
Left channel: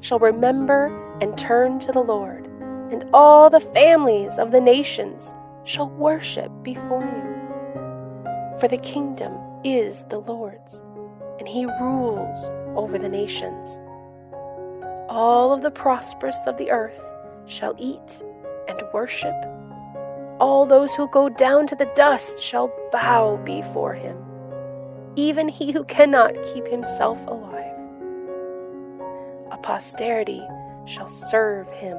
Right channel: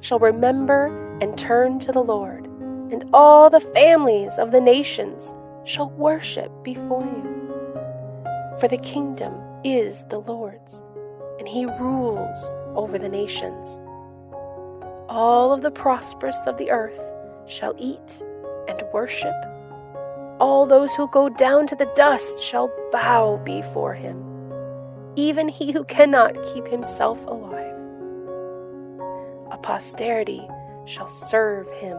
shall remember and turn to the Lord, and all the families of the nations shall worship before you. For the kingdom is the Lord's, and he rules over the nations. All of the prosperous of the earth shall eat and worship. All those who go down to the dust shall bow before him, even he who cannot keep himself alive. A posterity shall serve him.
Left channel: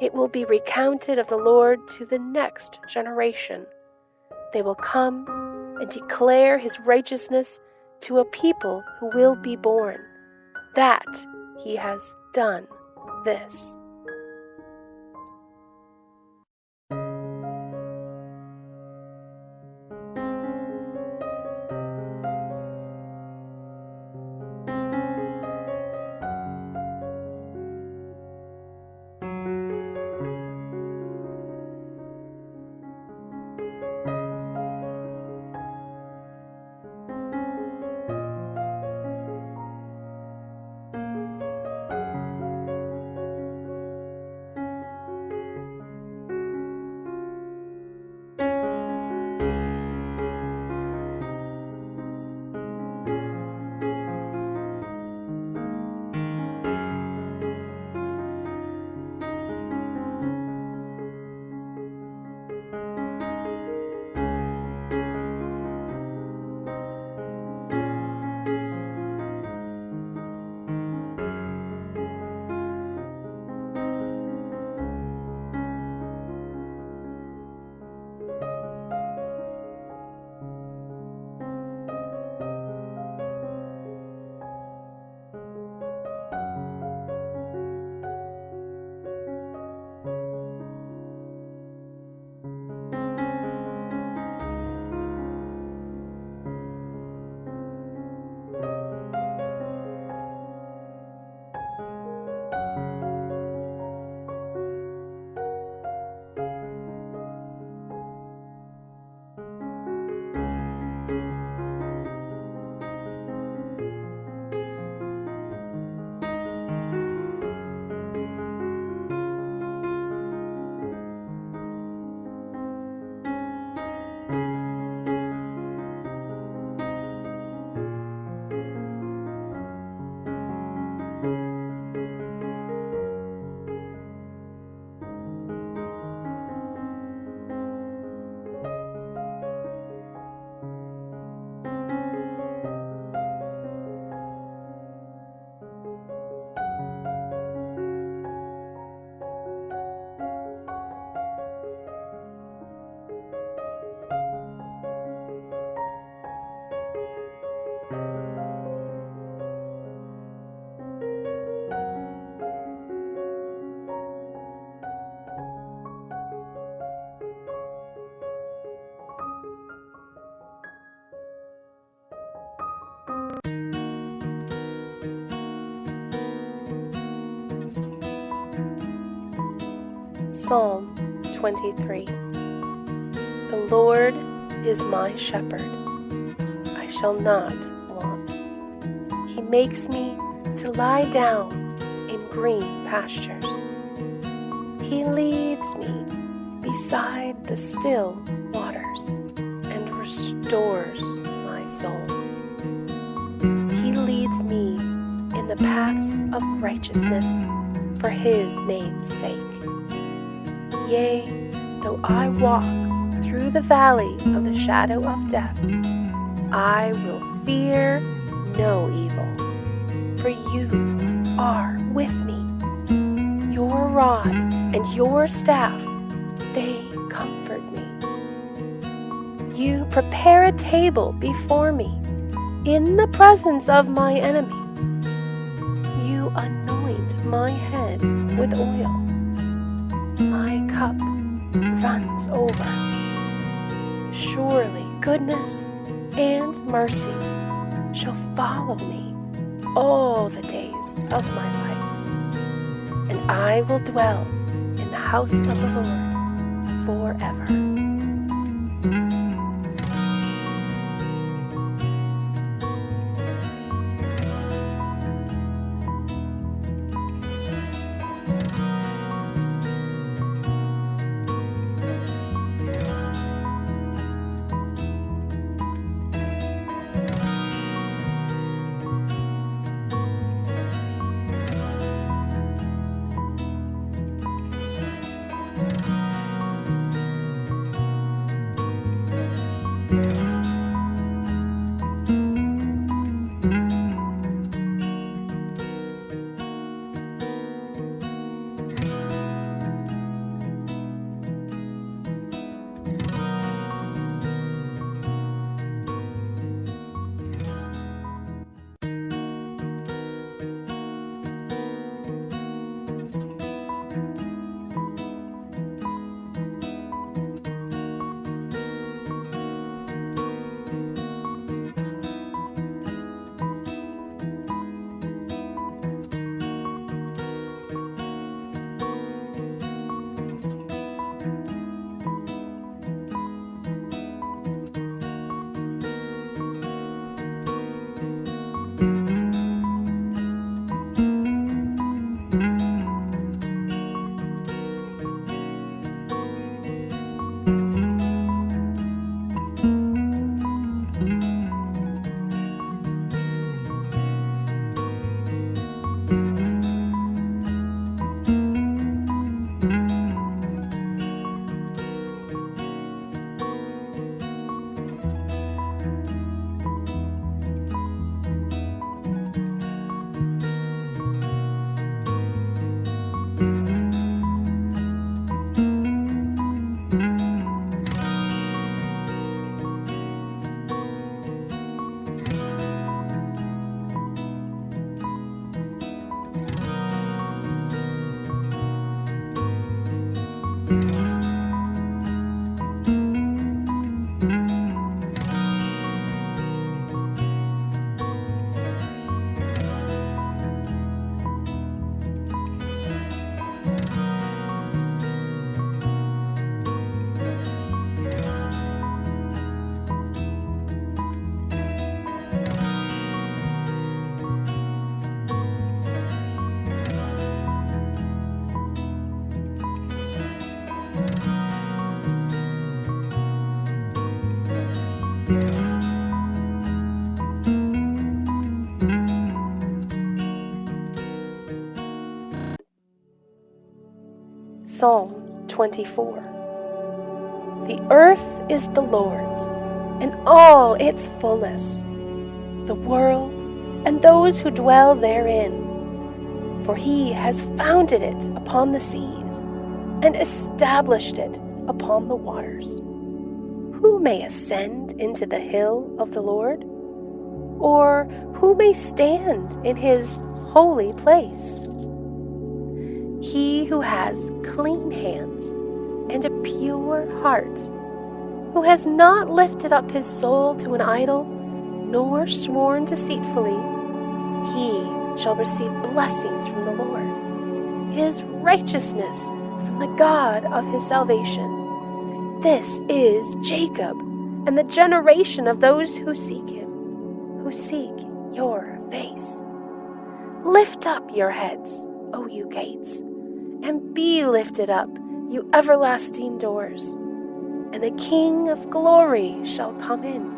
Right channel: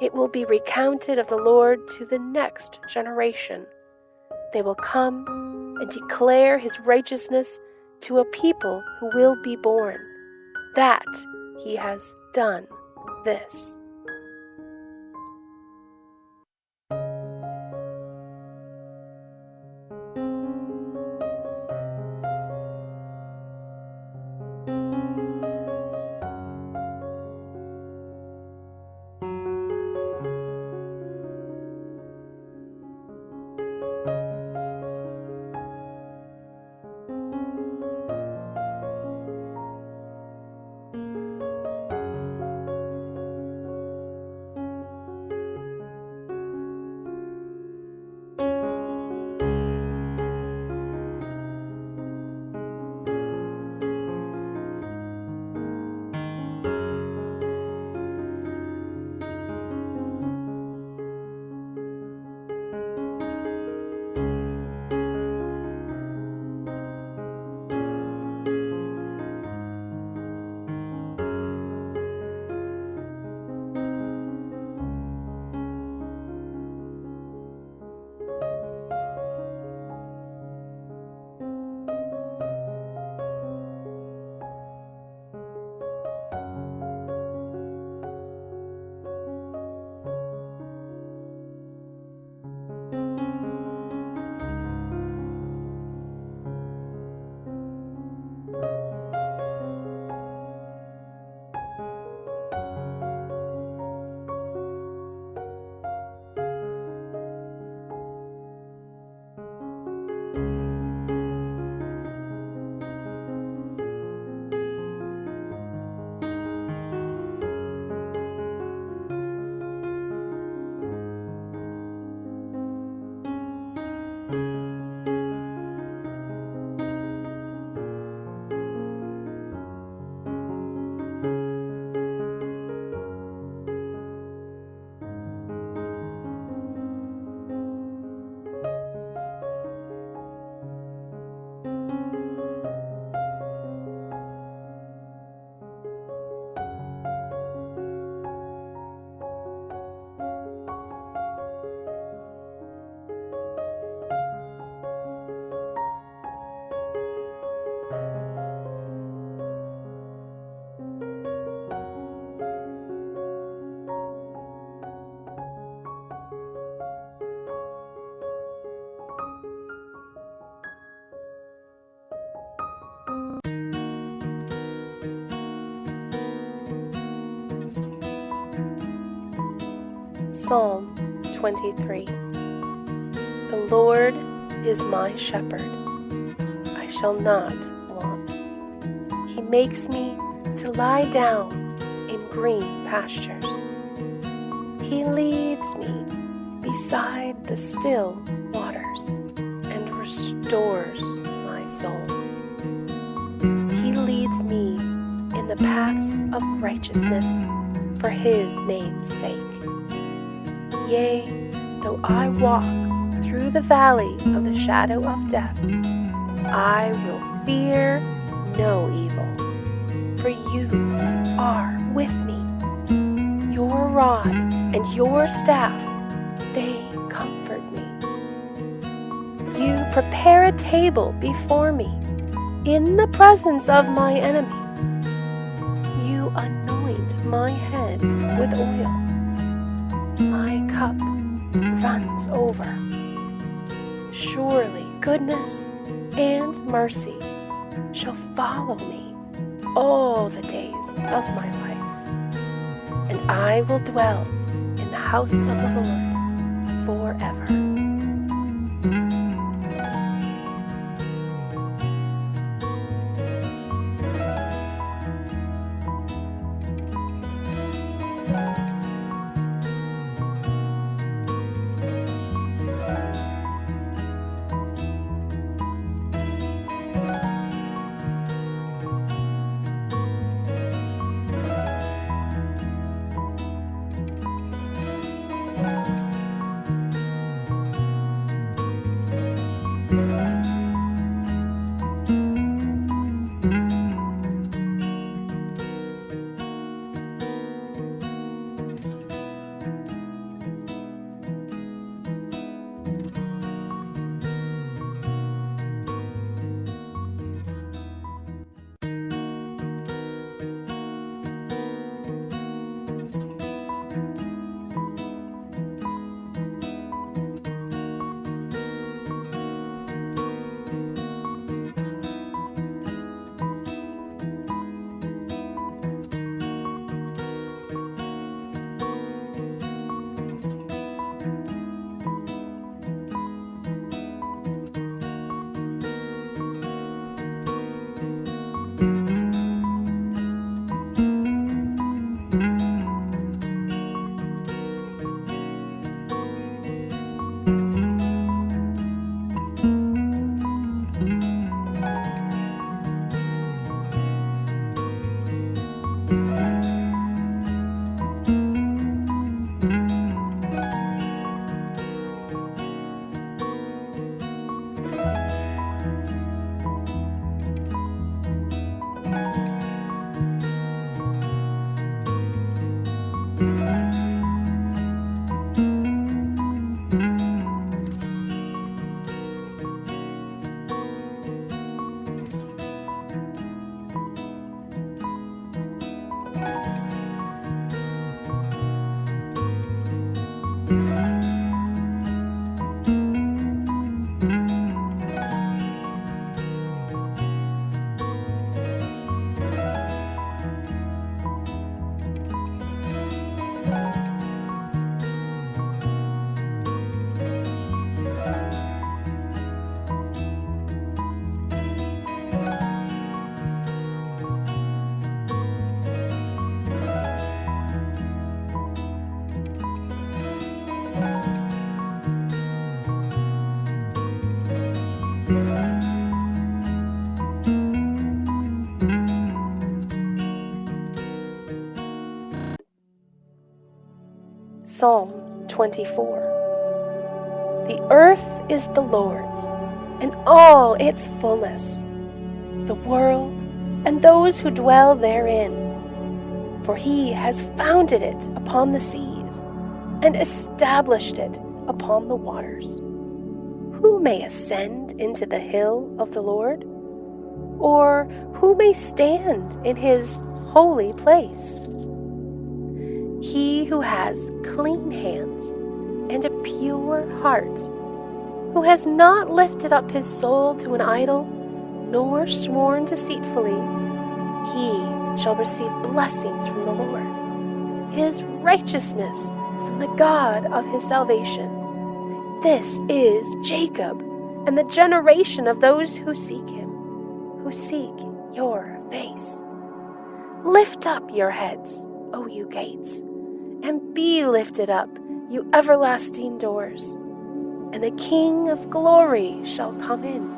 It will be recounted of the Lord to the next generation. They will come and declare his righteousness to a people who will be born, that he has done this. Psalm 23. The Lord is my shepherd. I shall not want. He makes me to lie down in green pastures. He leads me beside the still waters and restores my soul. He leads me in the paths of righteousness for his name's sake. Yea, though I walk through the valley of the shadow of death, I will fear no evil, for you are with me. Your rod and your staff, they comfort me. You prepare a table before me in the presence of my enemies. You anoint my head with oil. My cup runs over. Surely goodness and mercy shall follow me all the days of my life, and I will dwell in the house of the Lord forever. Psalm 24. The earth is the Lord's, and all its fullness, the world and those who dwell therein. For he has founded it upon the seas, and established it upon the waters. Who may ascend into the hill of the Lord? Or who may stand in his holy place? He who has clean hands and a pure heart, who has not lifted up his soul to an idol, nor sworn deceitfully, he shall receive blessings from the Lord. His righteousness from the God of his salvation. This is Jacob, and the generation of those who seek him, who seek your face. Lift up your heads, O you gates, and be lifted up, you everlasting doors, and the King of glory shall come in.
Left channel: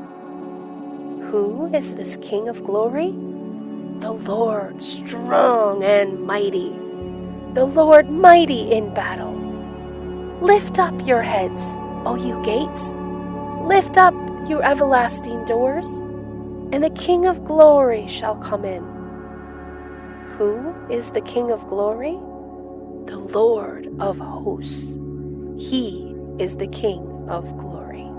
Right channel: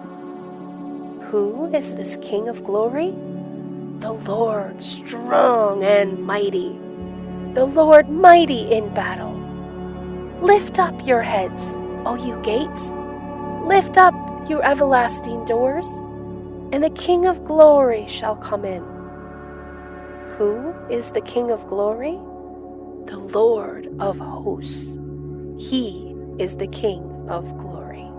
Who is this King of glory? The Lord strong and mighty, the Lord mighty in battle. Lift up your heads, O you gates, lift up, you everlasting doors, and the King of glory shall come in. Who is the King of glory? The Lord of hosts. He is the King of glory.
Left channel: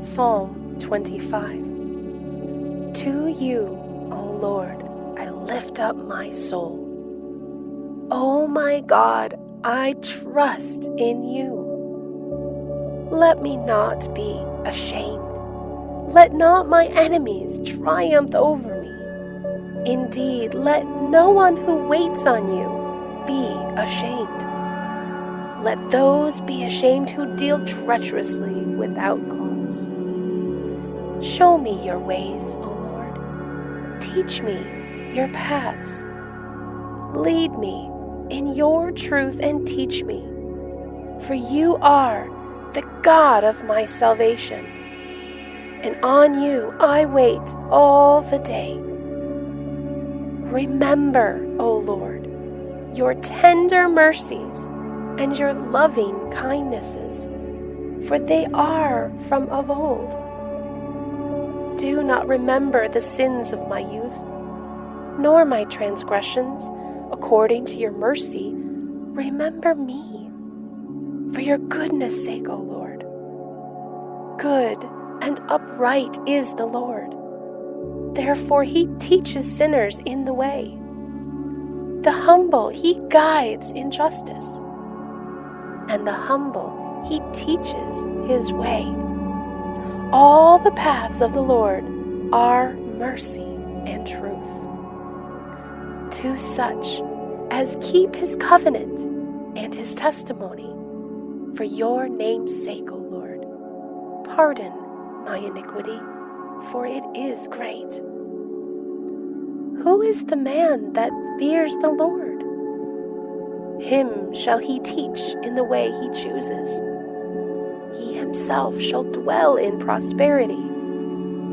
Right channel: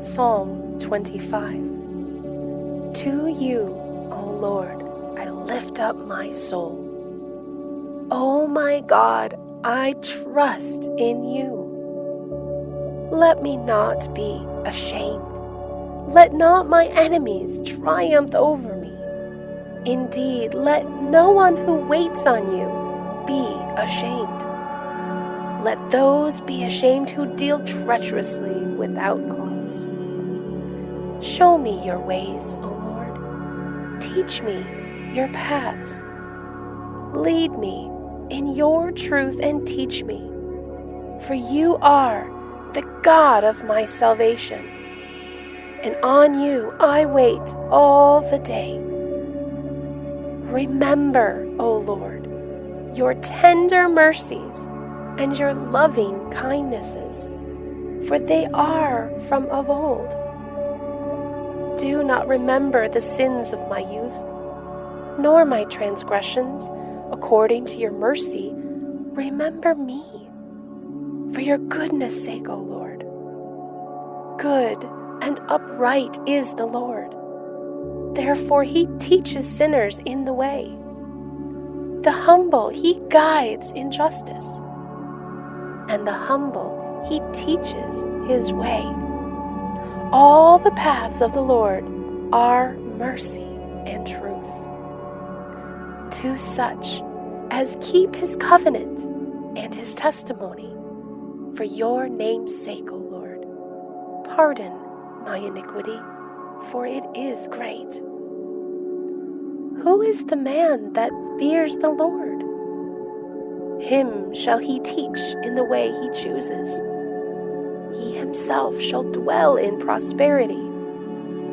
Psalm 25. To you, O Lord, I lift up my soul. O my God, I trust in you. Let me not be ashamed. Let not my enemies triumph over me. Indeed, let no one who waits on you be ashamed. Let those be ashamed who deal treacherously without cause. Show me your ways, O Lord. Teach me your paths. Lead me in your truth and teach me. For you are the God of my salvation, and on you I wait all the day. Remember, O Lord, your tender mercies and your loving kindnesses, for they are from of old. Do not remember the sins of my youth, nor my transgressions. According to your mercy, remember me. For your goodness' sake, O Lord. Good and upright is the Lord. Therefore he teaches sinners in the way. The humble he guides in justice, and the humble he teaches his way. All the paths of the Lord are mercy and truth to such as keep his covenant and his testimony. For your name's sake, O Lord, pardon my iniquity, for it is great. Who is the man that fears the Lord? Him shall he teach in the way he chooses. He himself shall dwell in prosperity,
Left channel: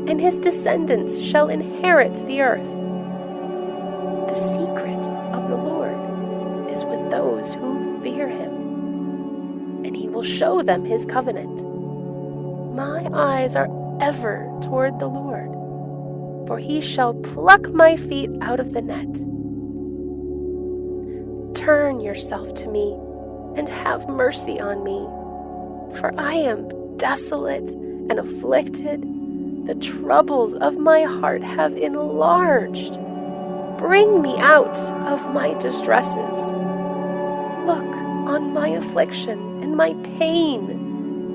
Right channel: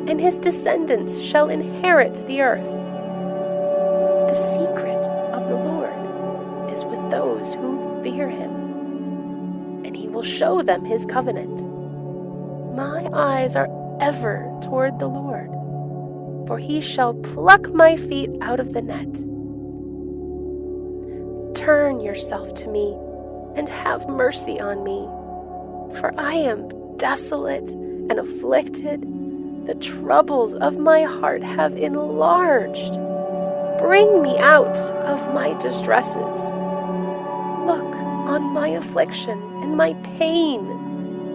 and his descendants shall inherit the earth. The secret of the Lord is with those who fear him, and he will show them his covenant. My eyes are ever toward the Lord, for he shall pluck my feet out of the net. Turn yourself to me and have mercy on me, for I am desolate and afflicted. The troubles of my heart have enlarged. Bring me out of my distresses. Look on my affliction and my pain,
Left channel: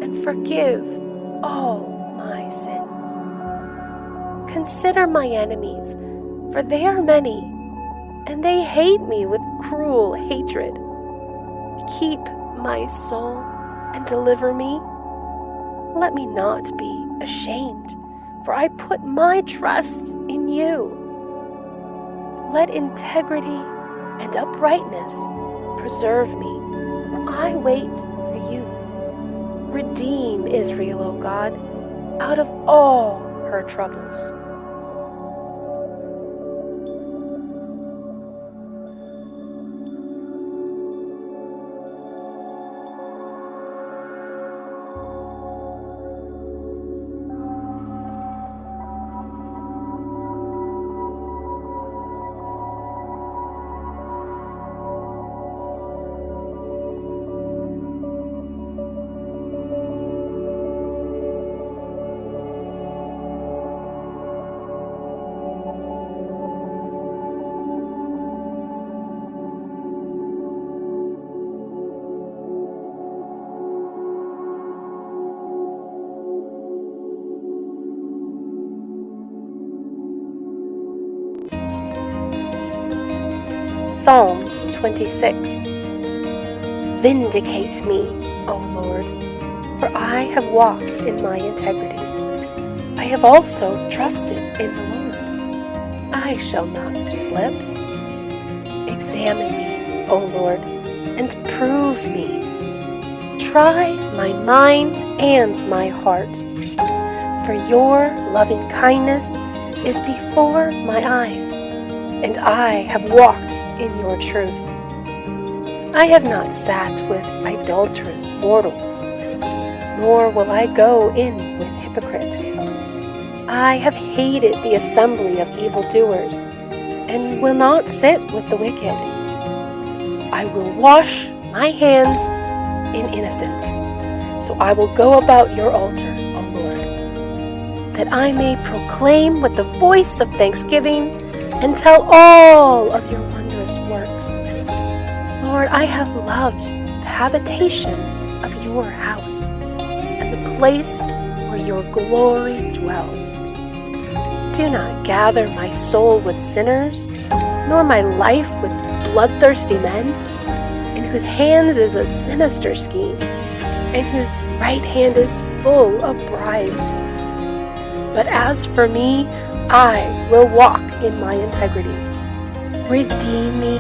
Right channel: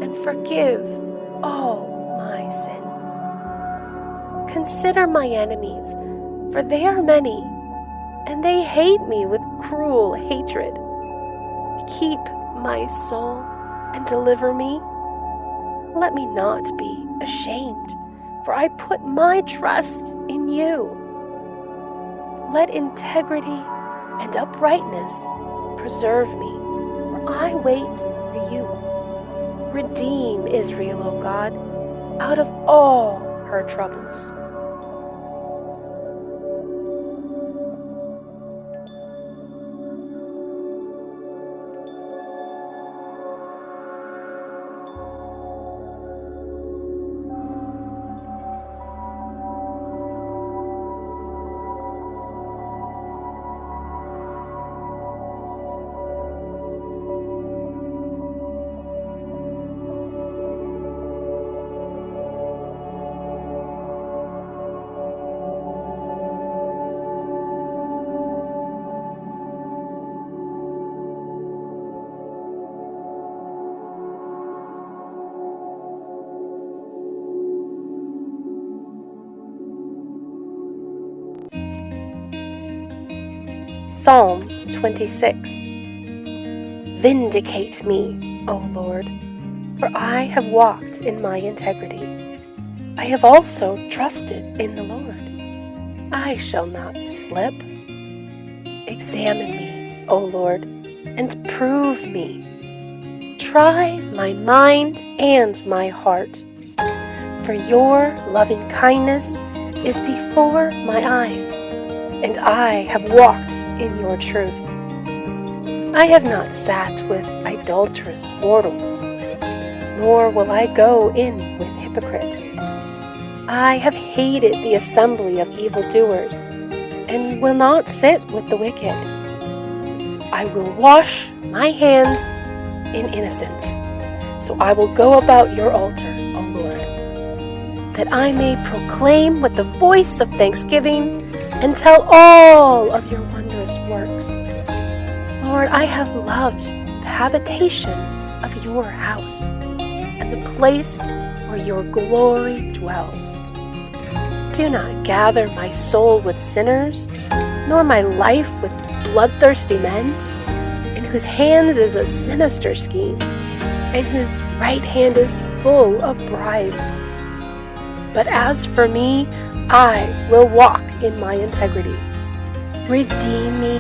and forgive all my sins. Consider my enemies, for they are many, and they hate me with cruel hatred. Keep my soul and deliver me. Let me not be ashamed, for I put my trust in you. Let integrity and uprightness preserve me, for I wait for you. Redeem Israel, O God, out of all her troubles. Psalm 26. Vindicate me, O Lord, for I have walked in my integrity. I have also trusted in the Lord. I shall not slip. Examine me, O Lord, and prove me. Try my mind and my heart, for your loving kindness is before my eyes, and I have walked in your truth. I have not sat with idolatrous mortals, nor will I go in with hypocrites. I have hated the assembly of evildoers, and will not sit with the wicked. I will wash my hands in innocence, so I will go about your altar, O Lord, that I may proclaim with the voice of thanksgiving and tell all of your wondrous works. Lord, I have loved the habitation of your house and the place where your glory dwells. Do not gather my soul with sinners, nor my life with bloodthirsty men, in whose hands is a sinister scheme, and whose right hand is full of bribes. But as for me, I will walk in my integrity. Redeem me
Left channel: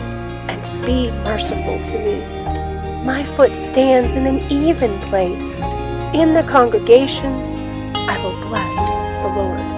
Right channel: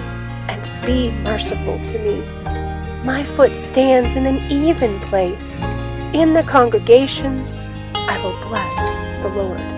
and be merciful to me. My foot stands in an even place. In the congregations, I will bless the Lord.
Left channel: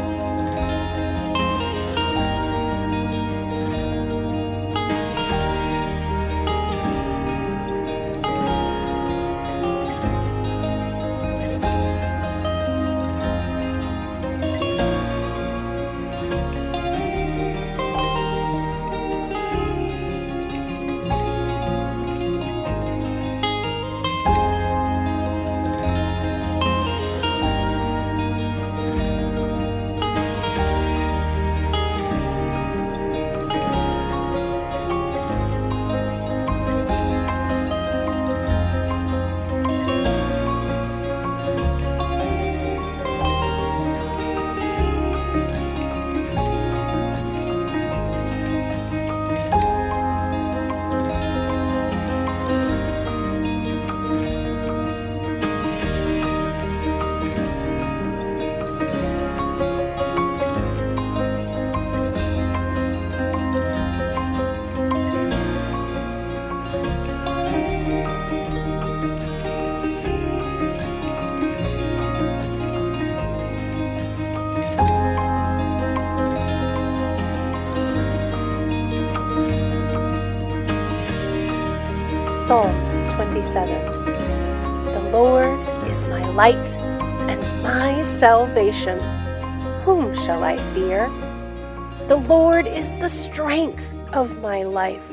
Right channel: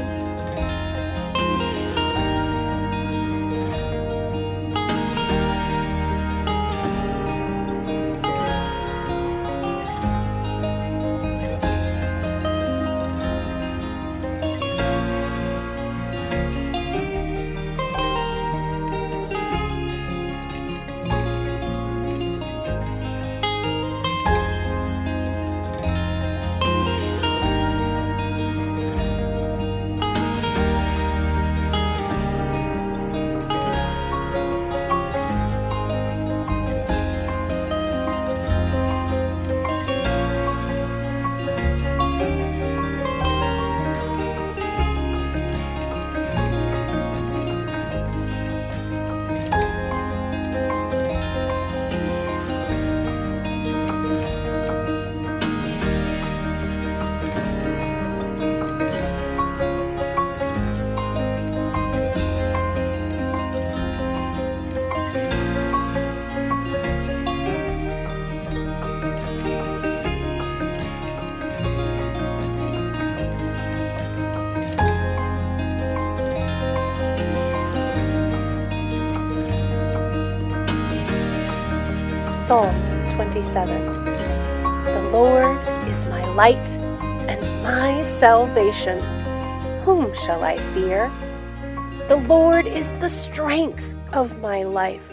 Psalm 27. The Lord is my light and my salvation. Whom shall I fear? The Lord is the strength of my life.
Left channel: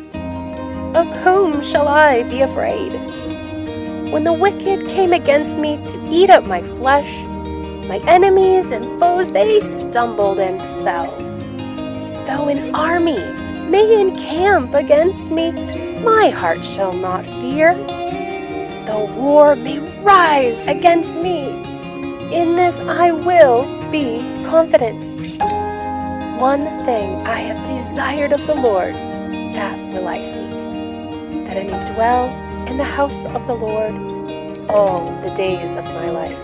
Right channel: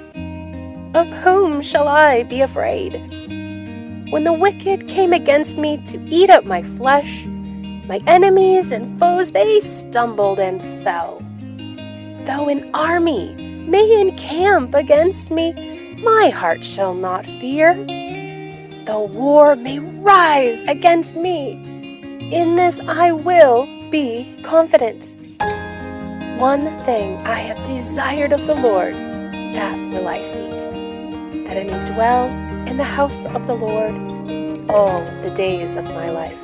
Of whom shall I be afraid? When the wicked came against me to eat up my flesh, my enemies and foes, they stumbled and fell. Though an army may encamp against me, my heart shall not fear. though war may rise against me. In this I will be confident. One thing I have desired of the Lord, that will I seek, that I may dwell in the house of the Lord all the days of my life,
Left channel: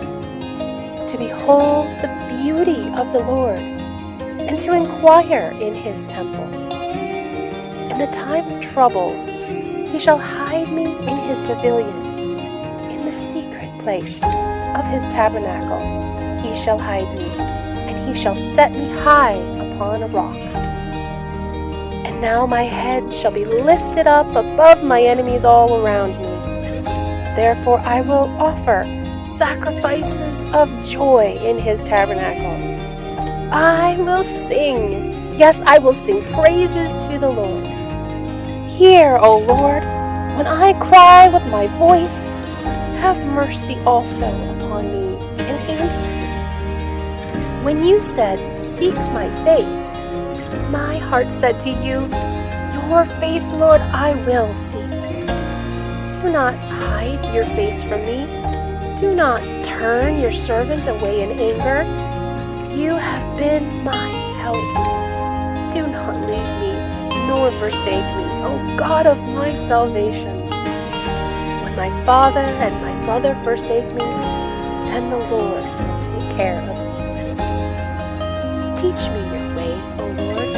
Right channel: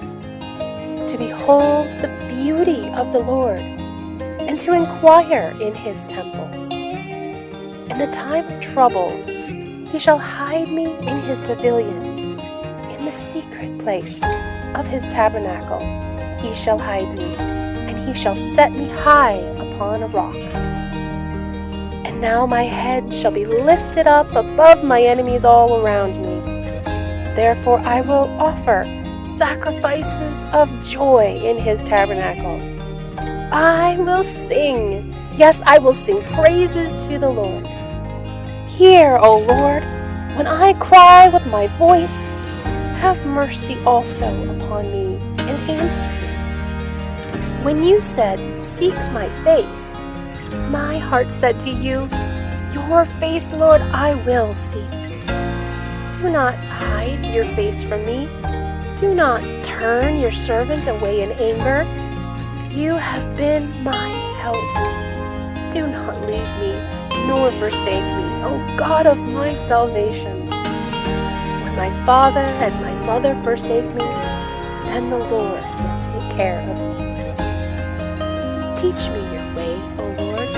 to behold the beauty of the Lord, and to inquire in his temple. In the time of trouble, he shall hide me in his pavilion. In the secret place of his tabernacle, he shall hide me, and he shall set me high upon a rock. And now my head shall be lifted up above my enemies all around me. Therefore I will offer sacrifices of joy in his tabernacle. I will sing, yes, I will sing praises to the Lord. Hear, O Lord, when I cry with my voice. Have mercy also upon me and answer me. When you said, seek my face, my heart said to you, your face, Lord, I will seek. Do not hide your face from me. Do not turn your servant away in anger. You have been my help. Do not leave me, nor forsake me, O God of my salvation. When my father and my mother forsake me, then the Lord will take care of me. Teach me your way, O Lord,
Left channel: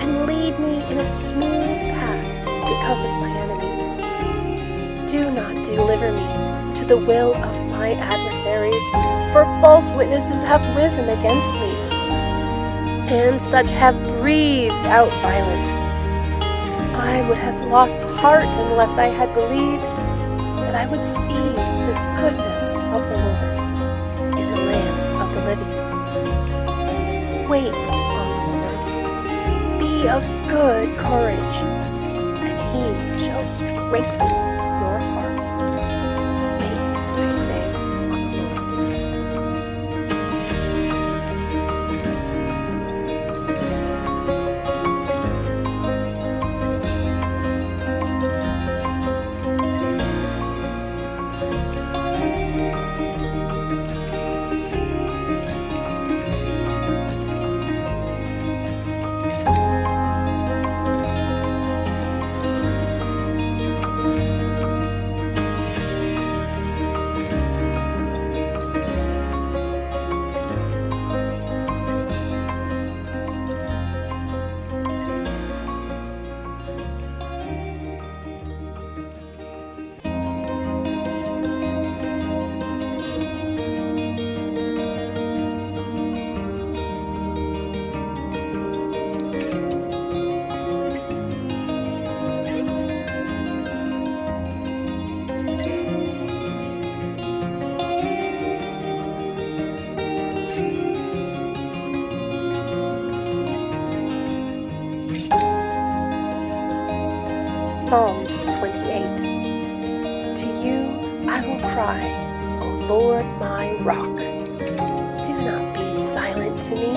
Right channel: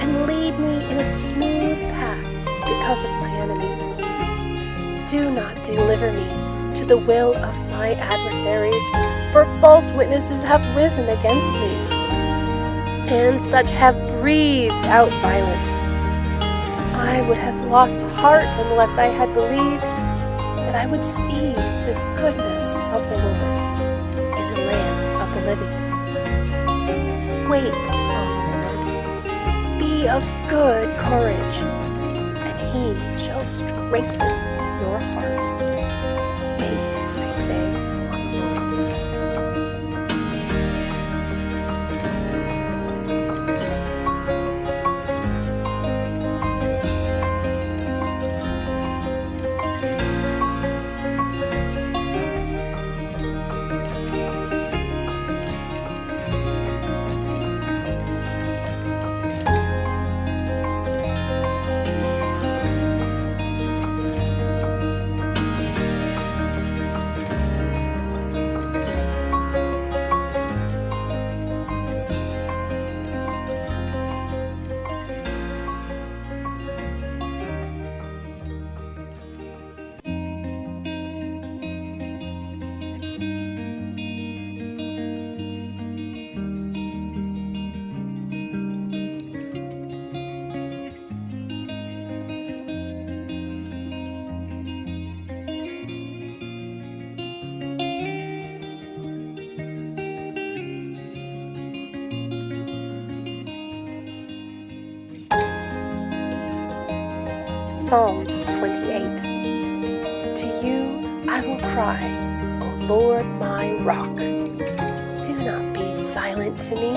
and lead me in a smooth path because of my enemies. Do not deliver me to the will of my adversaries, for false witnesses have risen against me, and such have breathed out violence. I would have lost heart unless I had believed that I would see the goodness of the Lord in the land of the living. Wait on the Lord, be of good courage, and he shall strengthen your heart. Wait, I say, on the Lord. Psalm 28. To you I will cry, O Lord my rock. Do not be silent to me,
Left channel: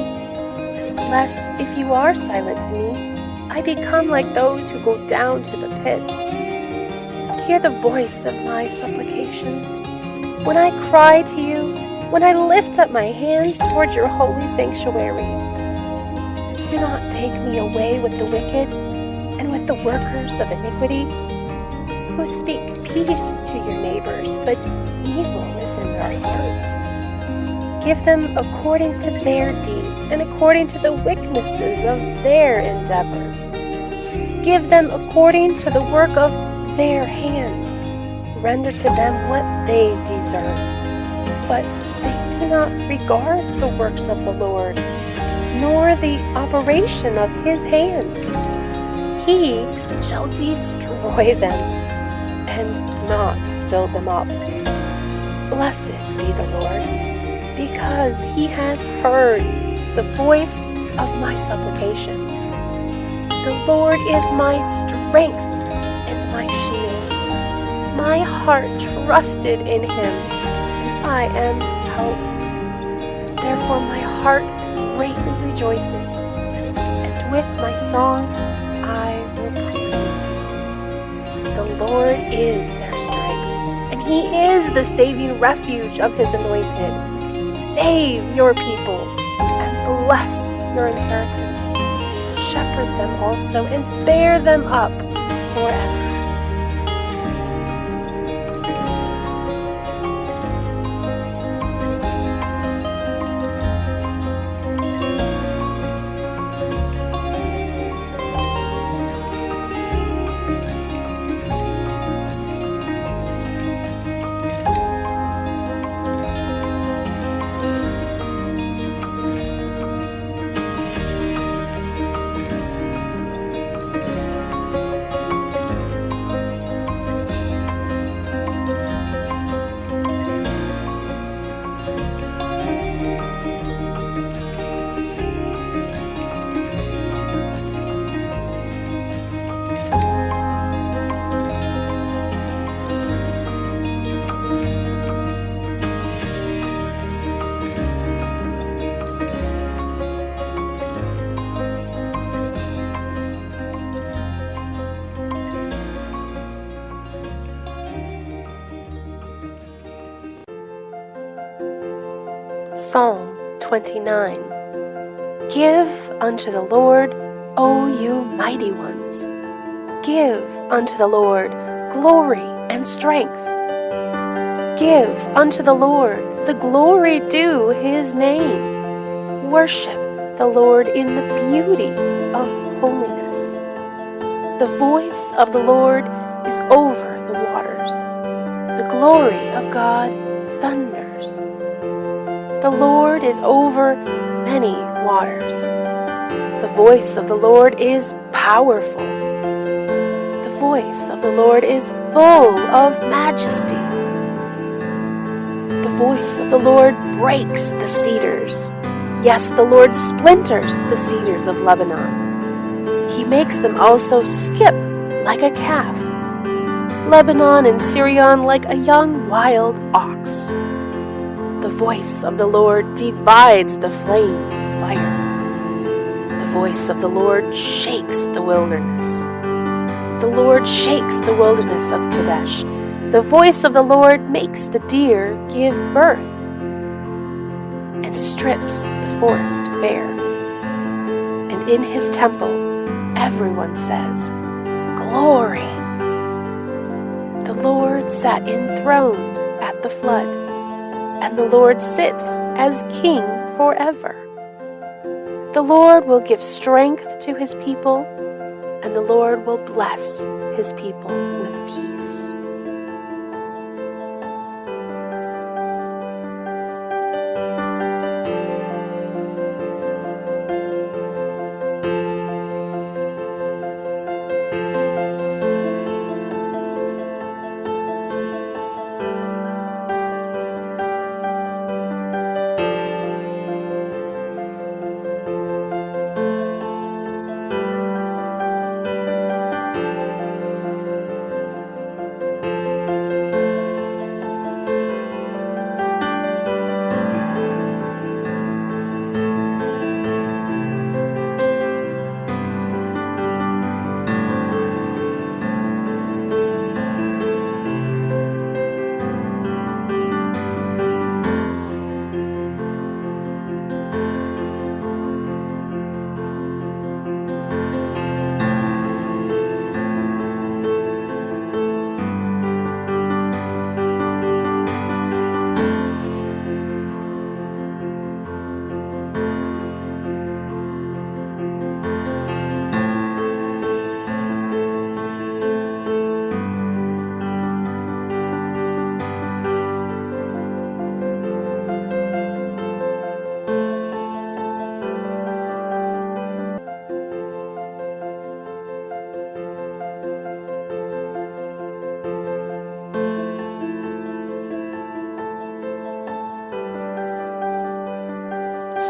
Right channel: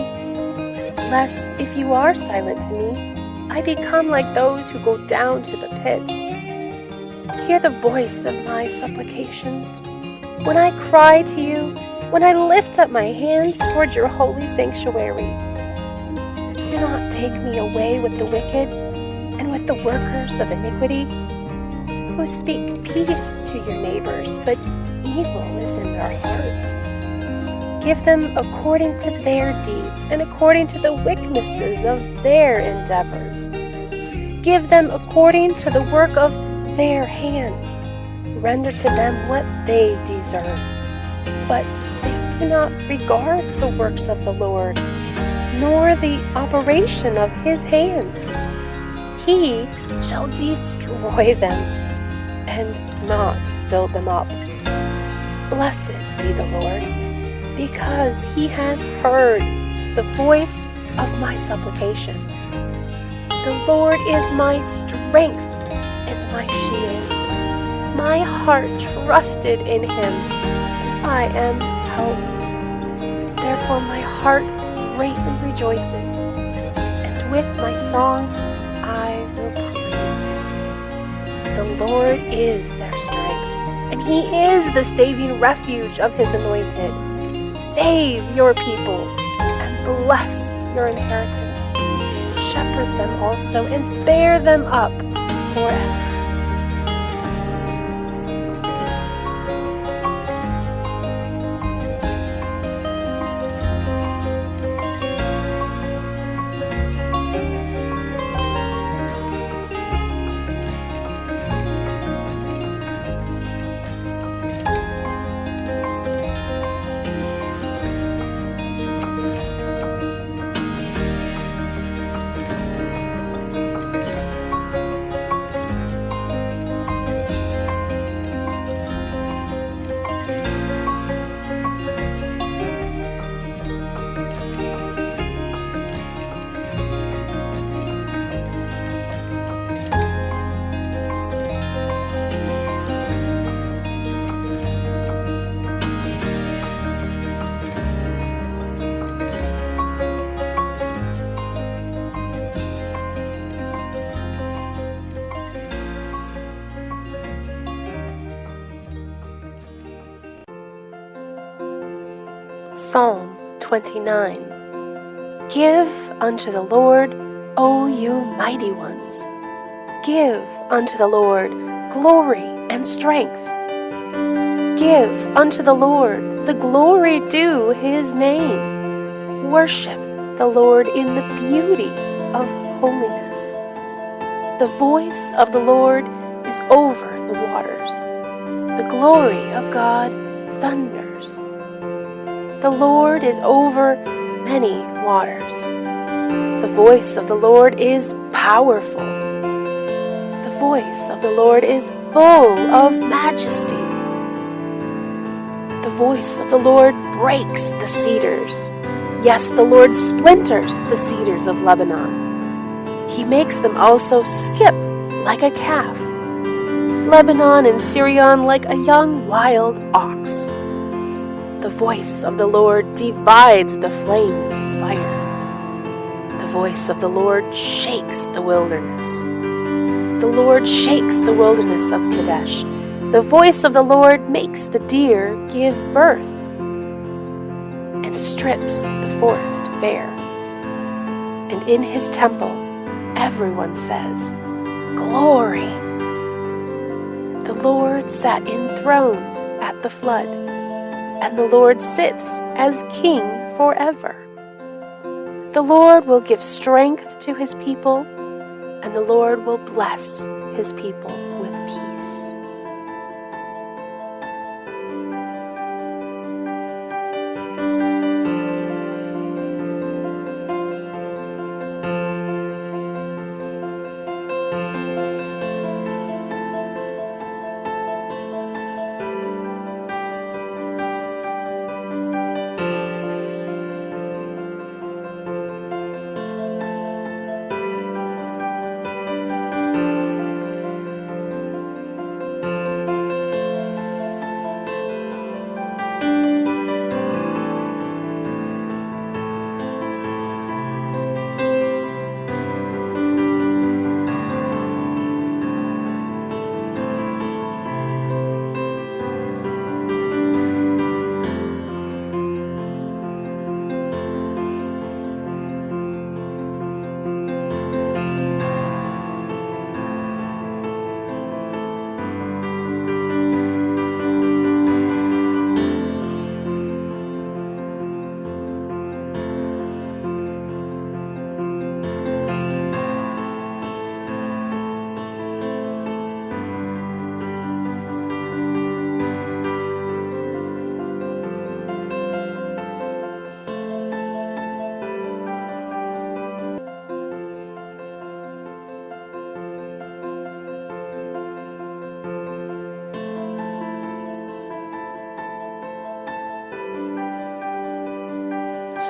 lest if you are silent to me, I become like those who go down to the pit. Hear the voice of my supplications. When I cry to you, when I lift up my hands toward your holy sanctuary. Do not take me away with the wicked and with the workers of iniquity, who speak peace to your neighbors, but evil is in their hearts. Give them according to their deeds and according to the wickednesses of their endeavors. Give them according to the work of their hands. Render to them what they deserve. But they do not regard the works of the Lord, nor the operation of his hands. He shall destroy them and not build them up. Blessed be the Lord, because he has heard the voice of my supplication. The Lord is my strength and my shield. My heart trusted in him, and I am helped. Therefore my heart greatly rejoices, and with my song I will praise him. The Lord is their strength, and He is the saving refuge of His anointed. Save your people and bless your inheritance. Shepherd them also and bear them up forever. Psalm 29. Give unto the Lord, O you mighty ones. Give unto the Lord glory and strength. Give unto the Lord the glory due His name. Worship the Lord in the beauty of holiness. The voice of the Lord is over the waters. The glory of God thunders. The Lord is over many waters. The voice of the Lord is powerful. The voice of the Lord is full of majesty. The voice of the Lord breaks the cedars. Yes, the Lord splinters the cedars of Lebanon. He makes them also skip like a calf. Lebanon and Syrian like a young wild ox. The voice of the Lord divides the flames of fire. The voice of the Lord shakes the wilderness. The Lord shakes the wilderness of Kadesh. The voice of the Lord makes the deer give birth and strips the forest bare. And in His temple everyone says, Glory! The Lord sat enthroned at the flood, and the Lord sits as King forever. The Lord will give strength to His people, and the Lord will bless His people with peace.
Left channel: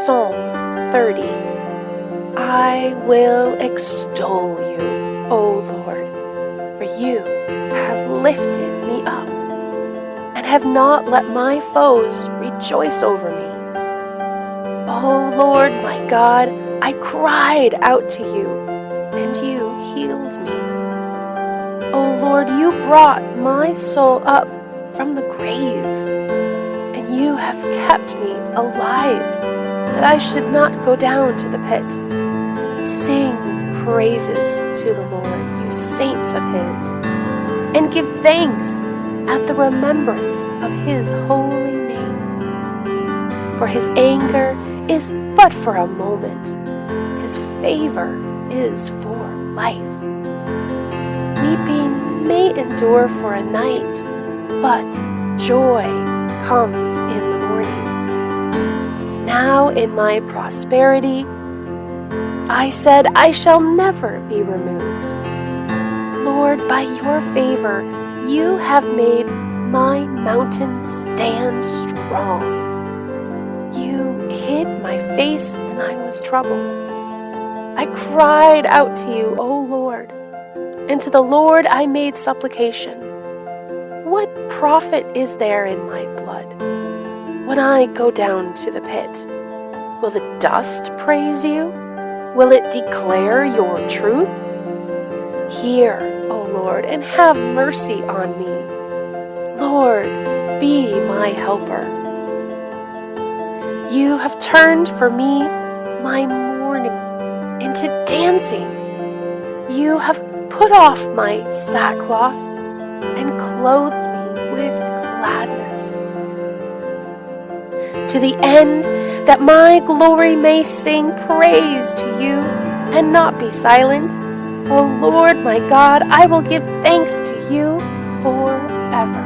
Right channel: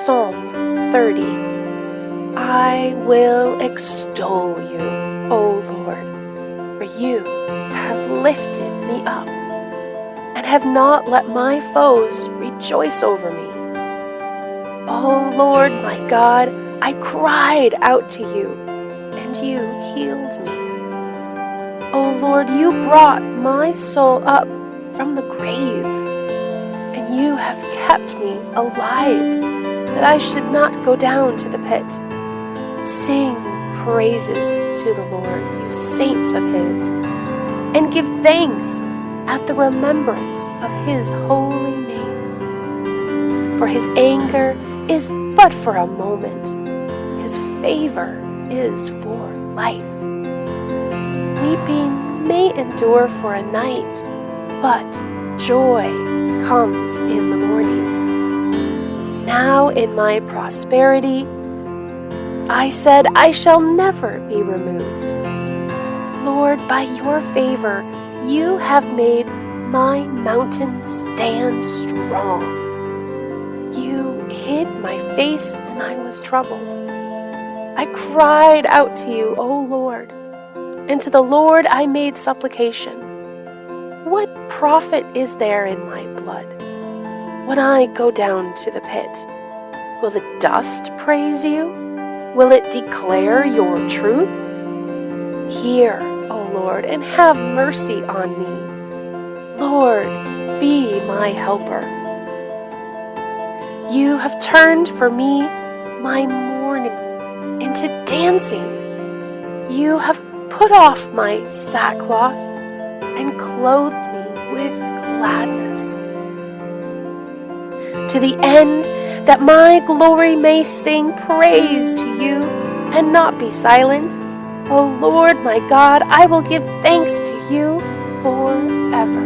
Psalm 30. I will extol you, O Lord, for you have lifted me up, and have not let my foes rejoice over me. O Lord my God, I cried out to you, and you healed me. O Lord, you brought my soul up from the grave, and you have kept me alive, that I should not go down to the pit. Sing praises to the Lord, you saints of his, and give thanks at the remembrance of his holy name. For his anger is but for a moment, his favor is for life. Weeping may endure for a night, but joy comes in the morning. Now in my prosperity, I said, I shall never be removed. Lord, by your favor, you have made my mountain stand strong. You hid my face and I was troubled. I cried out to you, O Lord, and to the Lord I made supplication. What profit is there in my blood when I go down to the pit? Will the dust praise you? Will it declare your truth? Hear, O Lord, and have mercy on me. Lord, be my helper. You have turned for me my mourning into dancing. You have put off my sackcloth and clothed me with gladness, to the end that my glory may sing praise to you and not be silent. O Lord my God, I will give thanks to you forever.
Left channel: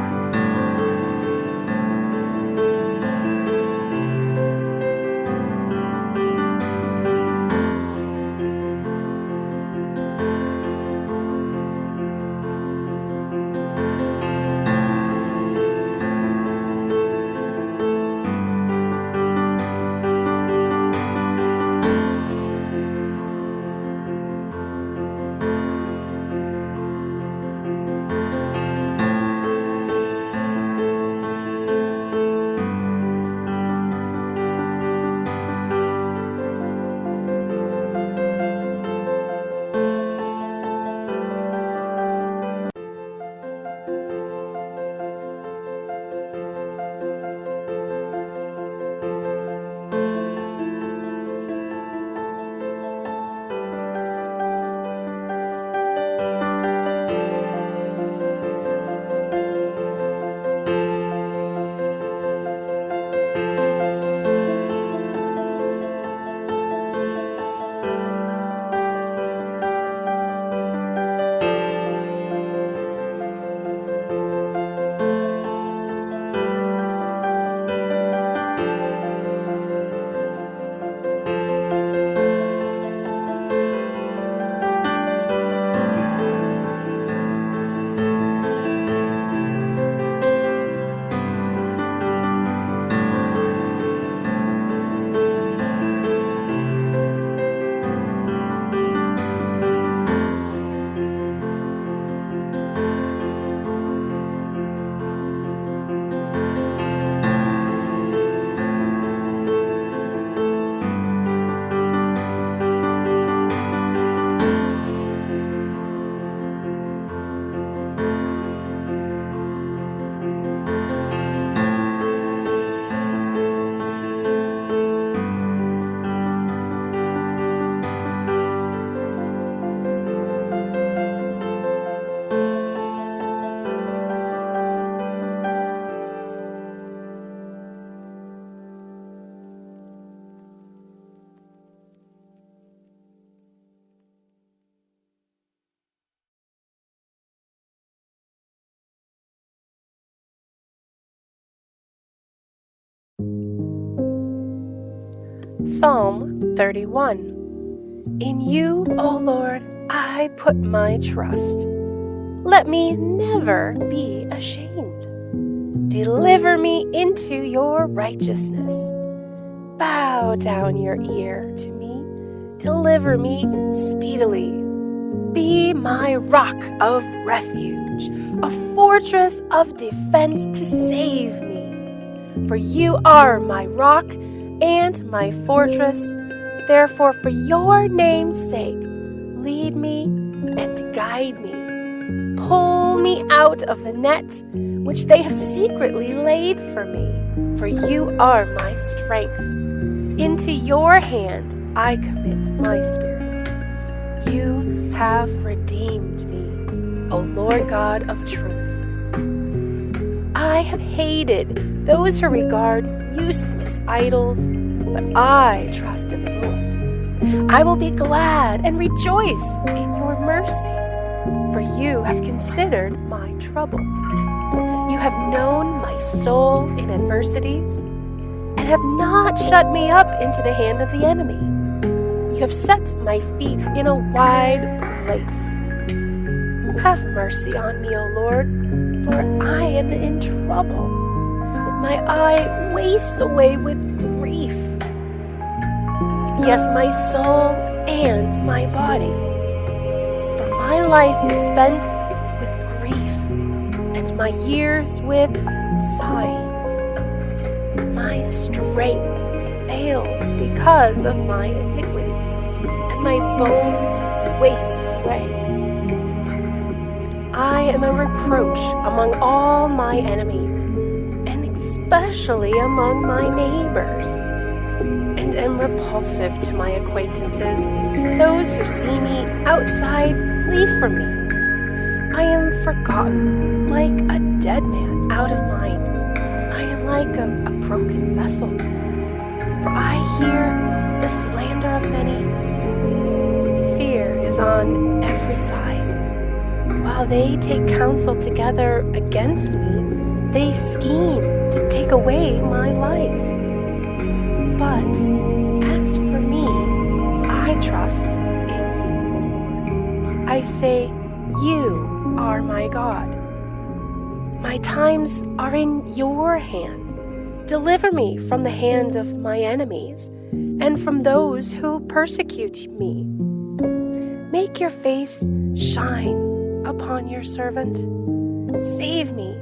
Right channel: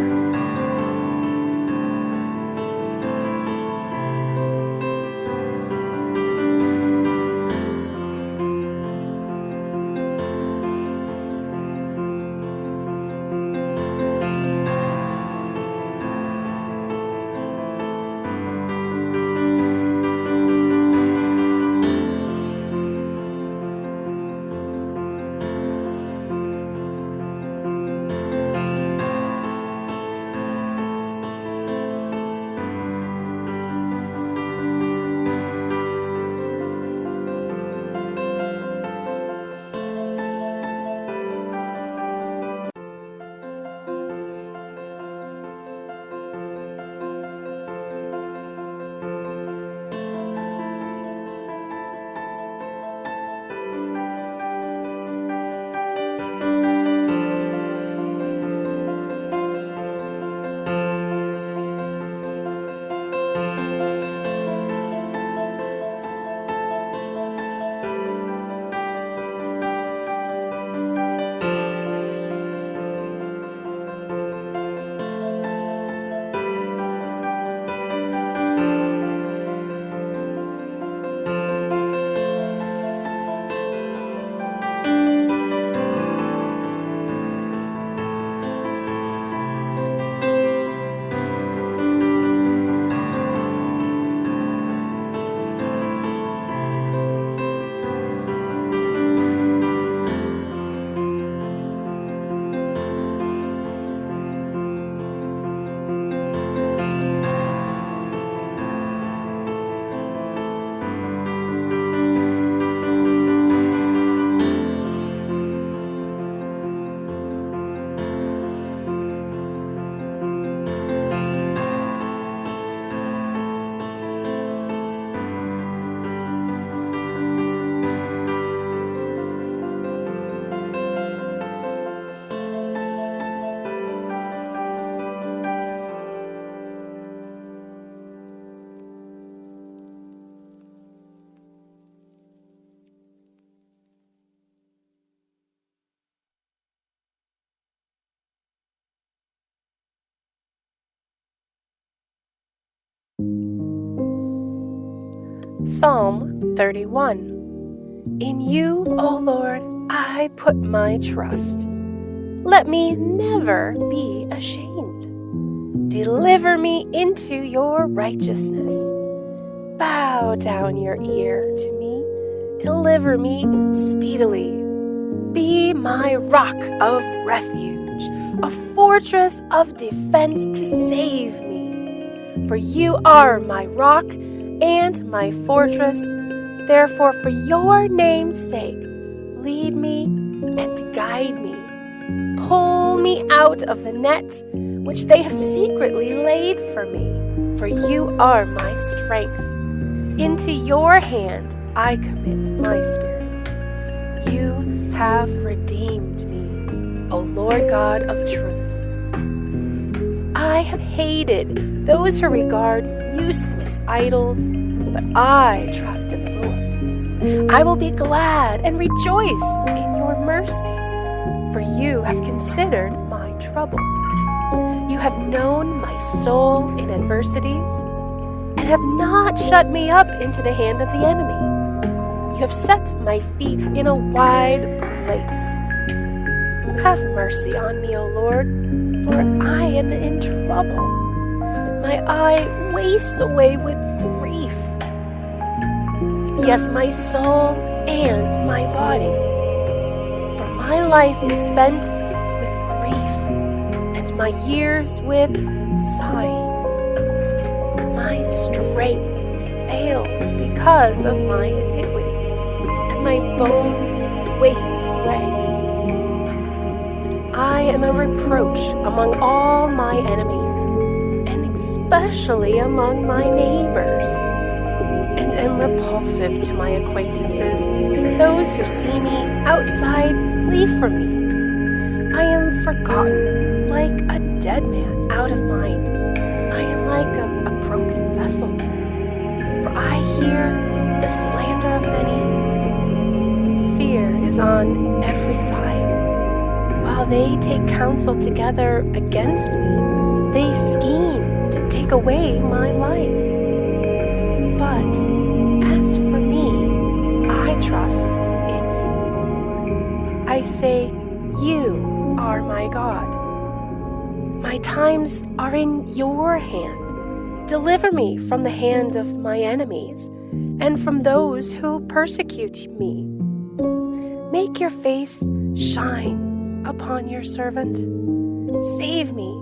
Psalm 31. In you, O Lord, I put my trust. Let me never be ashamed. Deliver me into your righteousness. Bow down your ear to me. Deliver me speedily. Be my rock of refuge, a fortress of defense to save me. For you are my rock and my fortress. Therefore, for your name's sake, lead me and guide me. Pull me out of the net which they have secretly laid for me. For you are my strength. Into your hand I commit my spirit. You have redeemed me, O Lord God of truth. I have hated those who regard useless idols, but I trust in the Lord. I will be glad and rejoice in your mercy, for you have considered my trouble. You have known my soul in adversities, and have not shut me up into the hand of the enemy. You have set my feet in a wide place. Have mercy on me, O Lord, for I am in trouble. My eye wastes away with grief. Yes, my soul and my body. For my life is spent with grief, and my years with sighing. My strength fails because of my iniquity, and my bones waste away. I am a reproach among all my enemies, and especially among my neighbors, and am repulsive to my acquaintances. Those who see me outside flee from me. I am forgotten like a dead man out of mind. I am like a broken vessel. For I hear the slander of many. Fear is on every side. While they take counsel together against me, they scheme to take away my life. But as for me, I trust in you, Lord. I say, you are my God. My times are in your hand. Deliver me from the hand of my enemies and from those who persecute me. Make your face shine upon your servant. Save me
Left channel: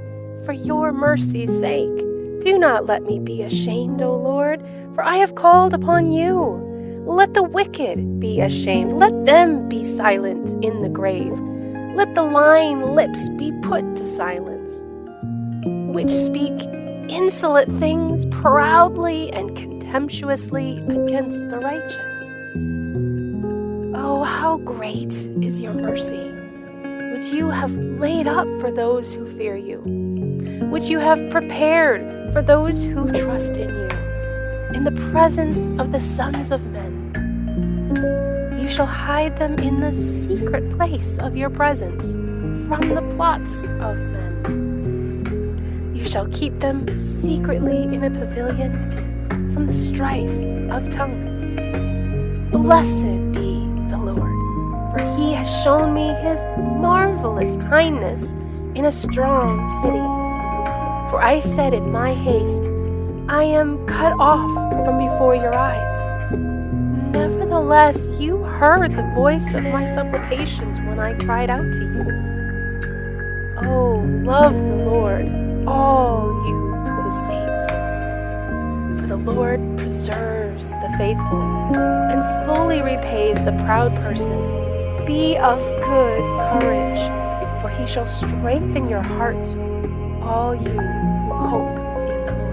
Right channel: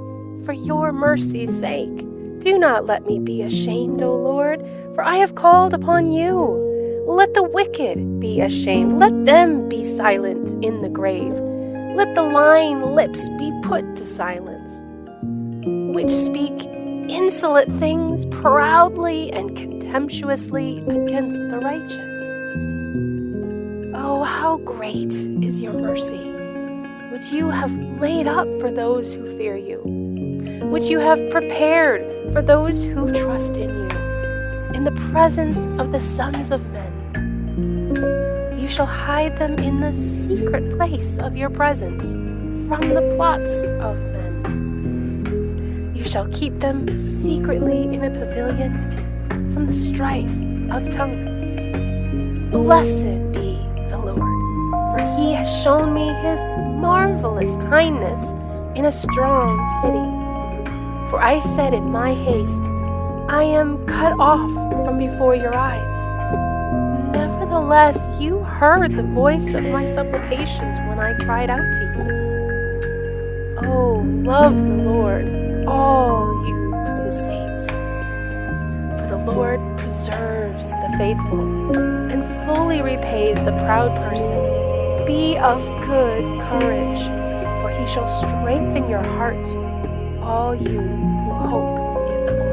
for your mercy's sake. Do not let me be ashamed, O Lord, for I have called upon you. Let the wicked be ashamed. Let them be silent in the grave. Let the lying lips be put to silence, which speak insolent things proudly and contemptuously against the righteous. Oh, how great is your mercy, which you have laid up for those who fear you, which you have prepared for those who trust in you, in the presence of the sons of men. You shall hide them in the secret place of your presence from the plots of men. You shall keep them secretly in a pavilion from the strife of tongues. Blessed be the Lord, for he has shown me his marvelous kindness in a strong city. For I said in my haste, I am cut off from before your eyes. Nevertheless, you heard the voice of my supplications when I cried out to you. Oh, love the Lord, all you his saints. For the Lord preserves the faithful and fully repays the proud person. Be of good courage, for he shall strengthen your heart, all you who hope in the Lord.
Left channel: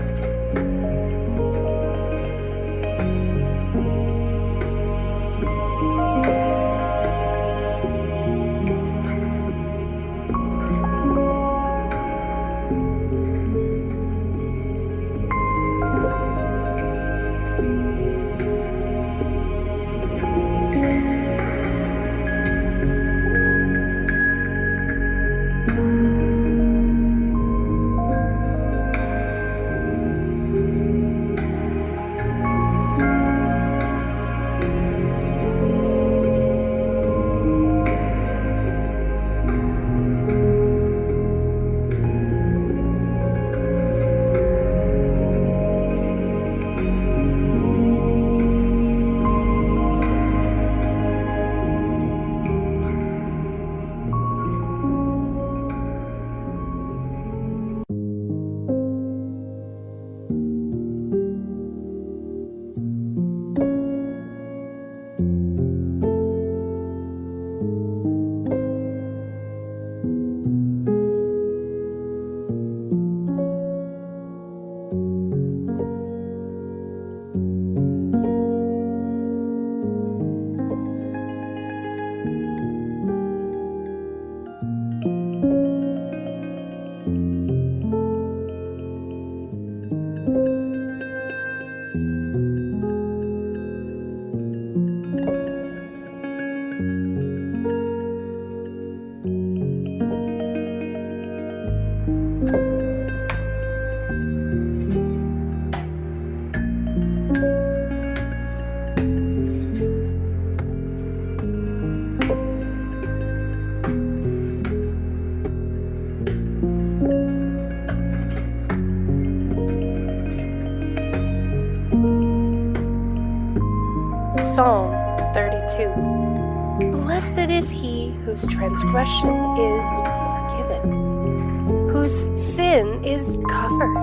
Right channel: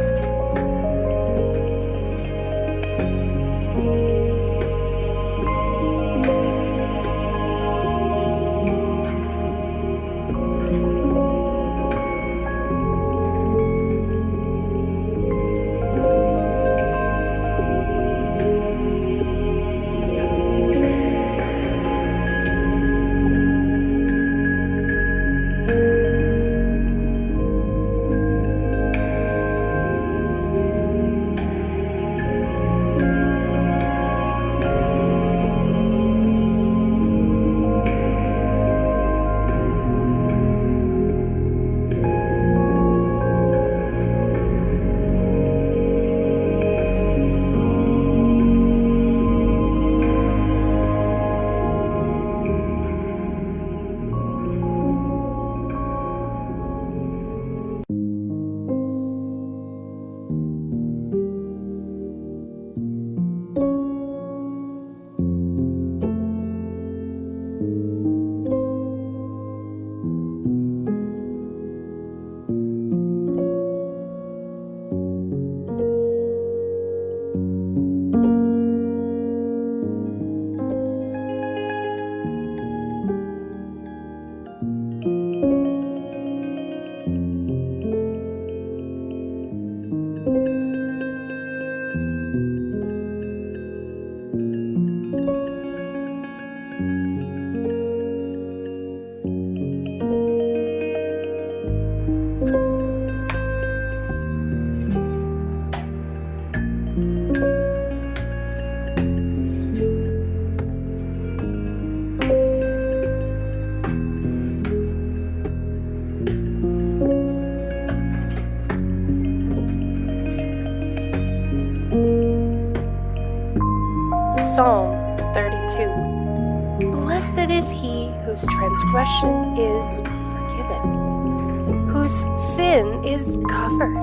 Psalm 32. Blessed is he whose transgression is forgiven, whose sin is covered.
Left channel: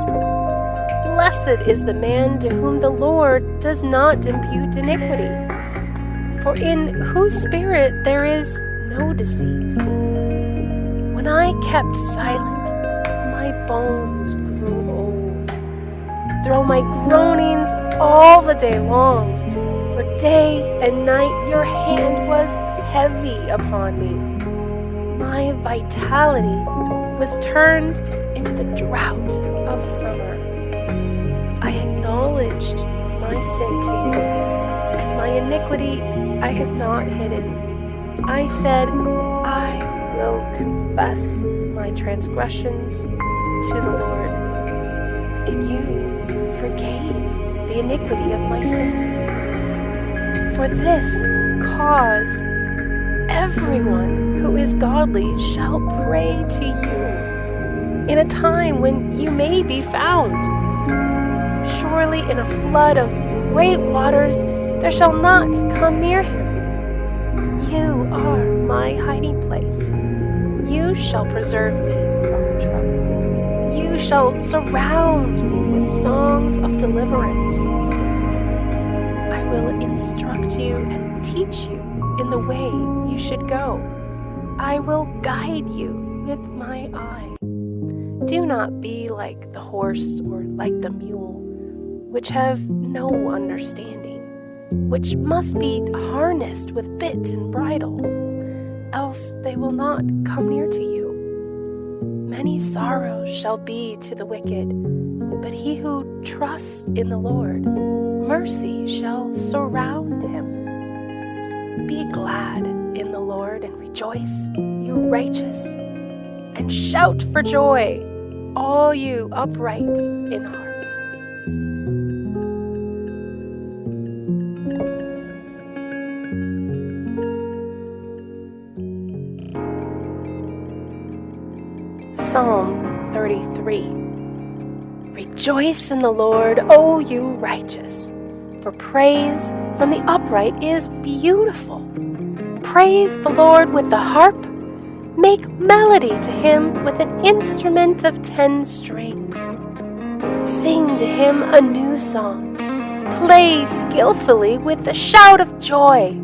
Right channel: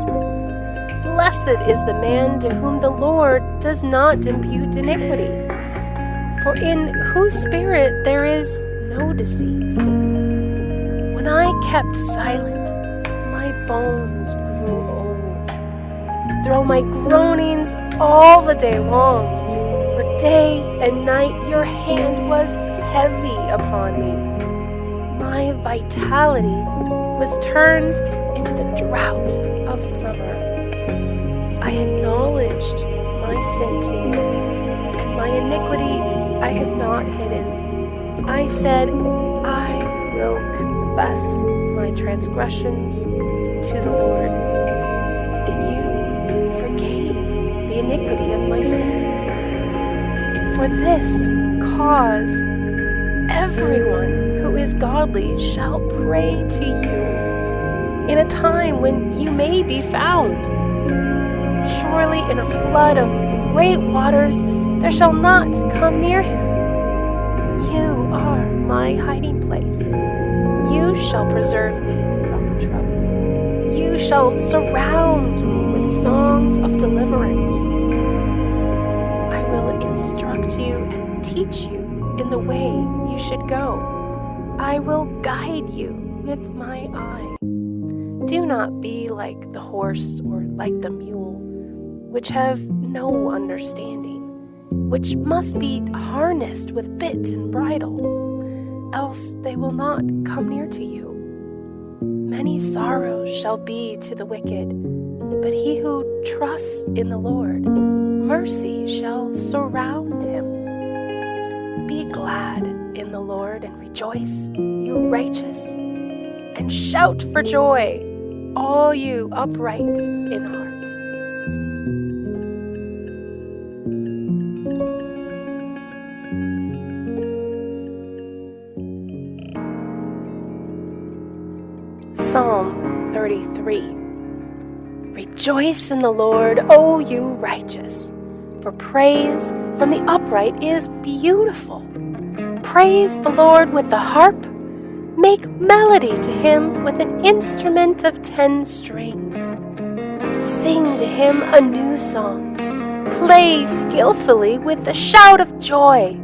Blessed is the man to whom the Lord does not impute iniquity, for in whose spirit there is no deceit. When I kept silent, my bones grew old. Through my groanings all the day long, for day and night your hand was heavy upon me. My vitality was turned into the drought of summer. I acknowledged my sin to you, and my iniquity I have not hidden. I said, I will confess my transgressions to the Lord, and you forgave the iniquity of my sin. For this cause, everyone who is godly shall pray to you in a time when you may be found. Surely in a flood of great waters there shall not come near him. You are my hiding place. You shall preserve me from trouble. You shall surround me with songs of deliverance. I will instruct you and teach you in the way you should go. I will guide you with my eye. Do not be like the horse or like the mule, which have no understanding, which must be harnessed with bit and bridle, else they will not come near to you. Many sorrows shall be to the wicked, but he who trusts in the Lord, mercy shall surround him. Be glad in the Lord and rejoice, you righteous, and shout for joy, all you upright in heart. Psalm 33. Rejoice in the Lord, O you righteous, for praise from the upright is beautiful. Praise the Lord with the harp. Make melody to him with an instrument of 10 strings. Sing to him a new song. Play skillfully with the shout of joy.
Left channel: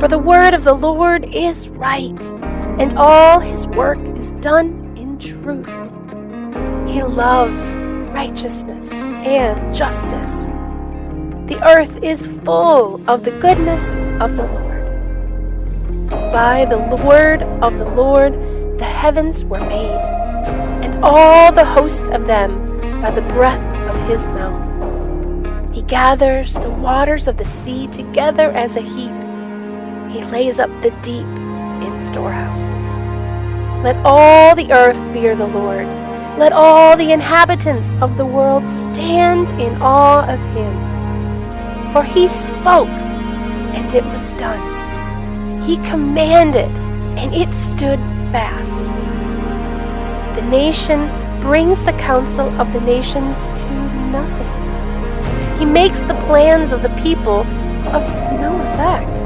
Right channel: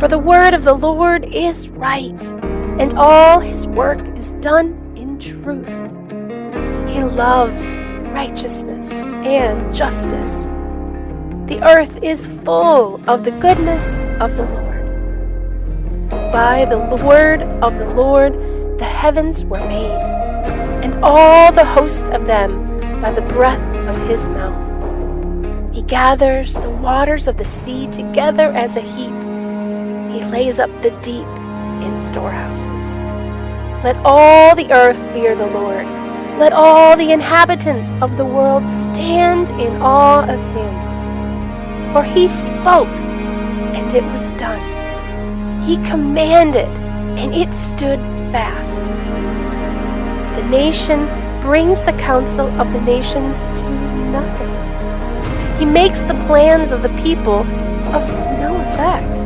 For the word of the Lord is right, and all his work is done in truth. He loves righteousness and justice. The earth is full of the goodness of the Lord. By the word of the Lord the heavens were made, and all the host of them by the breath of his mouth. He gathers the waters of the sea together as a heap. He lays up the deep in storehouses. Let all the earth fear the Lord. Let all the inhabitants of the world stand in awe of him. For he spoke, and it was done. He commanded, and it stood fast. The nation brings the counsel of the nations to nothing. He makes the plans of the people of no effect.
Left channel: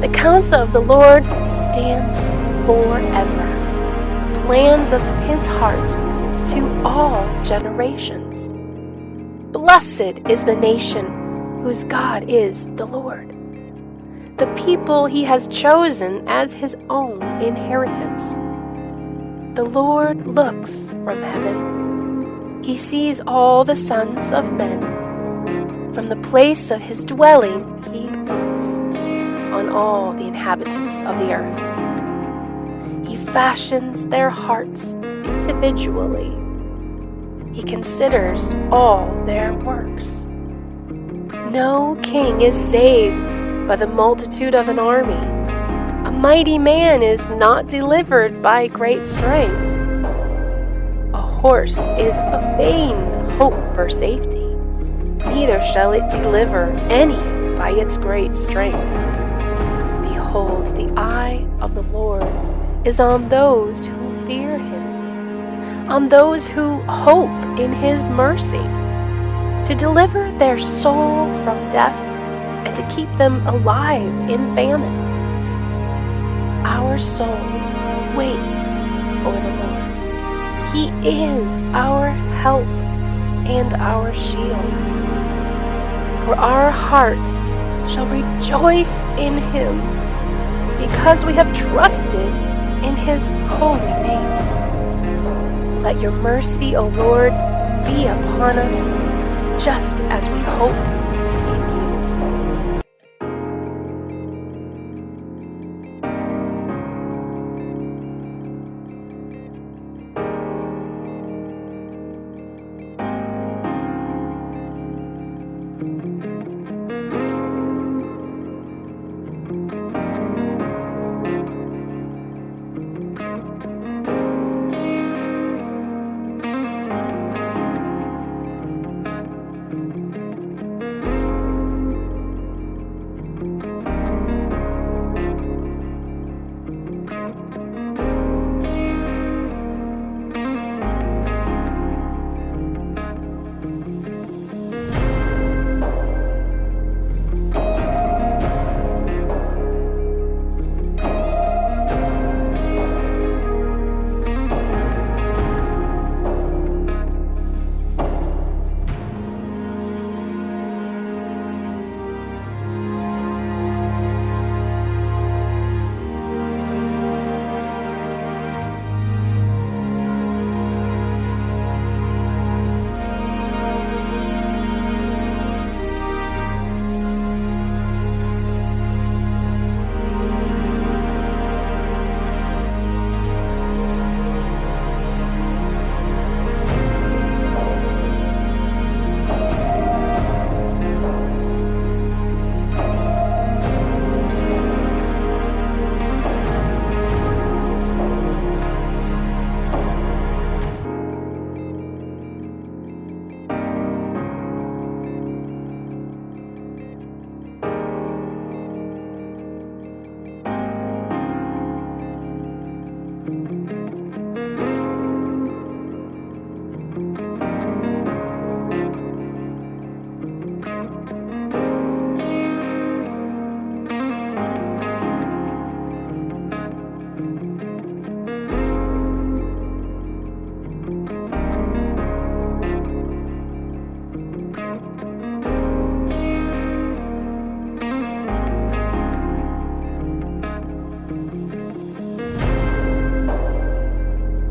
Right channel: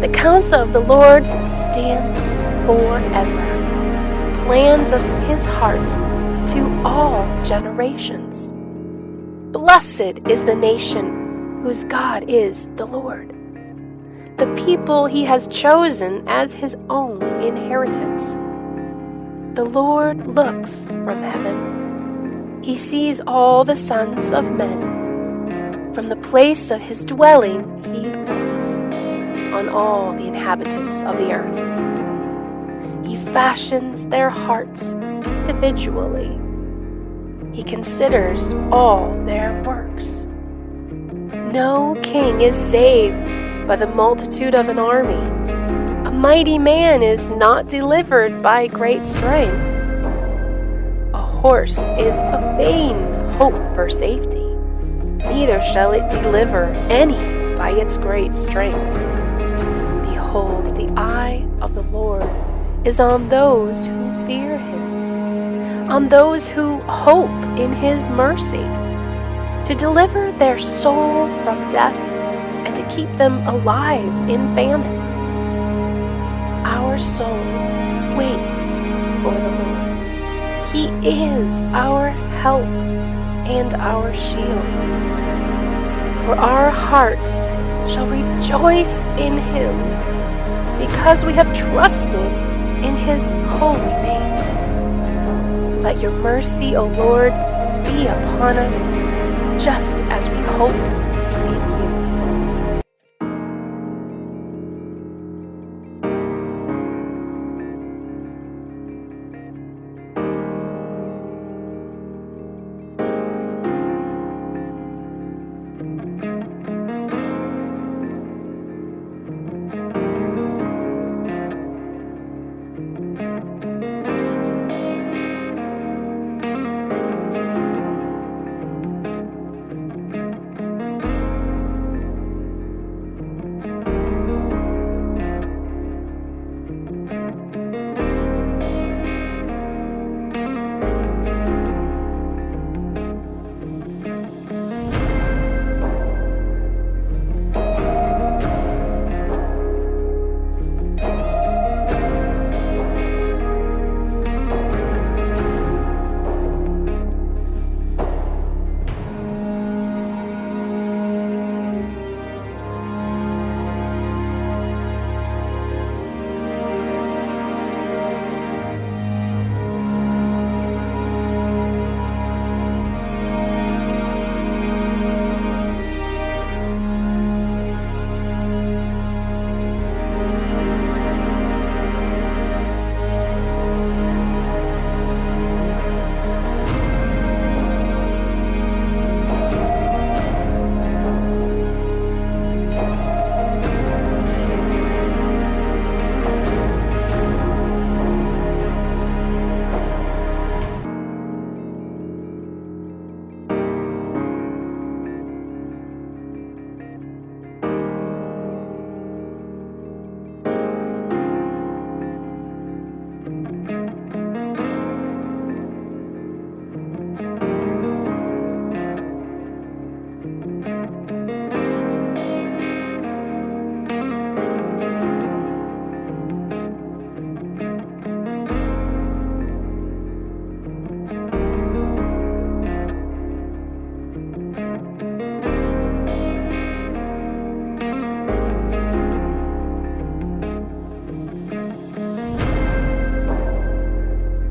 The counsel of the Lord stands forever, the plans of his heart to all generations. Blessed is the nation whose God is the Lord, the people he has chosen as his own inheritance. The Lord looks from heaven. He sees all the sons of men. From the place of his dwelling he looks on all the inhabitants of the earth. He fashions their hearts individually. He considers all their works. No king is saved by the multitude of an army. A mighty man is not delivered by great strength. A horse is a vain hope for safety, neither shall it deliver any by its great strength. Behold, the eye of the Lord is on those who fear him, on those who hope in his mercy, to deliver their soul from death and to keep them alive in famine. Our soul waits for the Lord. He is our help and our shield. For our heart shall rejoice in him, because we have trusted in his holy name. Let your mercy, O Lord, be upon us, just as we hope in you.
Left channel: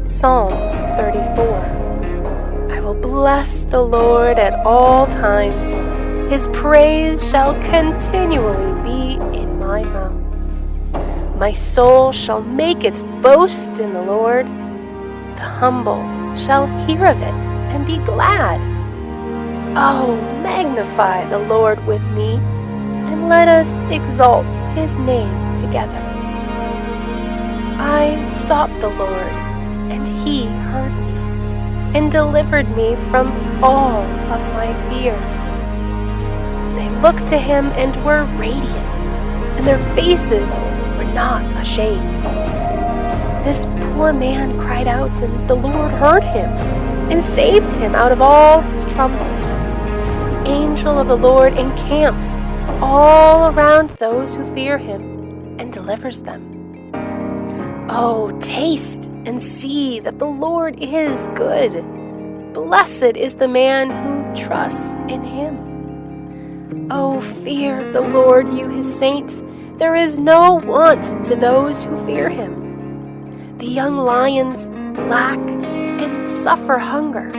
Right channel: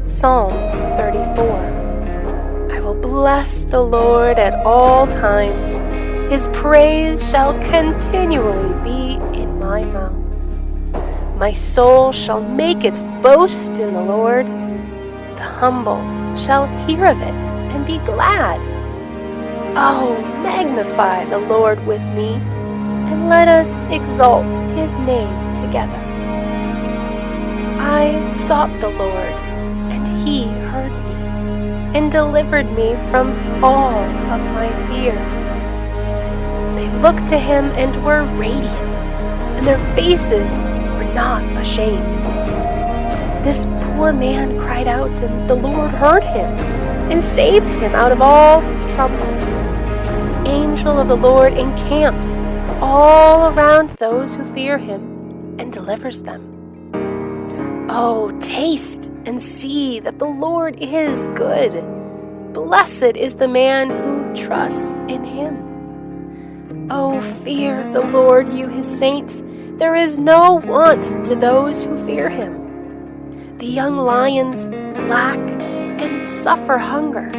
Psalm 34. I will bless the Lord at all times. His praise shall continually be in my mouth. My soul shall make its boast in the Lord. The humble shall hear of it and be glad. Oh, magnify the Lord with me, and let us exalt his name together. I sought the Lord, and he heard me, and delivered me from all of my fears. They looked to him and were radiant, and their faces were not ashamed. This poor man cried out, and the Lord heard him, and saved him out of all his troubles. The angel of the Lord encamps all around those who fear him, and delivers them. Oh, taste and see that the Lord is good. Blessed is the man who trusts in him. Oh, fear the Lord, you his saints. There is no want to those who fear him. The young lions lack and suffer hunger,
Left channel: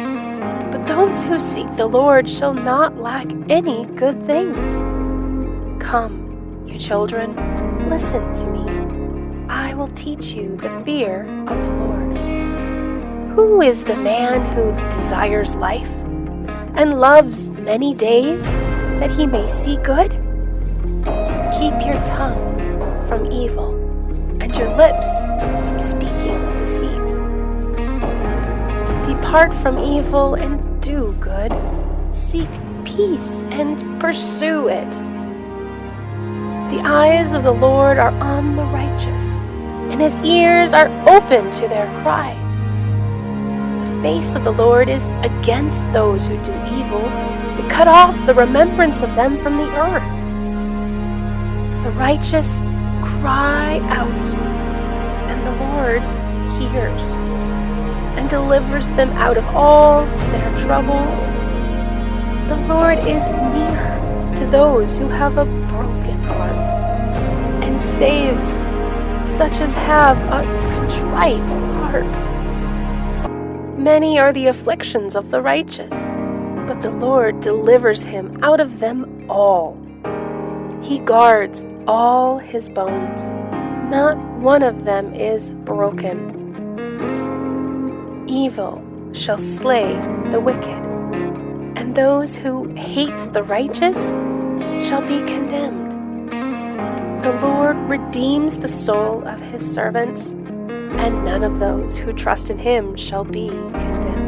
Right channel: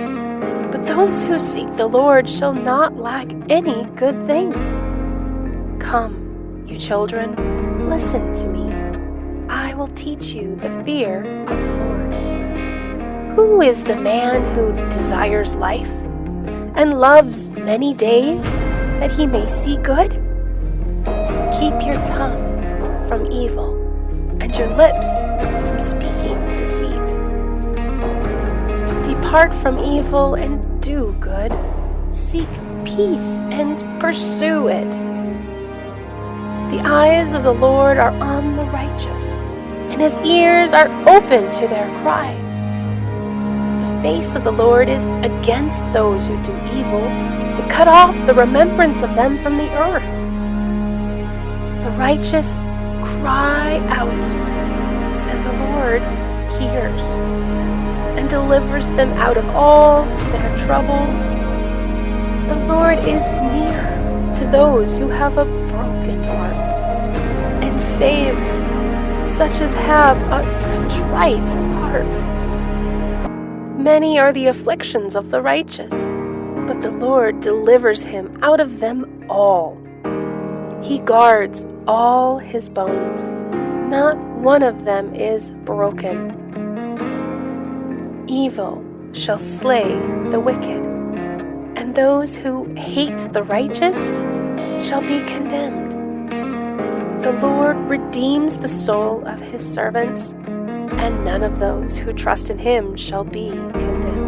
but those who seek the Lord shall not lack any good thing. Come, you children, listen to me. I will teach you the fear of the Lord. Who is the man who desires life and loves many days that he may see good? Keep your tongue from evil and your lips from speaking deceit. Depart from evil and do good. Seek peace and pursue it. The eyes of the Lord are on the righteous, and his ears are open to their cry. The face of the Lord is against those who do evil, to cut off the remembrance of them from the earth. righteous cry out, and the Lord hears and delivers them out of all their troubles. The Lord is near to those who have a broken heart and saves such as have a contrite heart. Many are the afflictions of the righteous, but the Lord delivers him out of them all. He guards all his bones. Not one of them is broken. Evil shall slay the wicked, and those who hate the righteous shall be condemned. The Lord redeems the soul of his servants, and none of those who trust in him shall be condemned.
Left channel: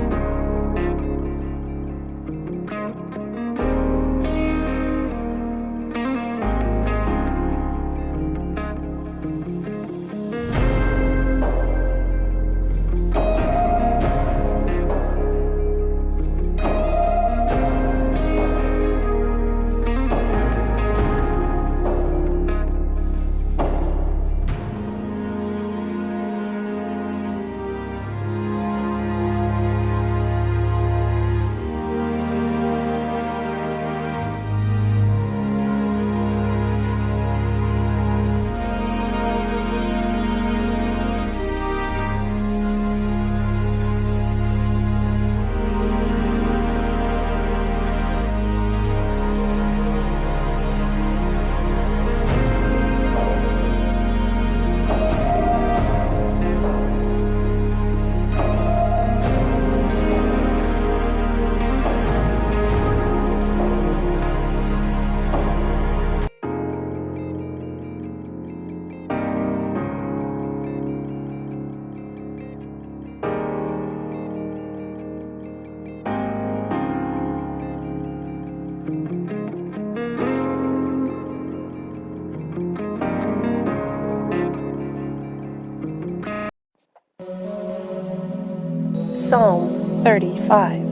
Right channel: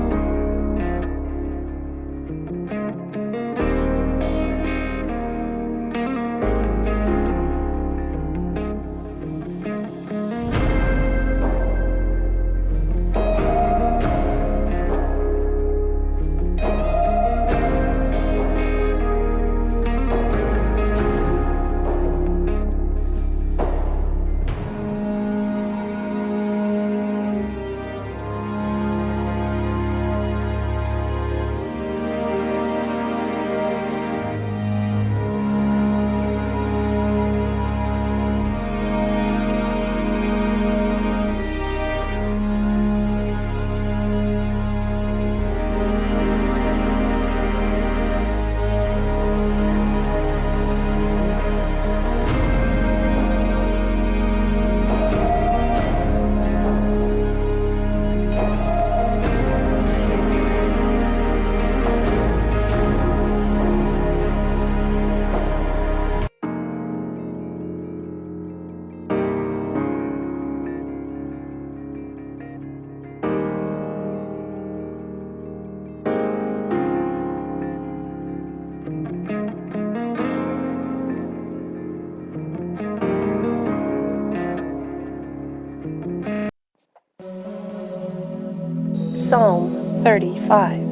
Psalm 35.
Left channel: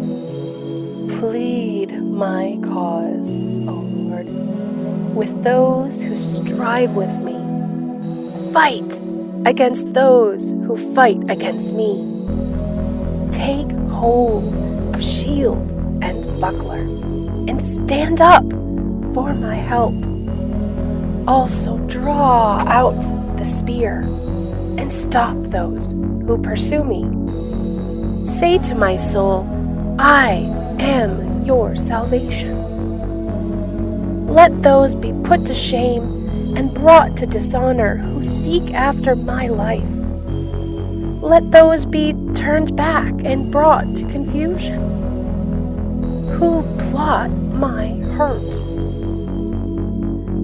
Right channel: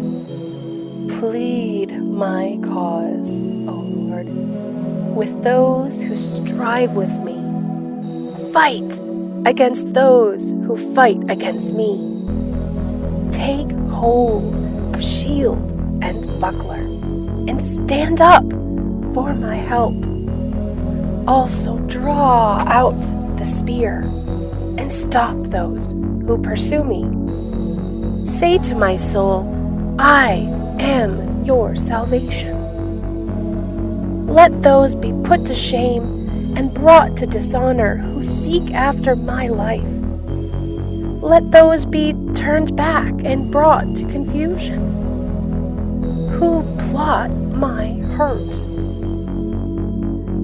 Plead my cause, O Lord, with those who strive with me. Fight against those who fight against me. Take hold of shield and buckler, and stand up for my help. Also draw out the spear, and stop those who pursue me. Say to my soul, I am your salvation. Let those be put to shame and brought to dishonor who seek after my life. Let those be turned back and brought to confusion who plot my hurt.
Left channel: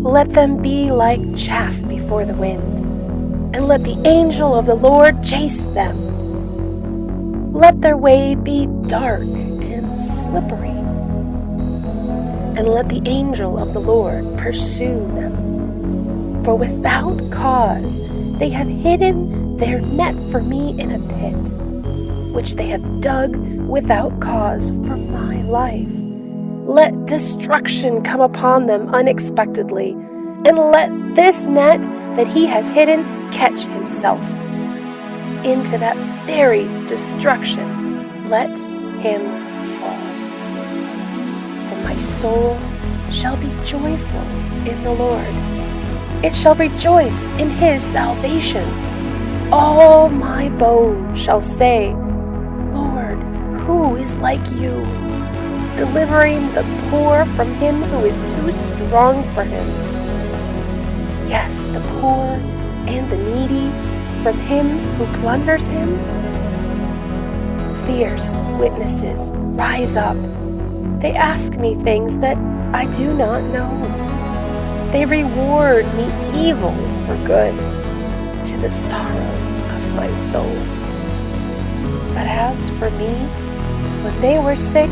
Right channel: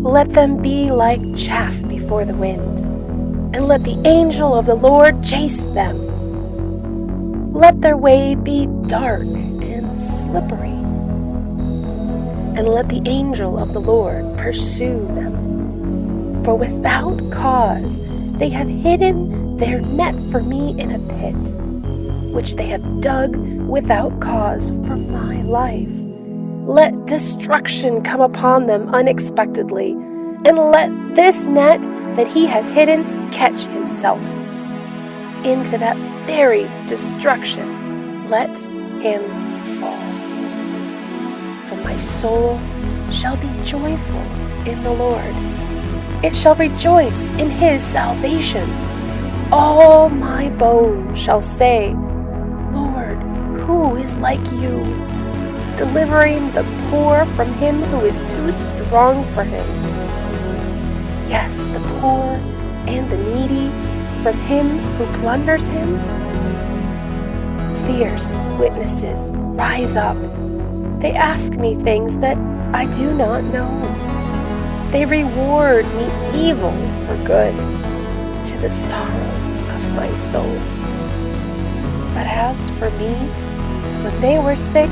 Let them be like chaff before the wind, and let the angel of the Lord chase them. Let their way be dark and slippery, and let the angel of the Lord pursue them. For without cause they have hidden their net for me in a pit, which they have dug without cause for my life. Let destruction come upon them unexpectedly, and let this net that he has hidden catch himself. Into that very destruction let him fall. For my soul shall be joyful in the Lord. It shall rejoice in his salvation. All my bones shall say, Lord, who is like you, delivering the poor from him who is too strong for him? Yes, the poor and the needy from him who plunders him. Fierce witnesses rise up. They ask me things that I do not know. They reward me evil for good, to the sorrow of my soul. But as for me, when they were sick,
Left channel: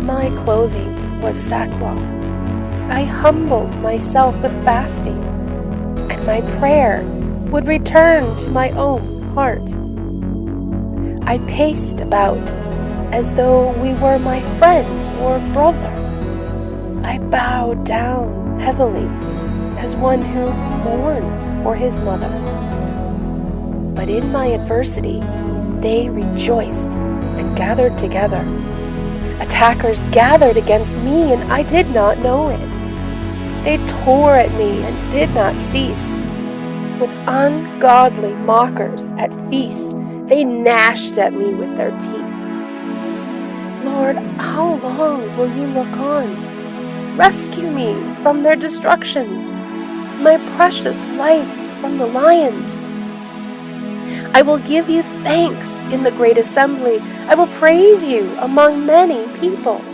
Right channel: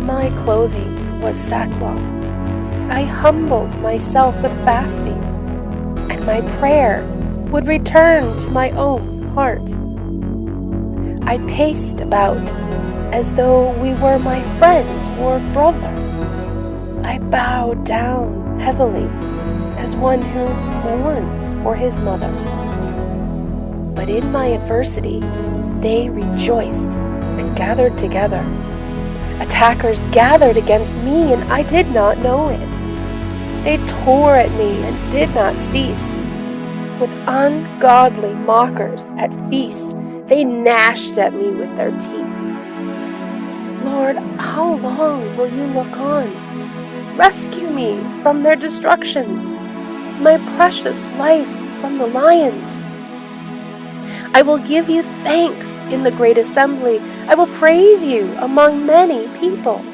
my clothing was sackcloth. I humbled myself with fasting, and my prayer would return to my own heart. I paced about as though we were my friend or brother. I bowed down heavily as one who mourns for his mother. But in my adversity, they rejoiced and gathered together. Attackers gathered against me, and I did not know it. They tore at me and did not cease. With ungodly mockers at feasts, they gnashed at me with their teeth. Lord, how long will you look on? Rescue me from their destructions, my precious life from the lions. I will give you thanks in the great assembly. I will praise you among many people.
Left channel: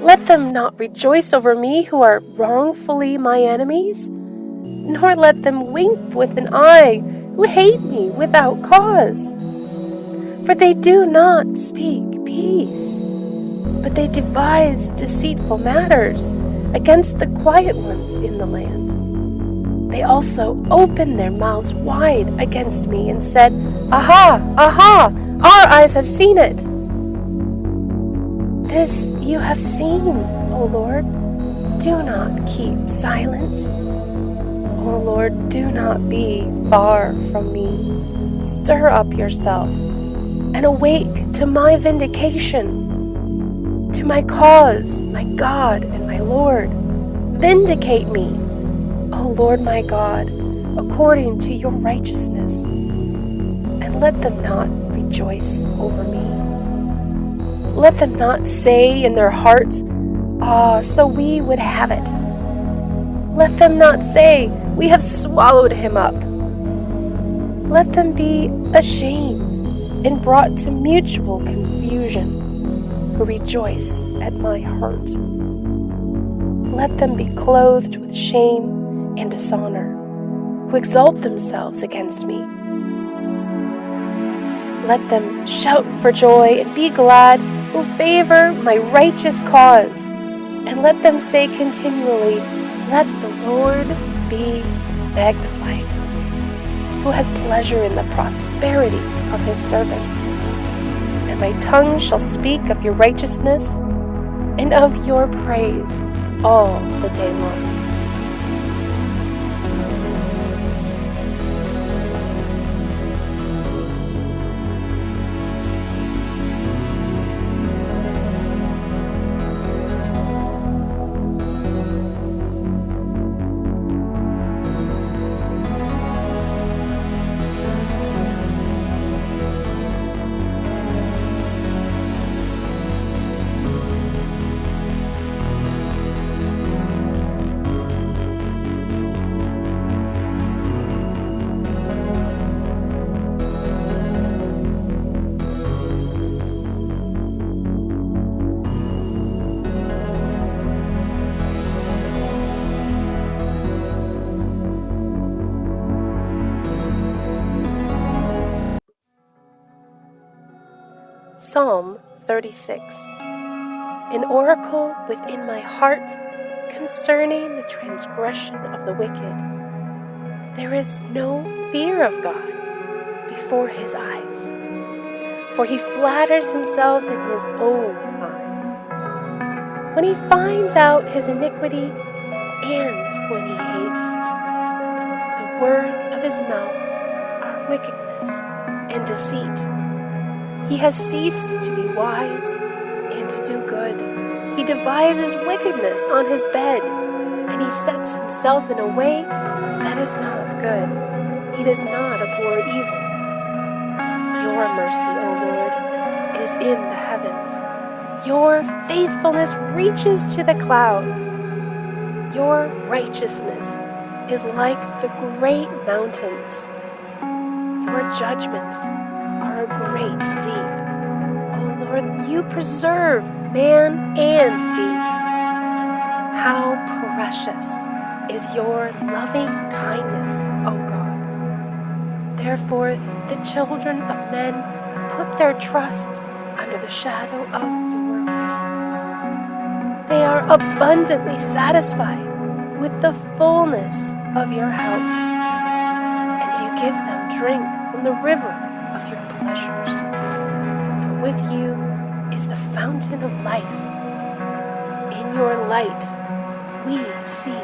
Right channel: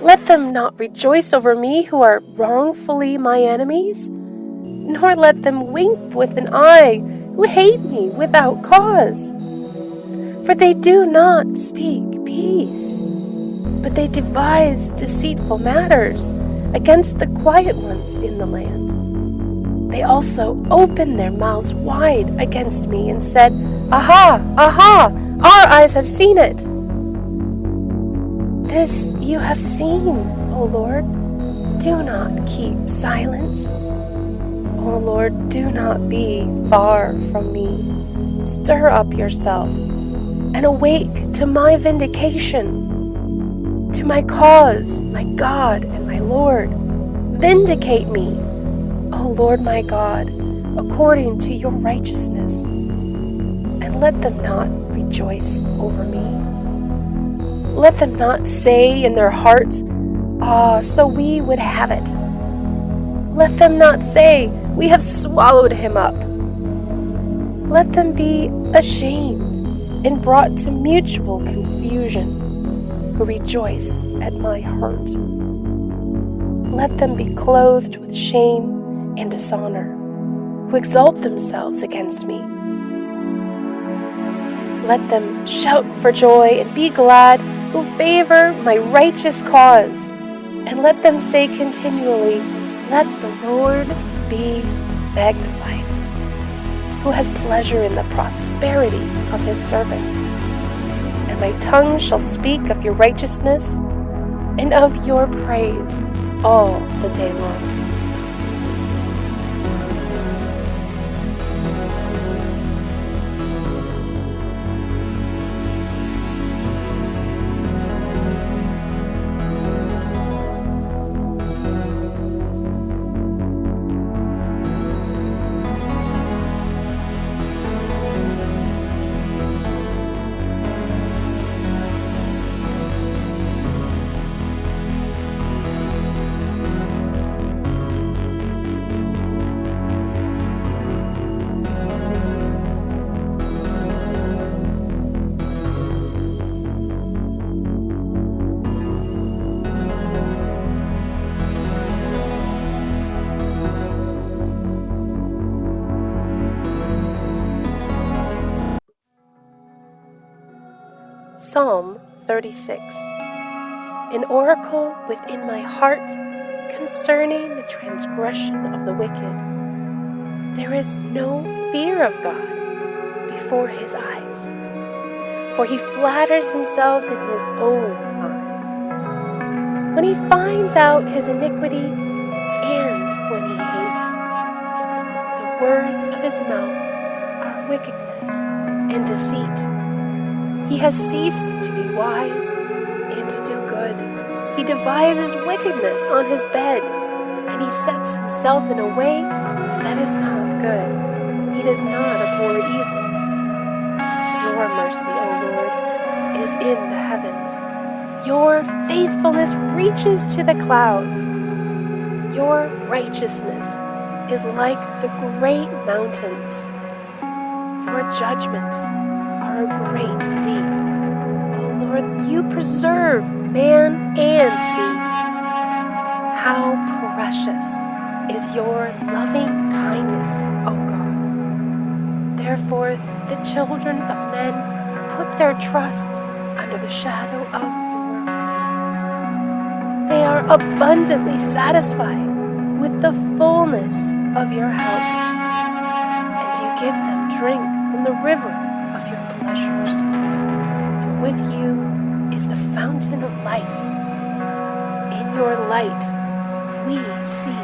Let them not rejoice over me who are wrongfully my enemies, nor let them wink with an eye who hate me without cause. For they do not speak peace, but they devise deceitful matters against the quiet ones in the land. They also opened their mouths wide against me and said, Aha, aha, our eyes have seen it. This you have seen, O Lord. Do not keep silence. O Lord, do not be far from me. Stir up yourself and awake to my vindication, to my cause, my God and my Lord. Vindicate me, O Lord my God, according to your righteousness, and let them not rejoice over me. Let them not say in their hearts, Ah, so we would have it. Let them not say, We have swallowed him up. Let them be ashamed and brought to mutual confusion, who rejoice at my hurt. Let them be clothed with shame and dishonor, who exalt themselves against me. Let them shout for joy and be glad, who favor my righteous cause. And let them say continually, Let the Lord be magnified, who has pleasure in the prosperity of his servant. And my tongue shall speak of your righteousness and of your praise all the day long. Psalm 36. An oracle within my heart concerning the transgression of the wicked. There is no fear of God before his eyes, for he flatters himself in his own eyes. When he finds out his iniquity and when he hates, the words of his mouth are wickedness and deceit. He has ceased to be wise and to do good. He devises wickedness on his bed, and he sets himself in a way that is not good. He does not abhor evil. Your mercy, O Lord, is in the heavens. Your faithfulness reaches to the clouds. Your righteousness is like the great mountains. Your judgments are a great deep. O Lord, you preserve man and beast. How precious is your loving kindness, O God. Therefore, the children of men put their trust under the shadow of your wings. They are abundantly satisfied with the fullness of your house, and you give them drink from the river of your pleasures. For with you is the fountain of life. In your light we see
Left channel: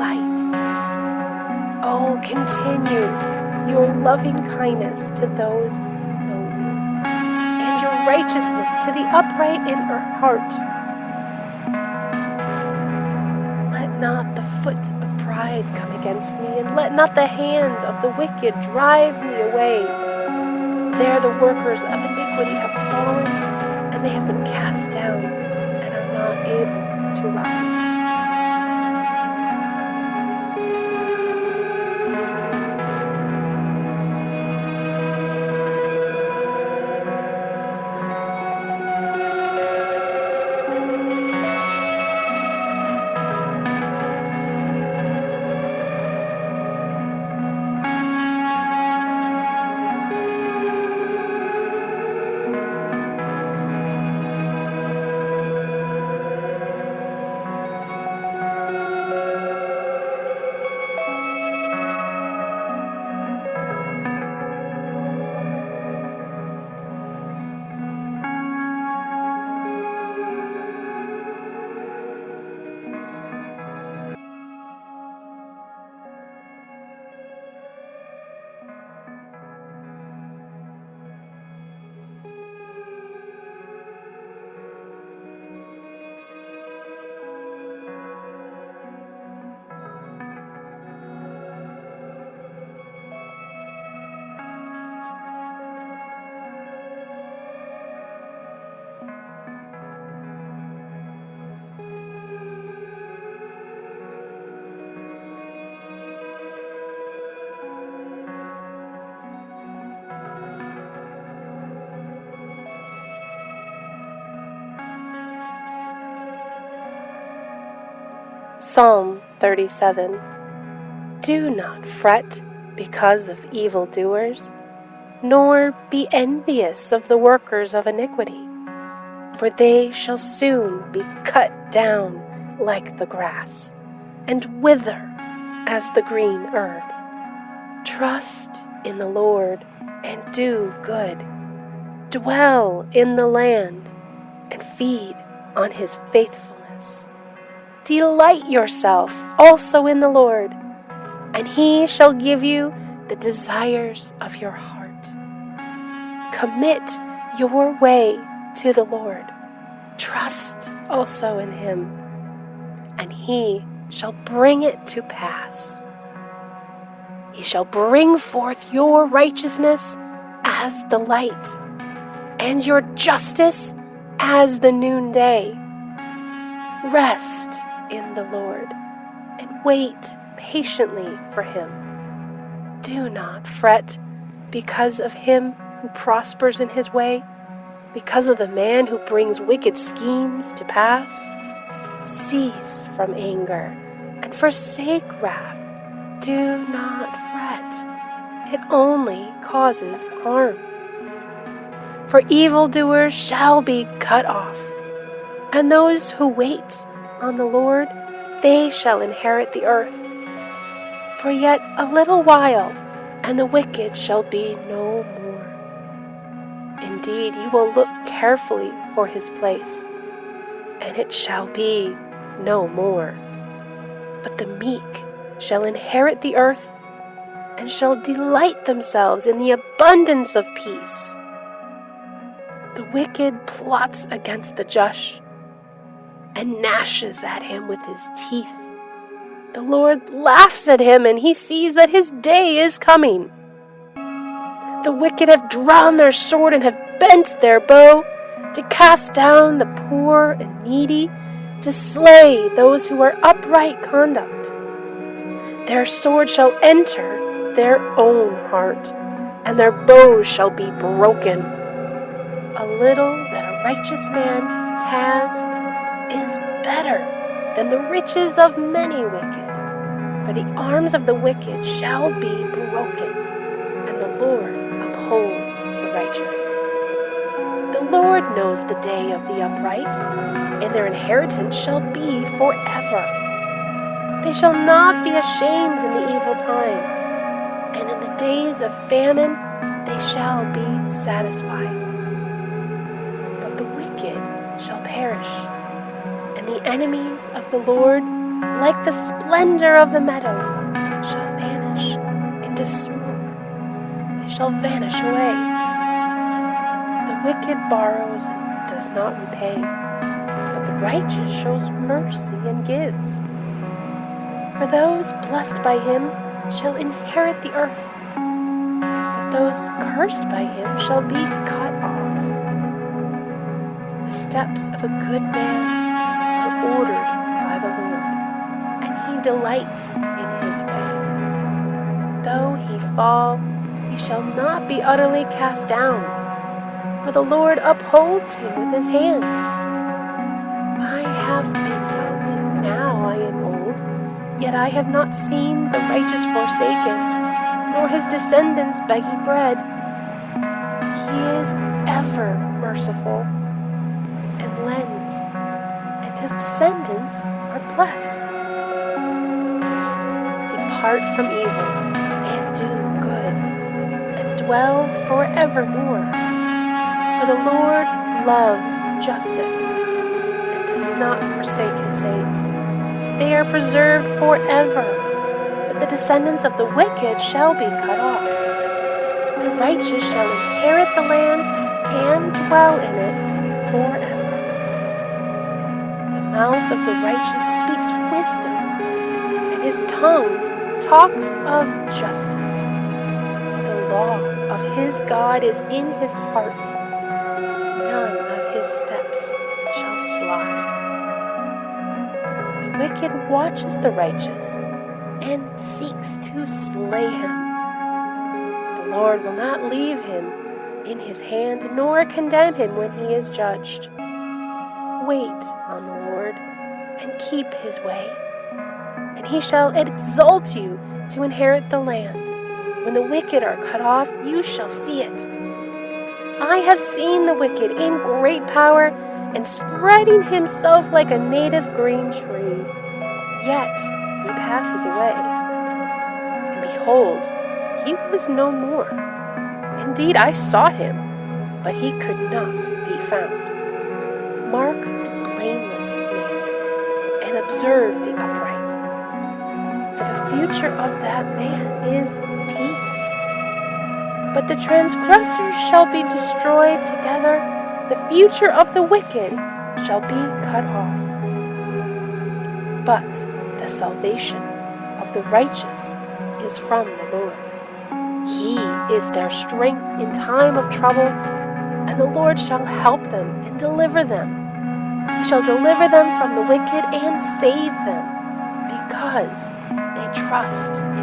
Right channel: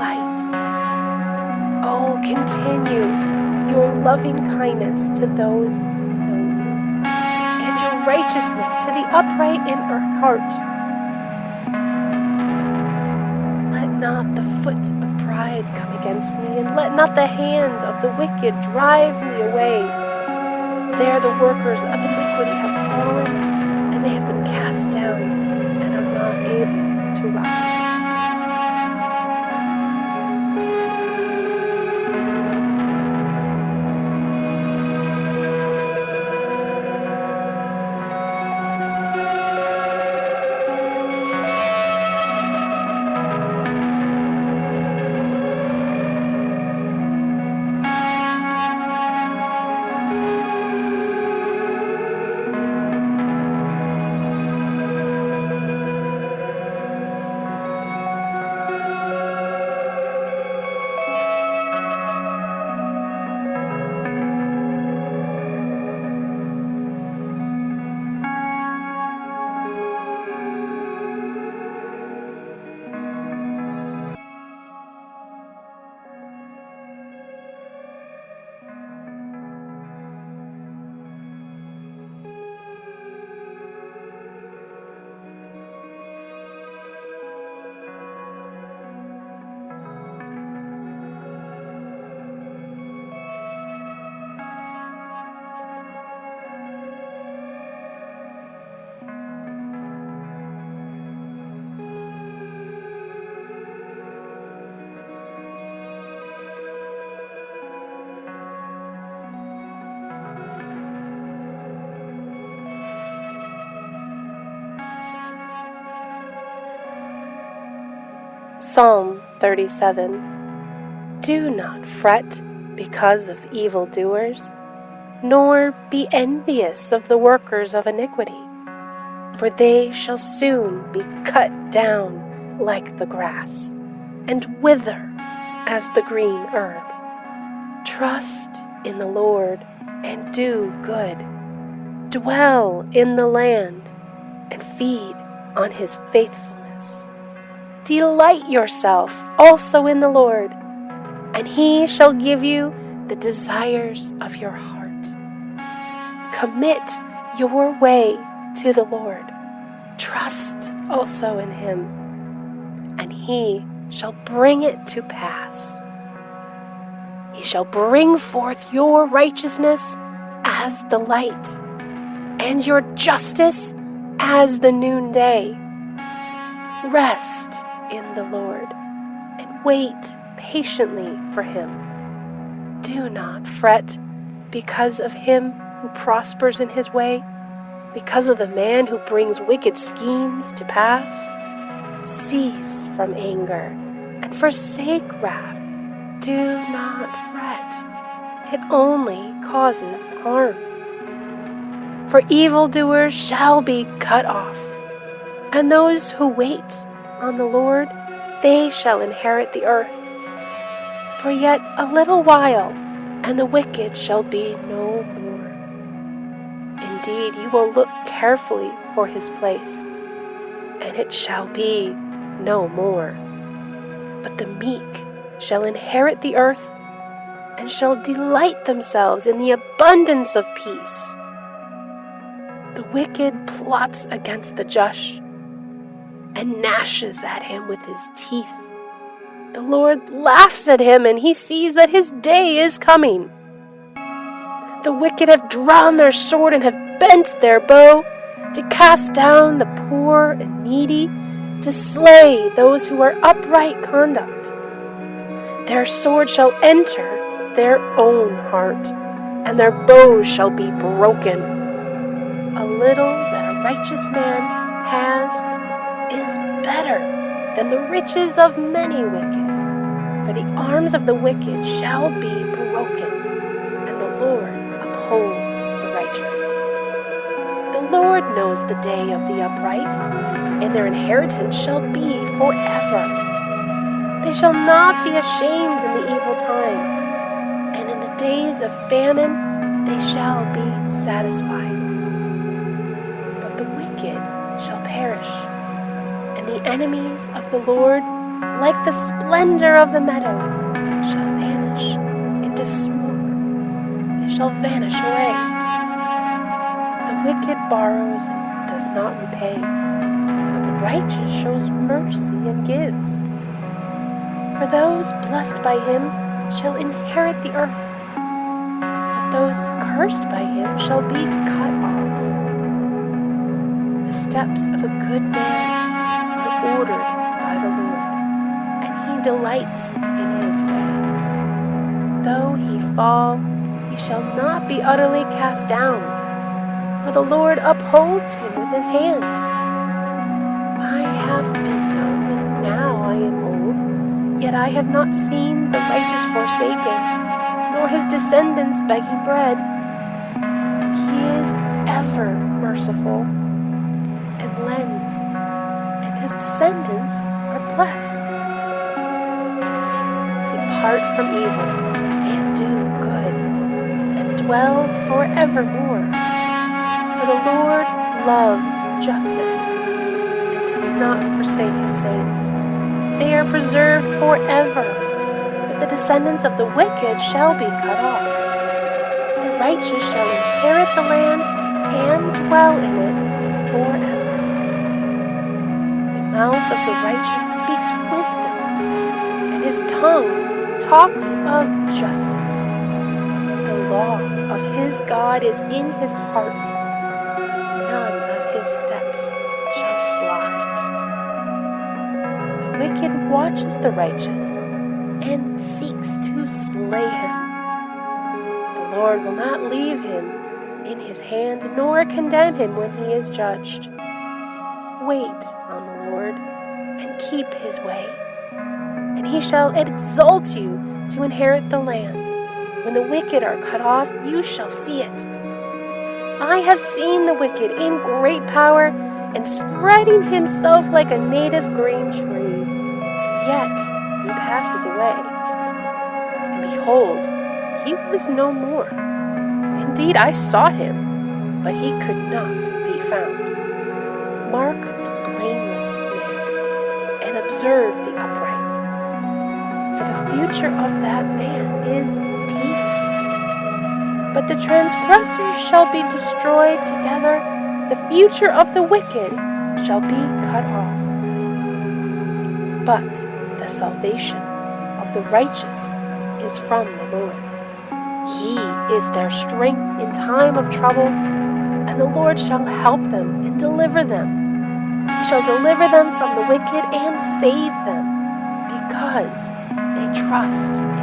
light. Oh, continue your loving kindness to those who know you, and your righteousness to the upright in her heart. Let not the foot of pride come against me, and let not the hand of the wicked drive me away. There the workers of iniquity have fallen, and they have been cast down, and are not able to rise. Psalm 37. Do not fret because of evildoers, nor be envious of the workers of iniquity, for they shall soon be cut down like the grass, and wither as the green herb. Trust in the Lord and do good. Dwell in the land and feed on his faithfulness. Delight yourself also in the Lord, and he shall give you the desires of your heart. Commit your way to the Lord. Trust also in him, and he shall bring it to pass. He shall bring forth your righteousness as the light, and your justice as the noonday. Rest in the Lord, and wait patiently for him. Do not fret because of him who prospers in his way, because of the man who brings wicked schemes to pass. Cease from anger and forsake wrath. Do not fret. It only causes harm. For evildoers shall be cut off, and those who wait on the Lord, they shall inherit the earth. For yet a little while, and the wicked shall be no more. Indeed, you will look carefully for his place, and it shall be no more. But the meek shall inherit the earth, and shall delight themselves in the abundance of peace. The wicked plots against the just, and gnashes at him with his teeth. The Lord laughs at him, and he sees that his day is coming. The wicked have drawn their sword and have bent their bow to cast down the poor and needy, to slay those who are upright conduct. Their sword shall enter their own heart, and their bows shall be broken. A little that a righteous man has is better than the riches of many wicked. For the arms of the wicked shall be broken, and the Lord upholds the righteous. The Lord knows the day of the upright, and their inheritance shall be forever. They shall not be ashamed in the evil time, and in the days of famine they shall be satisfied. But the wicked shall perish, and the enemies of the Lord like the splendor of the meadows, shall vanish into smoke. They shall vanish away. The wicked borrows and does not repay, but the righteous shows mercy and gives. For those blessed by him shall inherit the earth, but those cursed by him shall be cut off. The steps of a good man are ordered by the Lord, and he delights in his way. Though he fall, he shall not be utterly cast down, for the Lord upholds him with his hand. I have been young, and now I am old, yet I have not seen the righteous forsaken, nor his descendants begging bread. He is ever merciful and lends, and his descendants are blessed. Depart from evil and do good, and dwell forevermore. For the Lord loves justice and does not forsake his saints. They are preserved forever, but the descendants of the wicked shall be cut off. The righteous shall inherit the land and dwell in it forever. The mouth of the righteous speaks wisdom, and his tongue talks of justice. The law of his God is in his heart. None of his steps shall slide. The wicked watches the righteous and seeks to slay him. The Lord will not leave him in his hand, nor condemn him when he is judged. Wait on the Lord and keep his way, and he shall exalt you to inherit the land. When the wicked are cut off, you shall see it. I have seen the wicked in great power and spreading himself like a native green tree. Yet he passes away. And behold, he was no more. Indeed, I sought him, but he could not be found. Mark the blameless man and observe the upright. For the future of that man is peace. But the transgressors shall be destroyed together. The future of the wicked shall be cut off. But the salvation of the righteous is from the Lord. He is their strength in time of trouble, and the Lord shall help them and deliver them. He shall deliver them from the wicked and save them, because they trust in him.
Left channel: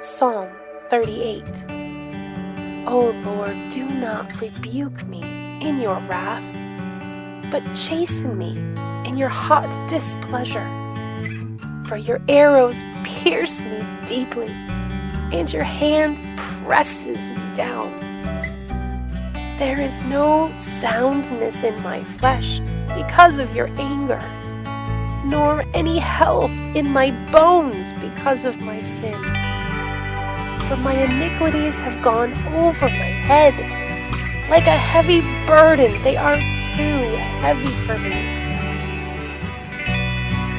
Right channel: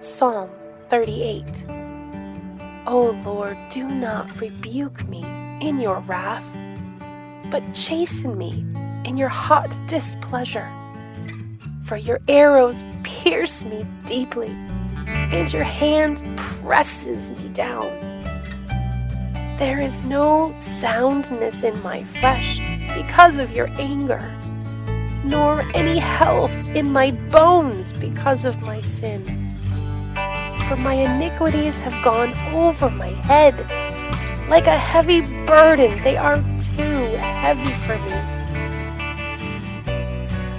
Psalm 38. O Lord, do not rebuke me in your wrath, but chasten me in your hot displeasure. For your arrows pierce me deeply, and your hand presses me down. There is no soundness in my flesh because of your anger, nor any health in my bones because of my sin. For my iniquities have gone over my head, Like a heavy burden, they are too heavy for me.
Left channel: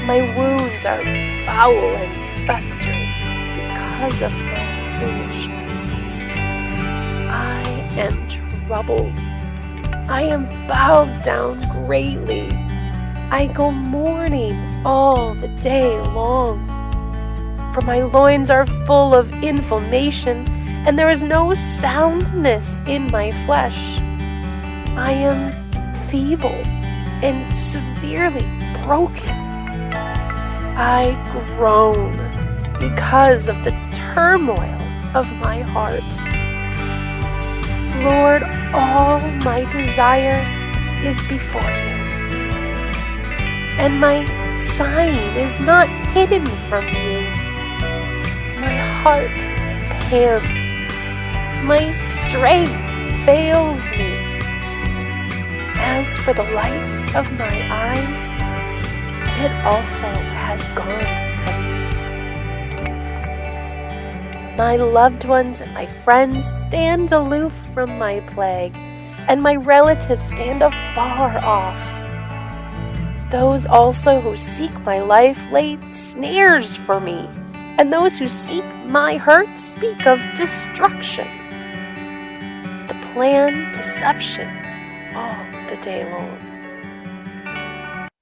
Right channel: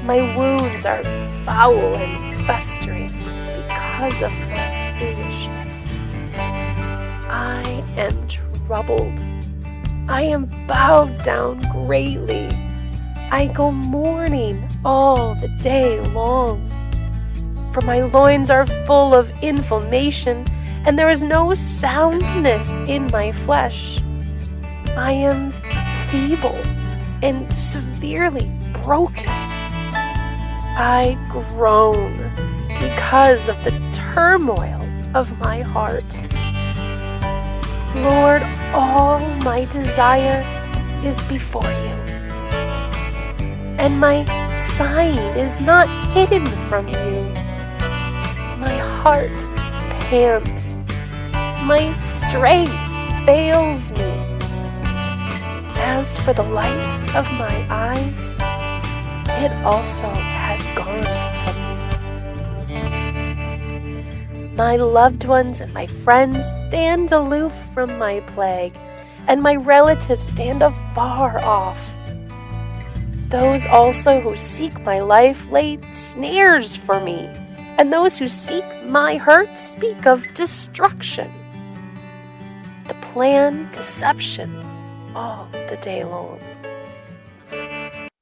My wounds are foul and festering because of my foolishness. I am troubled. I am bowed down greatly. I go mourning all the day long. For my loins are full of inflammation, and there is no soundness in my flesh. I am feeble and severely broken. I groan because of the turmoil of my heart. Lord, all my desire is before you, and my sighing is not hidden from you. My heart pants, my strength fails me. As for the light of my eyes, it also has gone from me. My loved ones and my friends stand aloof from my plague, and my relatives stand afar off. Those also who seek my life lay snares for me, and those who seek my hurt speak of destruction. The plan deception all the day long.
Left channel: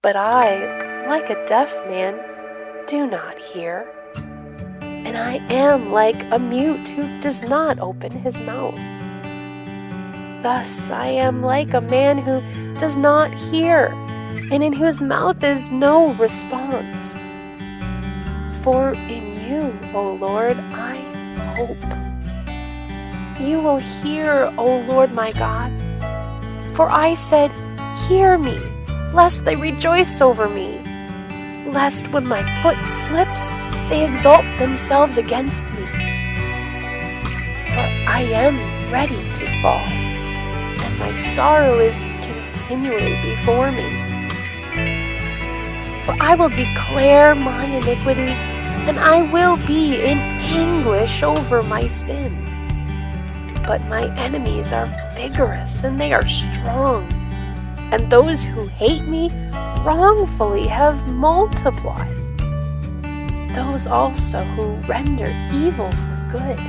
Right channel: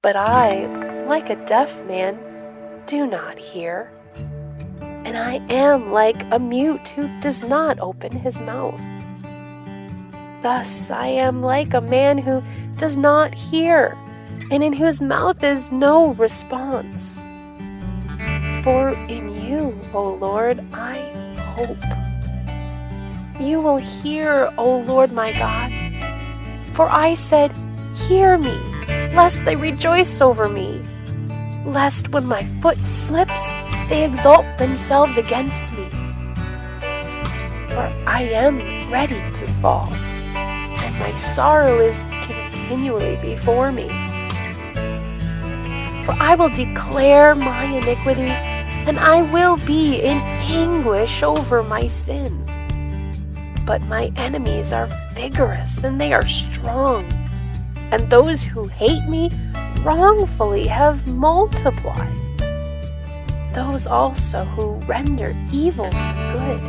But I, like a deaf man, do not hear, and I am like a mute who does not open his mouth. Thus I am like a man who does not hear, and in whose mouth is no response. For in you, O Lord, I hope. You will hear, O Lord my God. For I said, hear me, lest they rejoice over me, lest when my foot slips, they exalt themselves against me. For I am ready to fall, and my sorrow is continually before me. For I will declare my iniquity, and I will be in anguish over my sin. But my enemies are vigorous, and they are strong, and those who hate me wrongfully have multiplied. Those also who render evil for good,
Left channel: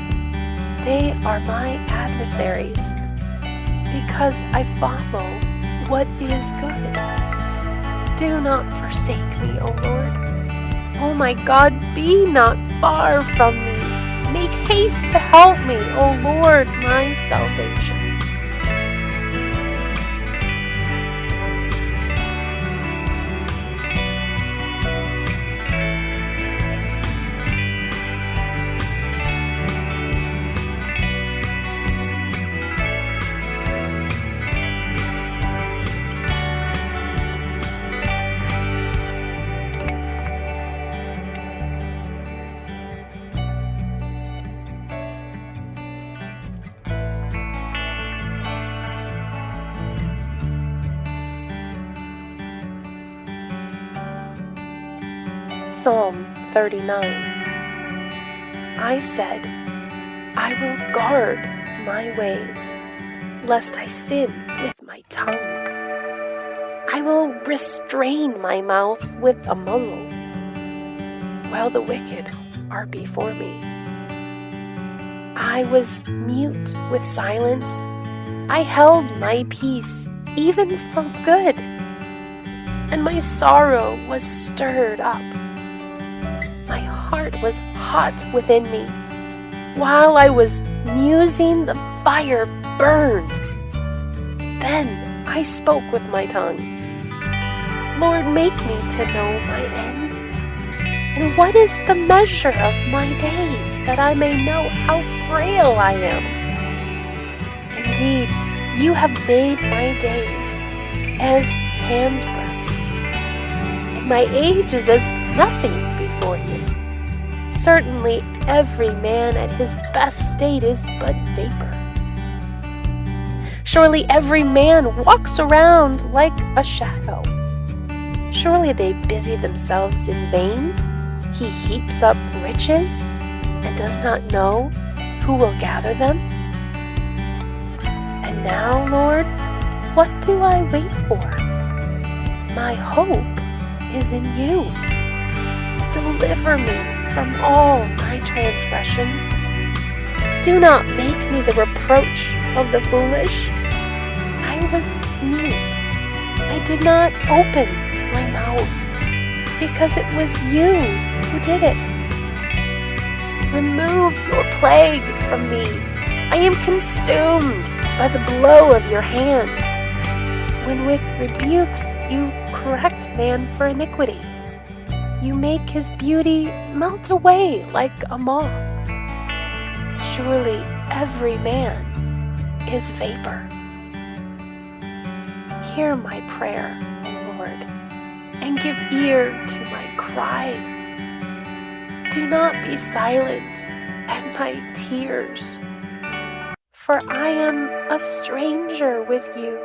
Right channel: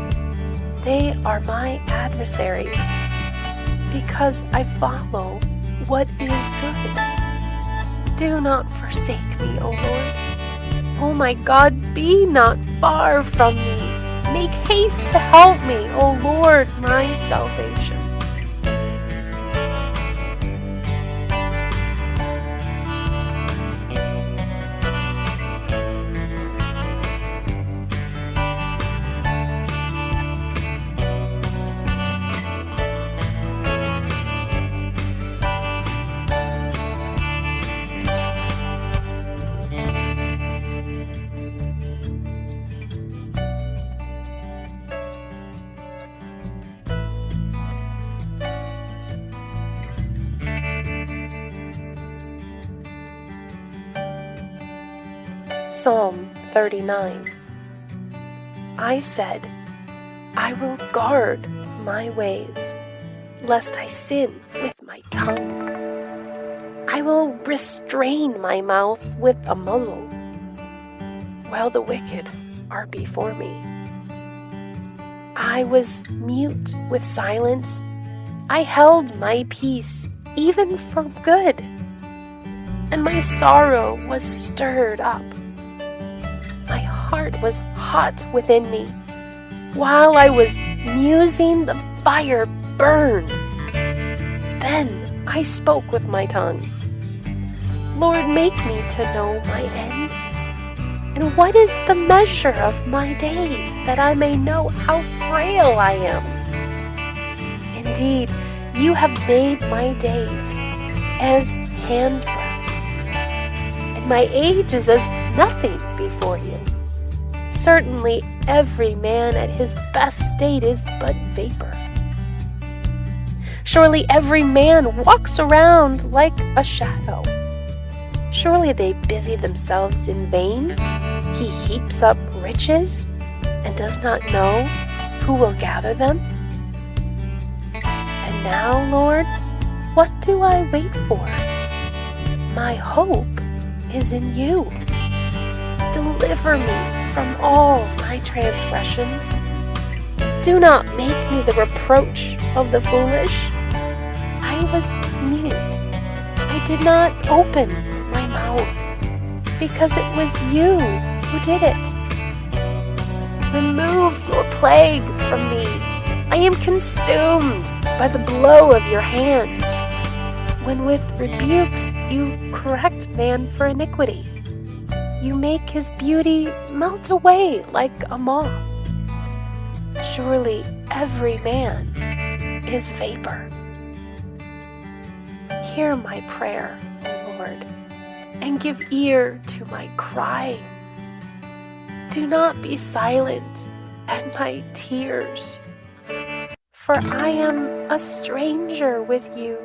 they are my adversaries, because I follow what is good. Do not forsake me, O Lord. O my God, be not far from me. Make haste to help me, O Lord, my salvation. Psalm 39. I said, I will guard my ways, lest I sin with my tongue. I will restrain my mouth with a muzzle, while the wicked are before me. I was mute with silence. I held my peace, even for good, and my sorrow was stirred up. My heart was hot within me. While I was musing, the fire burned. Then I spoke with my tongue. Lord, make me to know my end. And what is the measure of my days, that I may know how frail I am? Indeed, you have made my days as handbreadths, and my age is as nothing before you. Certainly every man at his best state is but vapor. Surely every man walks around like a shadow. Surely they busy themselves in vain. He heaps up riches and does not know who will gather them. And now, Lord, what do I wait for? My hope is in you. Deliver me from all my transgressions. Do not make me the reproach of the foolish. I was mute. I did not open my mouth because it was you who did it. Remove your plague from me. I am consumed by the blow of your hand. When with rebukes you correct man for iniquity, you make his beauty melt away like a moth. Surely every man is vapor. Hear my prayer, O Lord, and give ear to my cry. Do not be silent at my tears, for I am a stranger with you,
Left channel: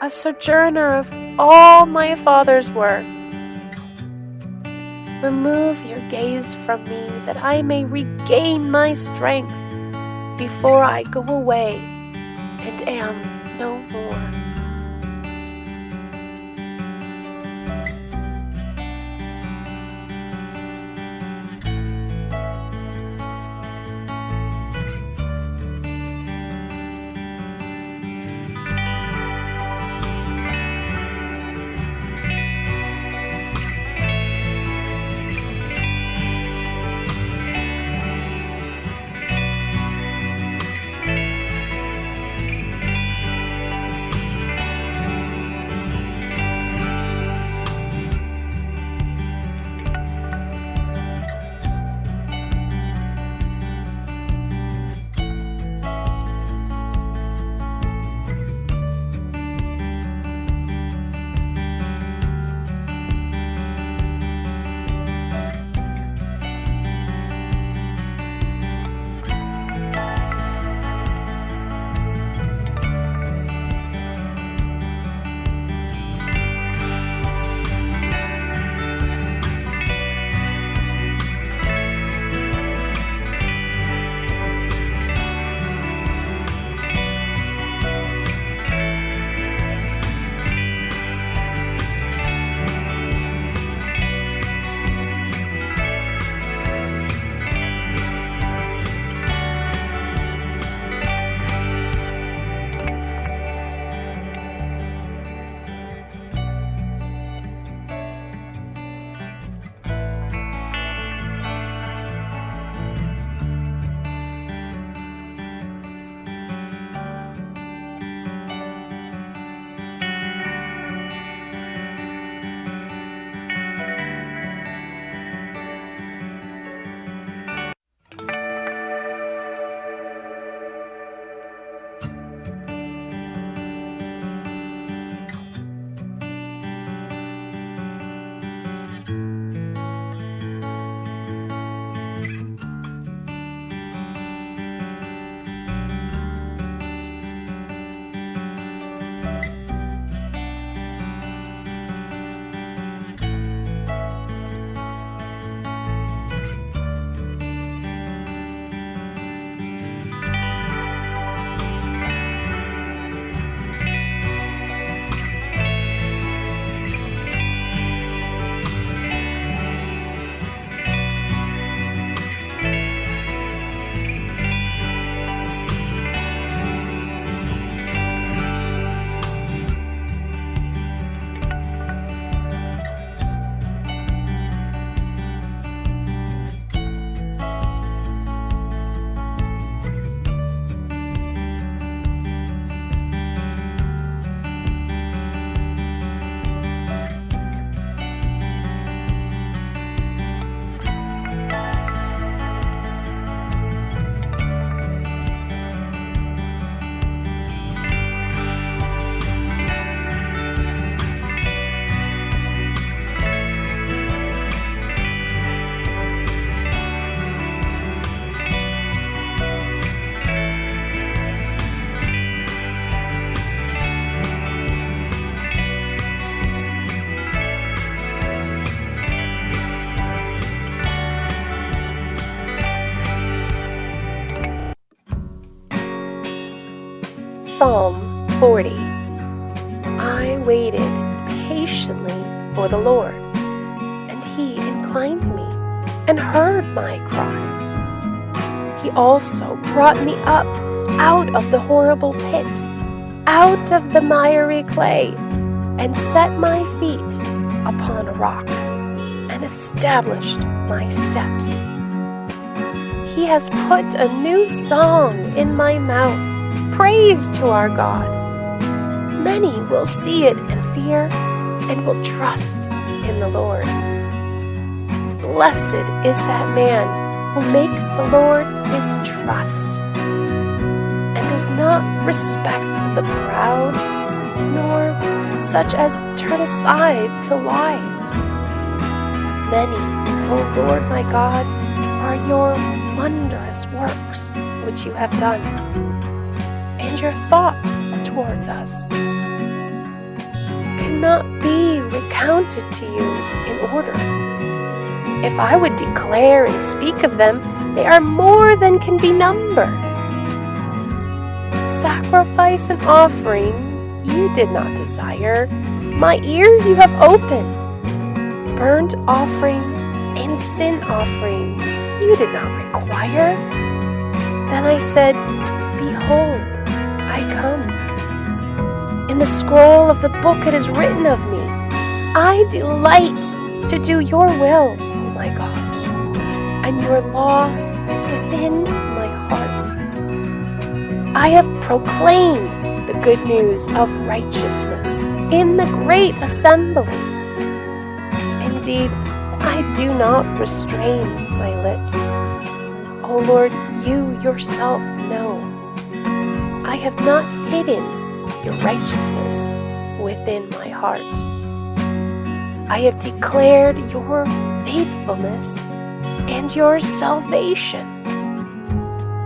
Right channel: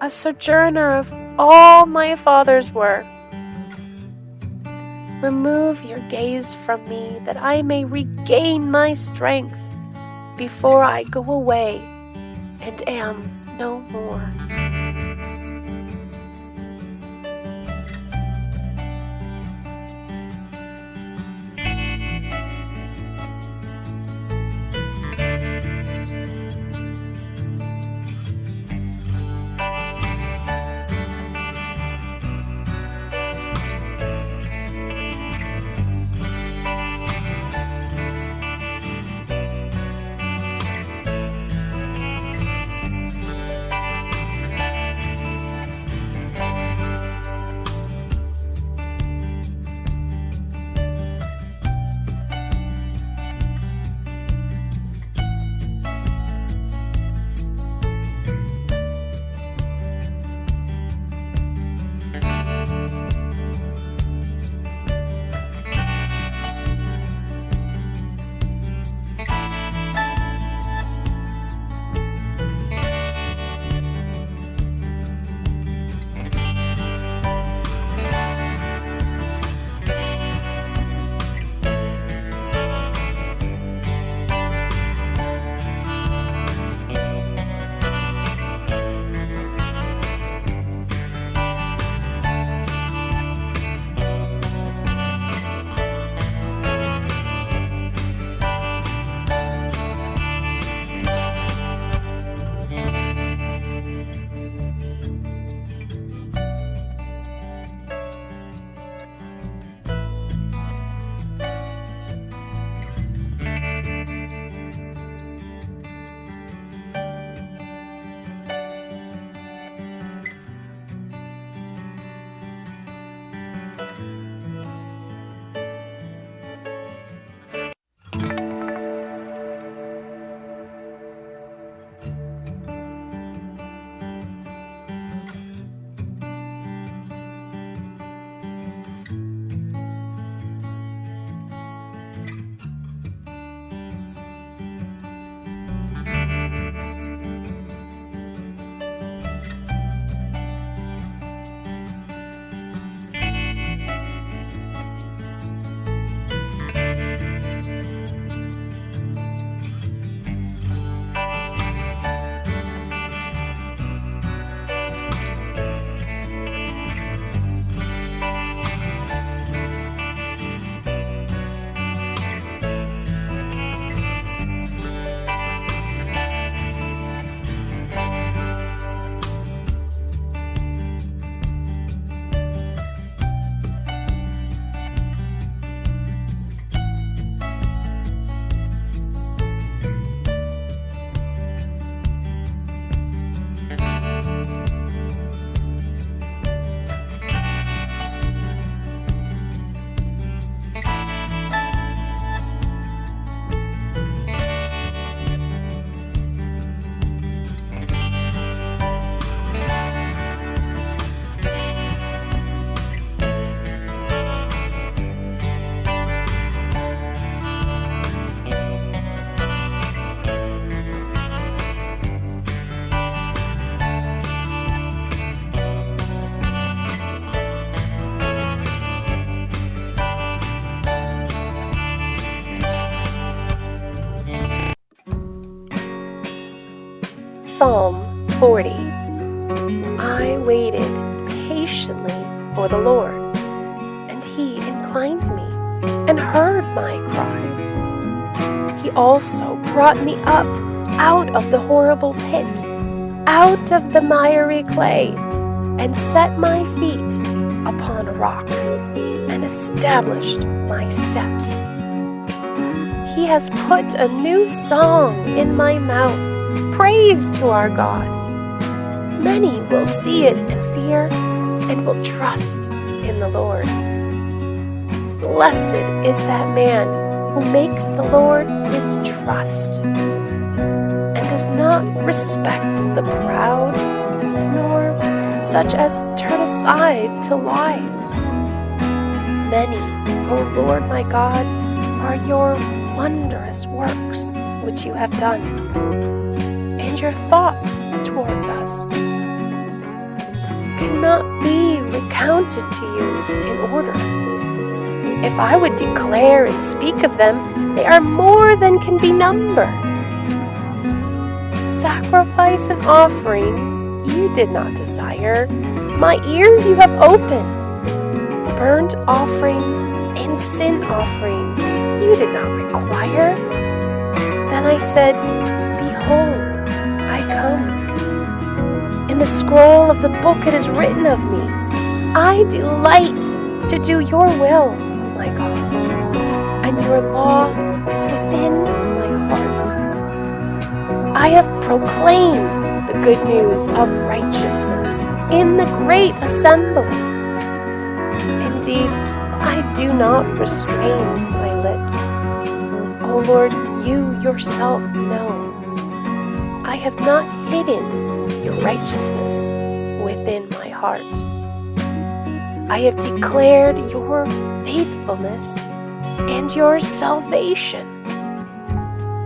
a sojourner of all my father's work. Remove your gaze from me, that I may regain my strength before I go away and am no more. Psalm 40. I waited patiently for the Lord, and He inclined me and heard my cry. He also brought me up out of the horrible pit, out of the miry clay, and set my feet upon a rock, and established my steps. He has put a new song in my mouth, praise to our God. Many will see it and fear, and will trust in the Lord. Blessed is that man who makes the Lord his trust, and does not respect the proud, nor such as turn aside to lies. Many, O Lord my God, are your wondrous works which you have done, and your thoughts towards us cannot be recounted to you in order. If I would declare and speak of them, they are more than can be numbered. Sacrifice and offering you did not desire, my ears you have opened. Burnt offering and sin offering you did not require. Then I said, Behold, I come. In the scroll of the book it is written of me, I delight to do your will, O my God, and your law is within my heart. I have proclaimed the good news of righteousness in the great assembly. Indeed, I do not restrain my lips. O Lord, you yourself know. I have not hidden your righteousness within my heart. I have declared your faithfulness and your salvation.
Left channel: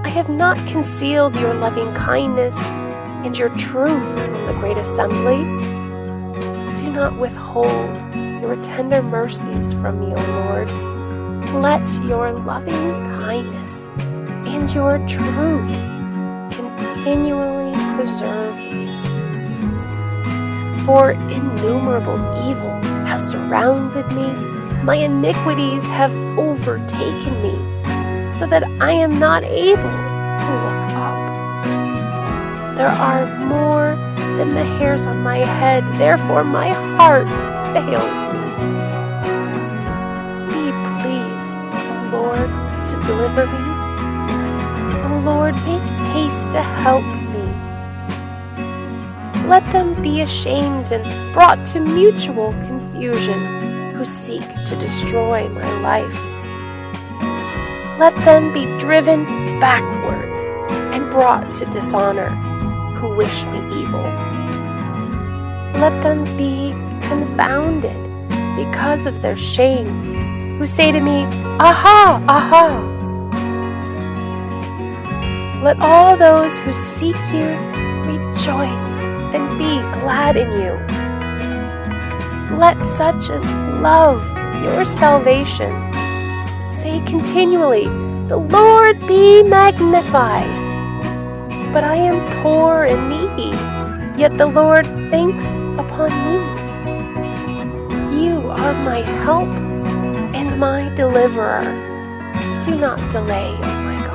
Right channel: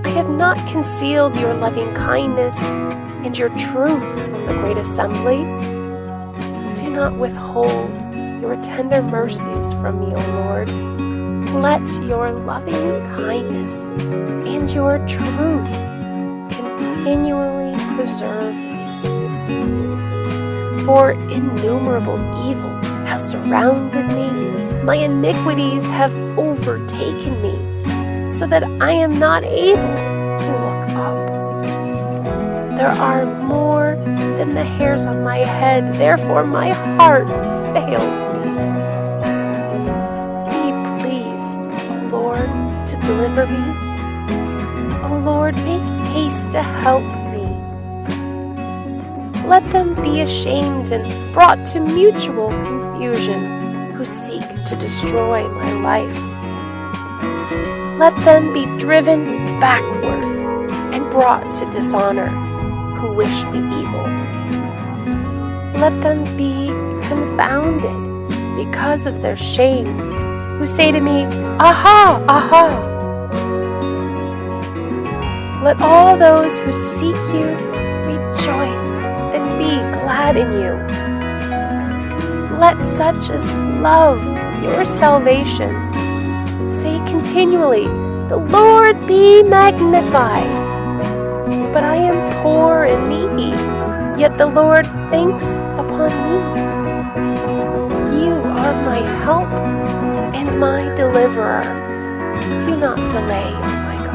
I have not concealed your loving kindness and your truth from the great assembly. Do not withhold your tender mercies from me, O Lord. Let your loving kindness and your truth continually preserve me. For innumerable evil has surrounded me, my iniquities have overtaken me, so that I am not able to look up. There are more than the hairs on my head, therefore my heart fails me. Be pleased, O Lord, to deliver me. O Lord, make haste to help me. Let them be ashamed and brought to mutual confusion who seek to destroy my life. Let them be driven backward and brought to dishonor who wish me evil. Let them be confounded because of their shame, who say to me, Aha, aha! Let all those who seek you rejoice and be glad in you. Let such as love your salvation say continually, The Lord be magnified. But I am poor and needy, yet the Lord thinks upon me. You are my help and my deliverer. Do not delay, O my God.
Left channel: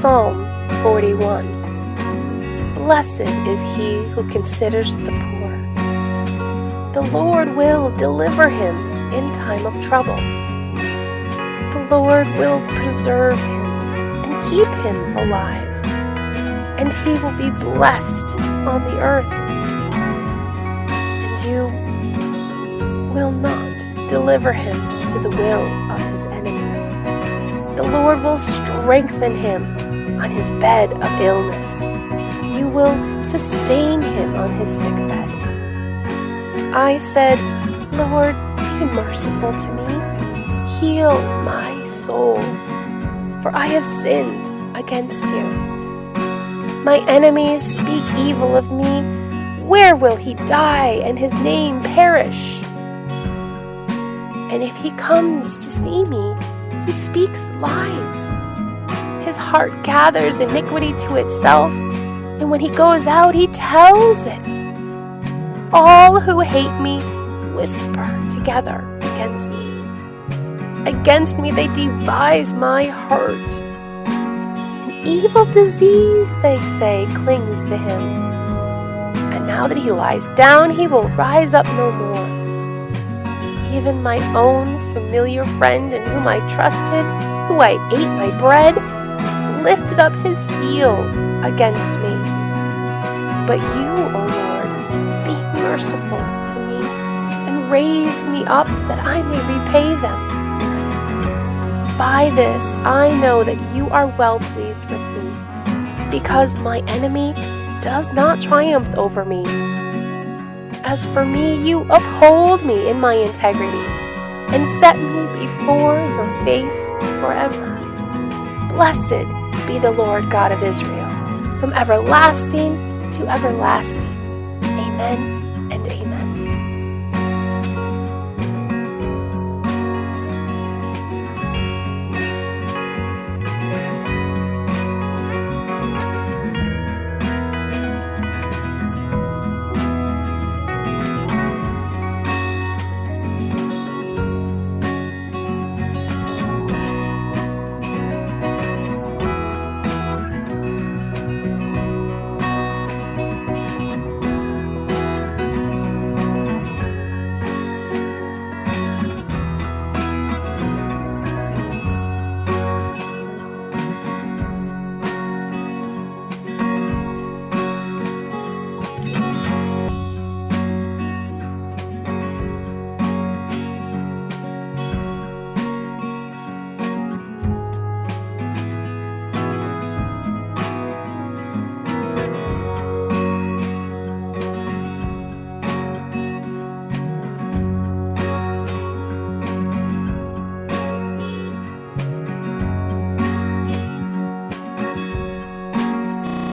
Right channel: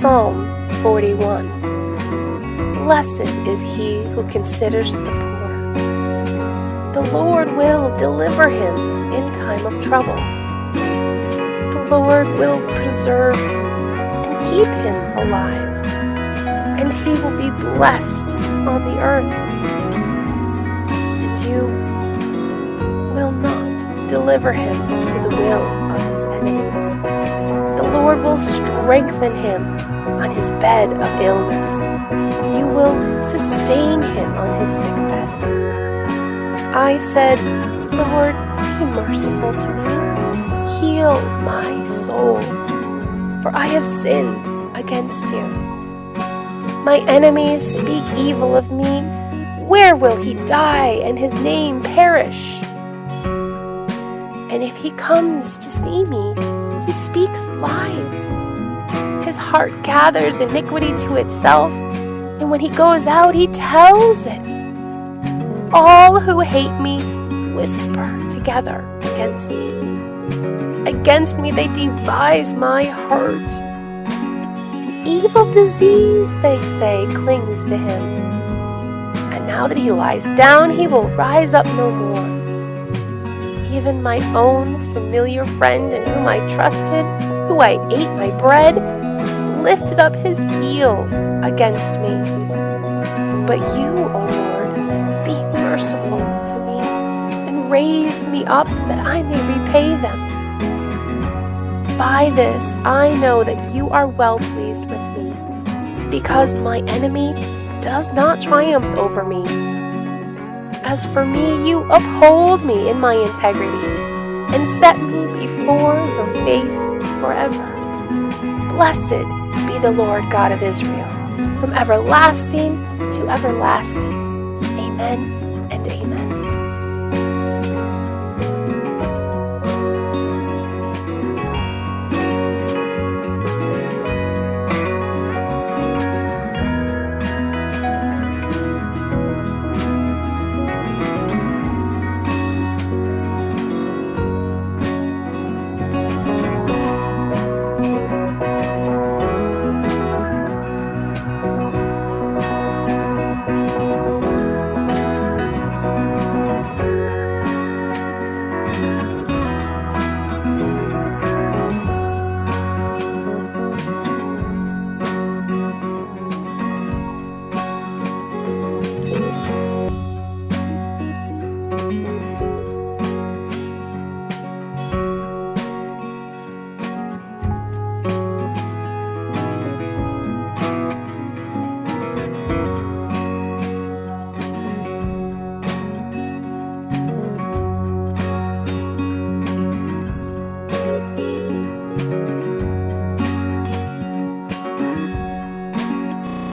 Psalm 41. Blessed is he who considers the poor. The Lord will deliver him in time of trouble. The Lord will preserve him and keep him alive, and he will be blessed on the earth. And you will not deliver him to the will of his enemies. The Lord will strengthen him on his bed of illness. You will sustain him on his sick bed. I said, Lord, be merciful to me. Heal my soul, for I have sinned against you. My enemies speak evil of me. Where will he die and his name perish? And if he comes to see me, he speaks lies. His heart gathers iniquity to itself, and when he goes out, he tells it. All who hate me whisper together against me. Against me they devise my hurt. An evil disease, they say, clings to him. And now that he lies down, he will rise up no more. Even my own familiar friend in whom I trusted, who I ate my bread, has lifted up his heel against me. But you, O Lord, be merciful to me and raise me up that I may repay them. By this I know that you are well pleased with me, because my enemy does not triumph over me. As for me, you uphold me in my integrity and set me before your face forever. Blessed be the Lord God of Israel, from everlasting to everlasting. Amen and amen.